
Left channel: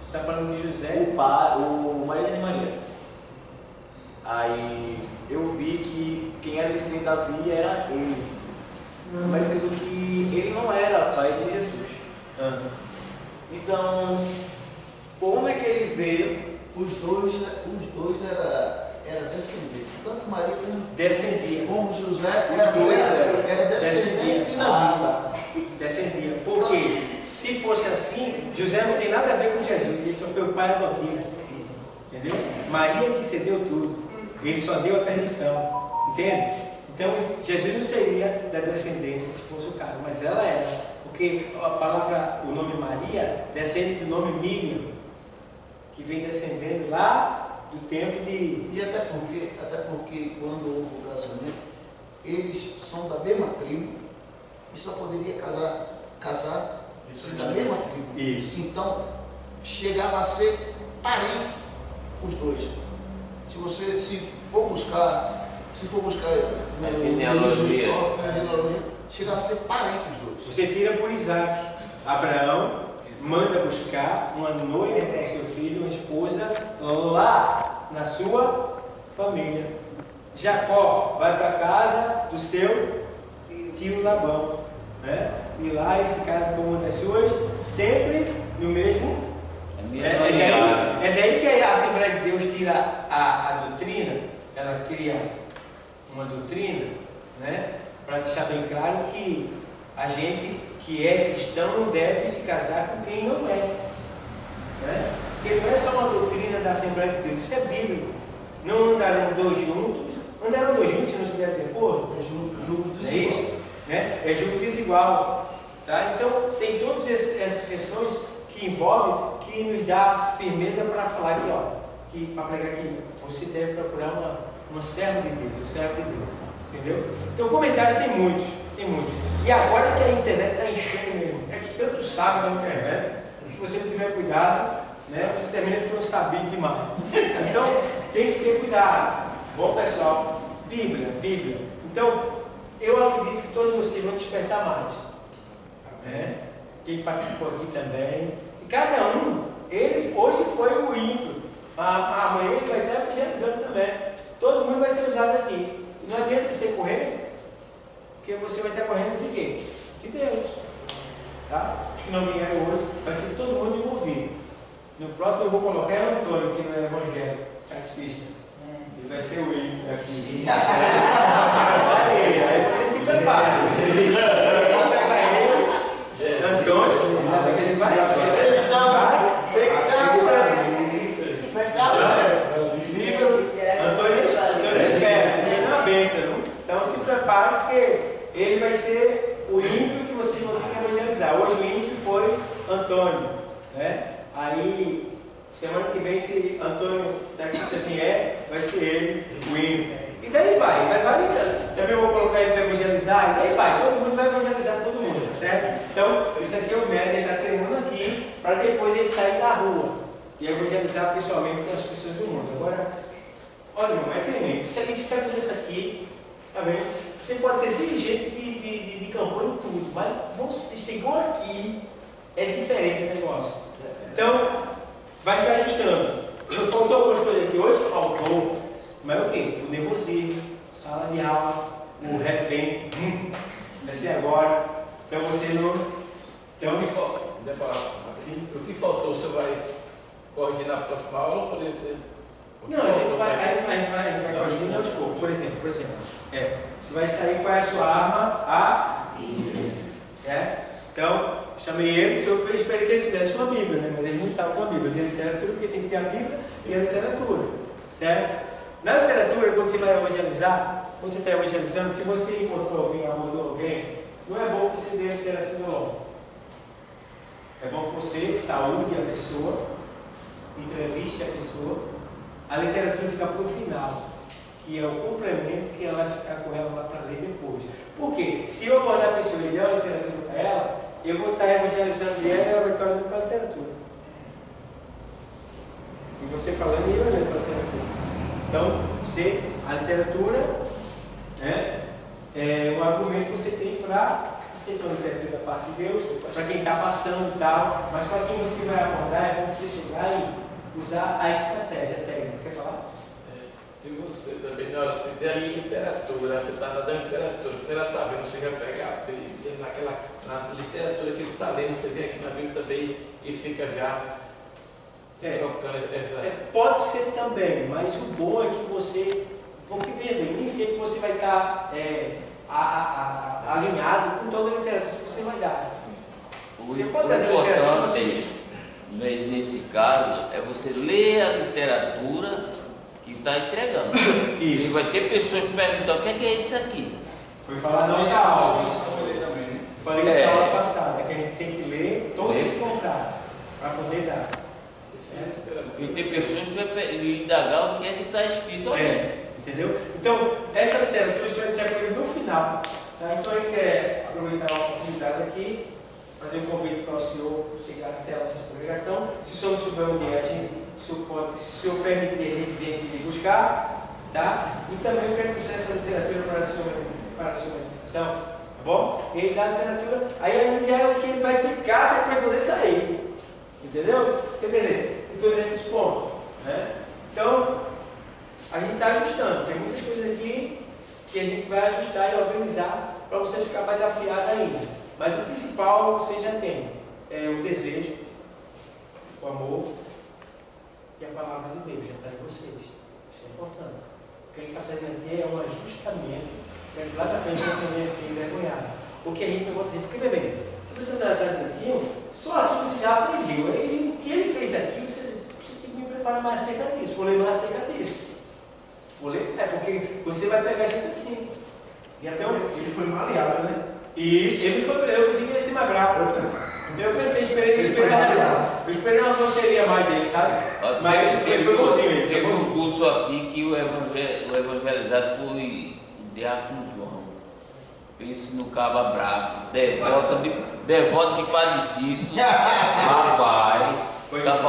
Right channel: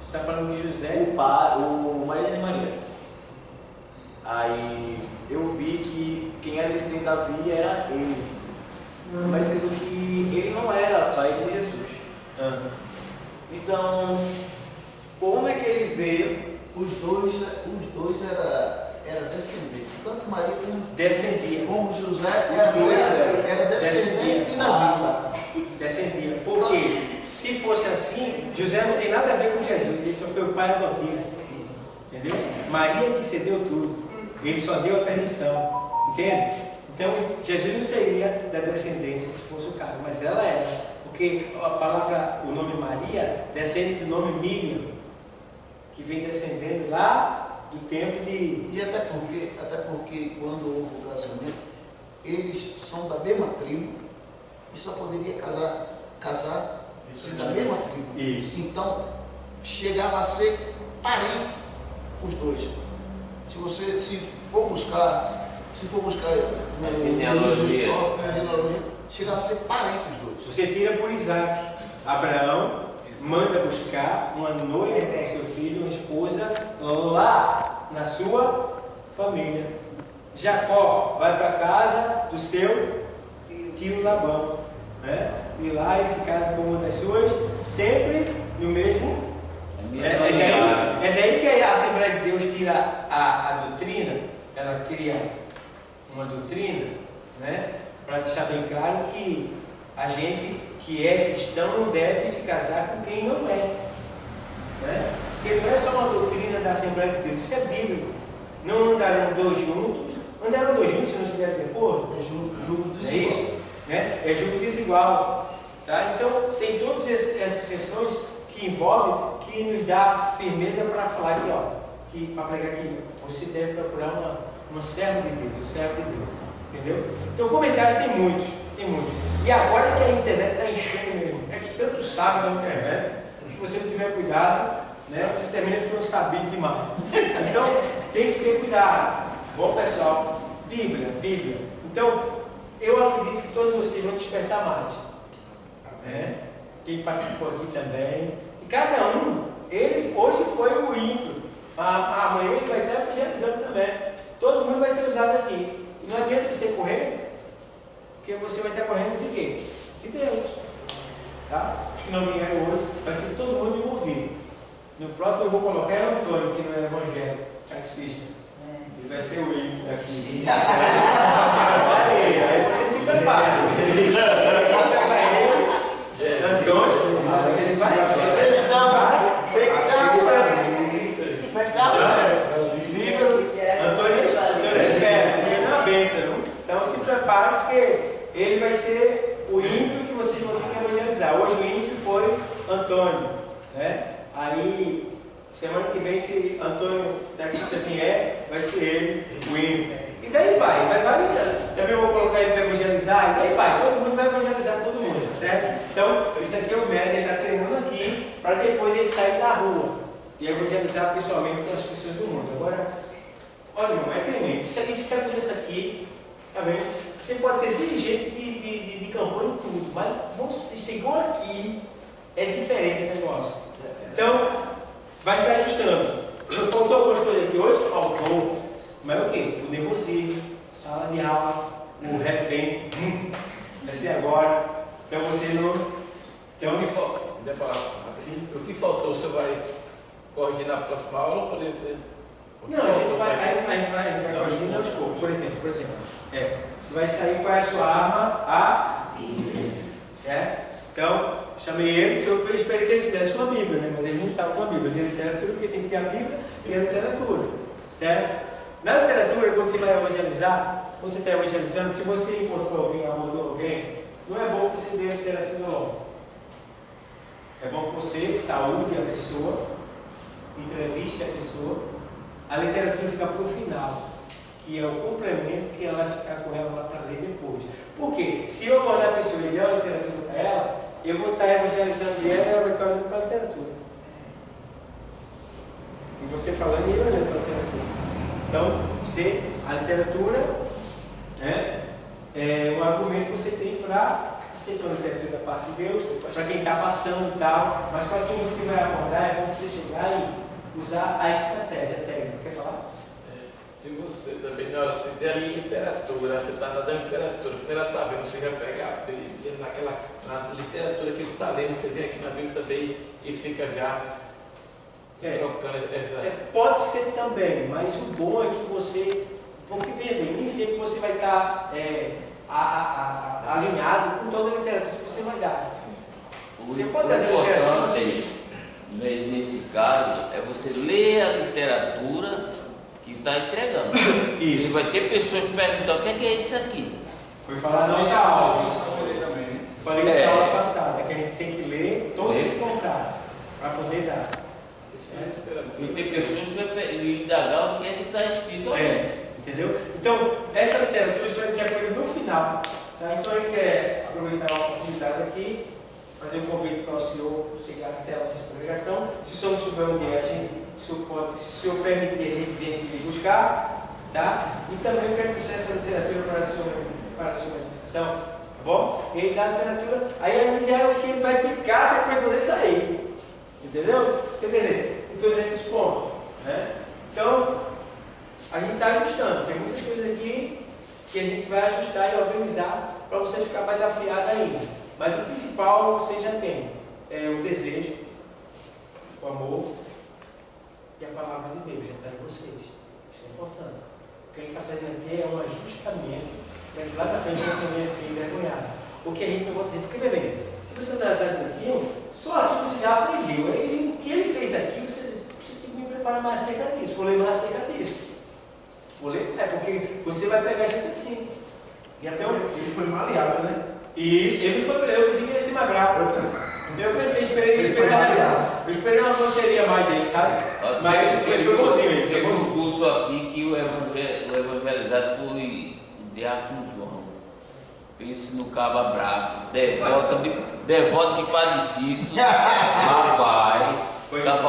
Você está falando de José? O marido de Maria. Aí eu vi que quem era descendente de Davi era ele. Mas sendo que ele não era pai de Jesus. Então, como é que ele veio? Os dois era descendente. Tanto Maria Descendia. como José Os era descendente de Davi. Descendia. Porque se fosse assim, José não tem nada a ver com Jesus. Ele só foi o pai adotivo. Entendeu? Maria que cedeu tudo. Ele só deu a permissão. Entende? Então, Jesus não seria da descendência, se fosse o caso, mas ela era, porque a palavra, o nome Maria, descende do nome Miriam, que vem descendendo lá do tempo de... E até porque quando houve o casamento, eles são da mesma tribo e só poderia casar ser da mesma tribo. Isso. Então, chegava a ser parente os dois. Se for buscar na genealogia, chegava a ser parente os dois. Você tira por Isaac. Abraão manda buscar uma noiva para o seu filho, uma esposa, lá na sua família. Jacó vai para a casa do seu tio Labão, né? E lá ele se casa com uma das suas, sempre no mesmo. É daí que a Assembleia de Deus tira a doutrina, ela cria uma doutrina, né? Para deixar bem claro que a gente que é cristão não deve se casar com quem não é, né? Porque não é só uma doutrina da Assembleia de Deus, isso é bíblico. Não andarão dois juntos, se não estiverem de acordo. É julgo É desigual. isso, né? É julgo desigual, tá? Então tem todas essas questões que envolvem, que nos dá firmeza para falar aqui, ó, que para pregar que você deve procurar uma serva de Deus, um servo de Deus, entendeu? Então comentários tem muitos. E agora que a internet está enchendo mesmo, é que tanto sabe na internet, se você não tiver cuidado, né, você termina ficando sabido demais. Então tem que ter cuidado. Bom pessoal, Bíblia. Então eu acredito que todos vocês vão despertar mais. Né? Quem participou aqui também. E cada um, ele hoje foi o ímpio. Amanhã ele vai estar evangelizando também. Todo mundo vai ser usado aqui. E não adianta você correr, porque você vai estar correndo de quê? De Deus. Tá? Os que não vieram hoje, vai ser todo mundo envolvido. No próximo eu vou colocar o Antônio, que não é evangélico, taxista. Ele vai ser o ímpio aqui. Aí você se prepara. Antônio, ele vai. Antônio espera, porque não é uma bênção. Então se prepare, porque ele vai ser o ímpio que vocês vão ter que evangelizar. Hoje o ímpio foi Antônio, né? Aí semana que vem, se Antônio daqui quem é, vai ser ele, o hino. E daí vai variando. Também vou colocar ele para evangelizar, e daí vai, todo mundo vai evangelizar todo mundo, certo? Então, isso aqui é o método, ele está treinando aqui, para depois ele sair da rua e evangelizar pessoalmente as pessoas do mundo. Agora, olha, irmão, é tremendo. Isso que acontece aqui, tá vendo? Você pode ser dirigente de campanha e tudo, mas você chegou aqui, é diferente o negócio. Então, vai se ajustando. Faltou algumas coisas aqui hoje? Faltou. Mas é o quê? O nervosismo, sala de aula, o repente, vai ser agora. Então você não. Então, o que faltou, você vai corrigir na próxima aula ou poderia ser? Não, a gente vai corrigindo aos poucos. Por exemplo, você vai sair com a sua arma, a Bíblia. Certo? Então, chamei ele, eu esperei que ele estivesse com a Bíblia, né? Mas ele não estava com a Bíblia. Tem literatura, porque tem que ter a Bíblia e a literatura. Certo? Na literatura, quando você vai evangelizar, quando você está evangelizando, se você encontrou alguém, abordou alguém, não é bom que você dê a literatura logo. É bom que você saúde a pessoa, entreviste a pessoa. A literatura fica para o final, que é o complemento que ela vai ficar com ela lá para ler depois. Por quê? Se eu abordar a pessoa e der a literatura para ela, eu vou estar evangelizando ela e ela vai estar olhando para a literatura. E você falando e eu olhando para a literatura. Então, a literatura, né, é um argumento que você tem para aceitar a literatura da parte de Deus, para quem está passando e tal, mas para quem você vai abordar, é bom você chegar e usar a estratégia técnica. Quer falar? Se você também, na hora, se der a literatura, você está na literatura, quando ela está vendo, você já pega a Bíblia, na literatura que ele está lendo, você vem aqui na Bíblia também e fica já trocando essa. Pode ser também, mas o bom é que você, porque veja bem, nem sempre você vai estar alinhado com toda a literatura que você vai dar. Você pode trazer a literatura. Nesse caso, é você ler a literatura que está entregando. Isso. E vai ter pessoas que perguntam: o que é isso aqui? Foi falar na outra aula. Falei isso na aula passada, que a gente tem que ler todo esse contrato para poder dar. E tem pessoas que vão indagar o que é que está escrito ali. Entendeu? Então, essa literatura você vai dizer com ele no final. Tá? Então, ele quer aproveitar a oportunidade aqui, fazer um convite para o senhor chegar até a nossa congregação. Se o senhor não souber onde é, se o senhor permitir, a gente vem aqui buscar. Tá? E também eu quero dizer essa literatura para a sua congregação. Tá bom? Ele dá a literatura, aí já é o que ele vai ficar depois de você sair. Entendeu? Quer dizer, em todos esses pontos. Né? Então, a gente está ajustando. Tem muitas coisas aqui que a gente vai ajustar e organizar para você ficar mais afiado ainda. Mas o principal você já tem. É o desejo, o amor e a palavra de Deus já está em vocês. Isso é importante. O que a gente está fazendo aqui é um ajustamento para que lá da frente não tenha ser envergonhado. O que a gente não pode fazer. Porque, bem, se você analisar direitinho, só aqui você já aprendeu. E o que ele fez aqui, você tem que me preparar mais acerca disso. Vou ler mais acerca disso. Vou ler, porque você vai pegar a gente assim. E até ele foi maleável, né? E ele foi, eu pensei que ele ia ser mais bravo. Eu pensei, eu esperei uma grosseria mais dele, sabe? Mas foi bonzinho ele. Teve um curso aqui que o evangelizado foi o diácono João. Pense no caba bravo, devoto de Padre Cício. Rapaz,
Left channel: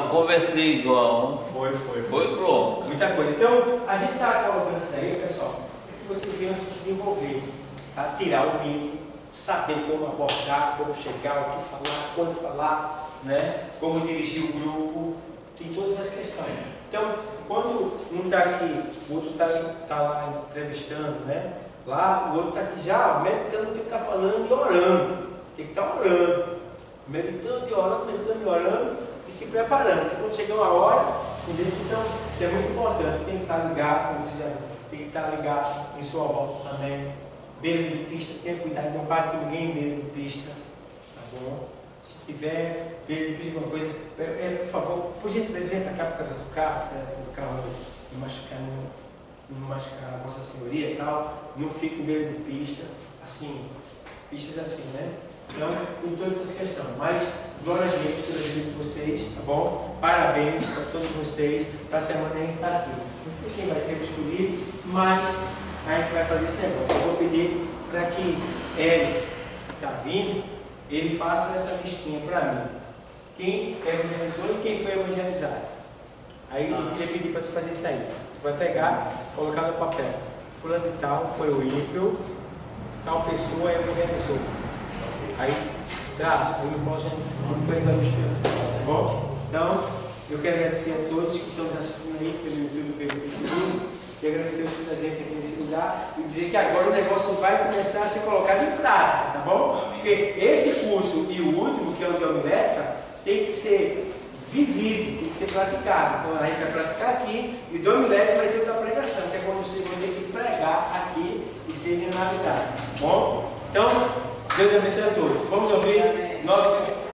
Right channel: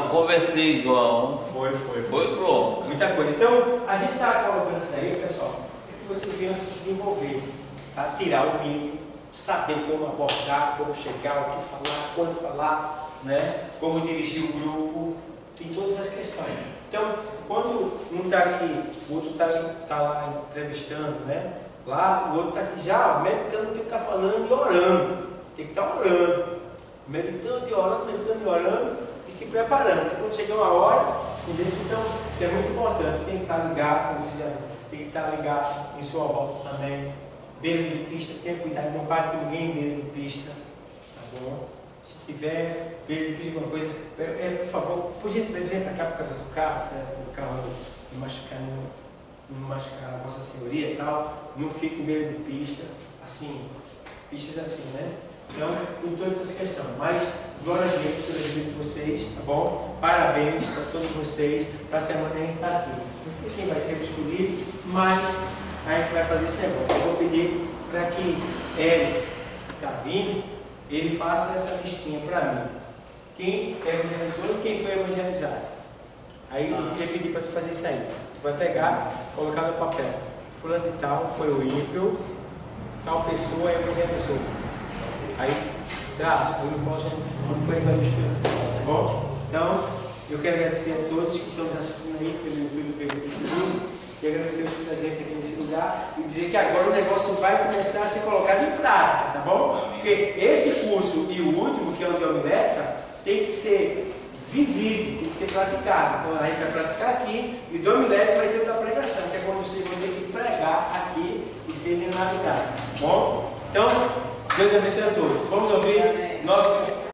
conversei, João. Foi pronto. Muita coisa. Então, a gente está colocando isso aí, pessoal, para que você venha se desenvolver, tá? Tirar o medo, saber como abordar, como chegar, o que falar, quando falar, né? Como dirigir o grupo, tem todas as questões. Então, quando um está aqui, o outro está lá entrevistando, né? Lá, o outro está aqui já meditando o que ele está falando e orando. Tem que estar orando. Meditando e orando e se preparando. Porque quando chegar uma hora, então isso é muito importante. Tem que estar ligado, tem que estar ligado em sua volta também. Beira de pista, tenha cuidado, não pare com ninguém em beira de pista. Tá bom? Se tiver beira de pista, alguma coisa, por favor, por gentileza, vem para cá por causa do carro, para o carro não machucar a Vossa Senhoria e tal. Não fique em beira de pista, assim, pistas assim, né? Então, em todas essas questões. Mas, glória a Deus pela vida de vocês, tá bom? Parabéns para todos vocês. Para a semana a gente está aqui. Não sei quem vai ser o escolhido, mas a gente vai fazer esse negócio. Eu vou pedir para que ele, que está vindo, ele faça essa listinha para mim. Quem evangelizou e quem foi evangelizado. Aí eu queria pedir para tu fazer isso aí. Tu vai pegar, colocar no papel. Fulano de tal foi o ímpio, tal pessoa evangelizou. Aí traz, eu não posso vai misturar. Tá bom? Então, eu quero agradecer a todos que estão nos assistindo aí pelo YouTube, pelo Facebook, e agradecer os presentes aqui nesse lugar, e dizer que agora o negócio vai começar a ser colocado em prática, tá bom? Porque esse curso e o último, que é o de homilética, tem que ser vivido, tem que ser praticado. Então a gente vai praticar aqui, e o de homilética vai ser o da pregação, que é quando você vai ter que pregar aqui e ser generalizado, tá bom? Então, Deus abençoe a todos. Vamos ouvir nosso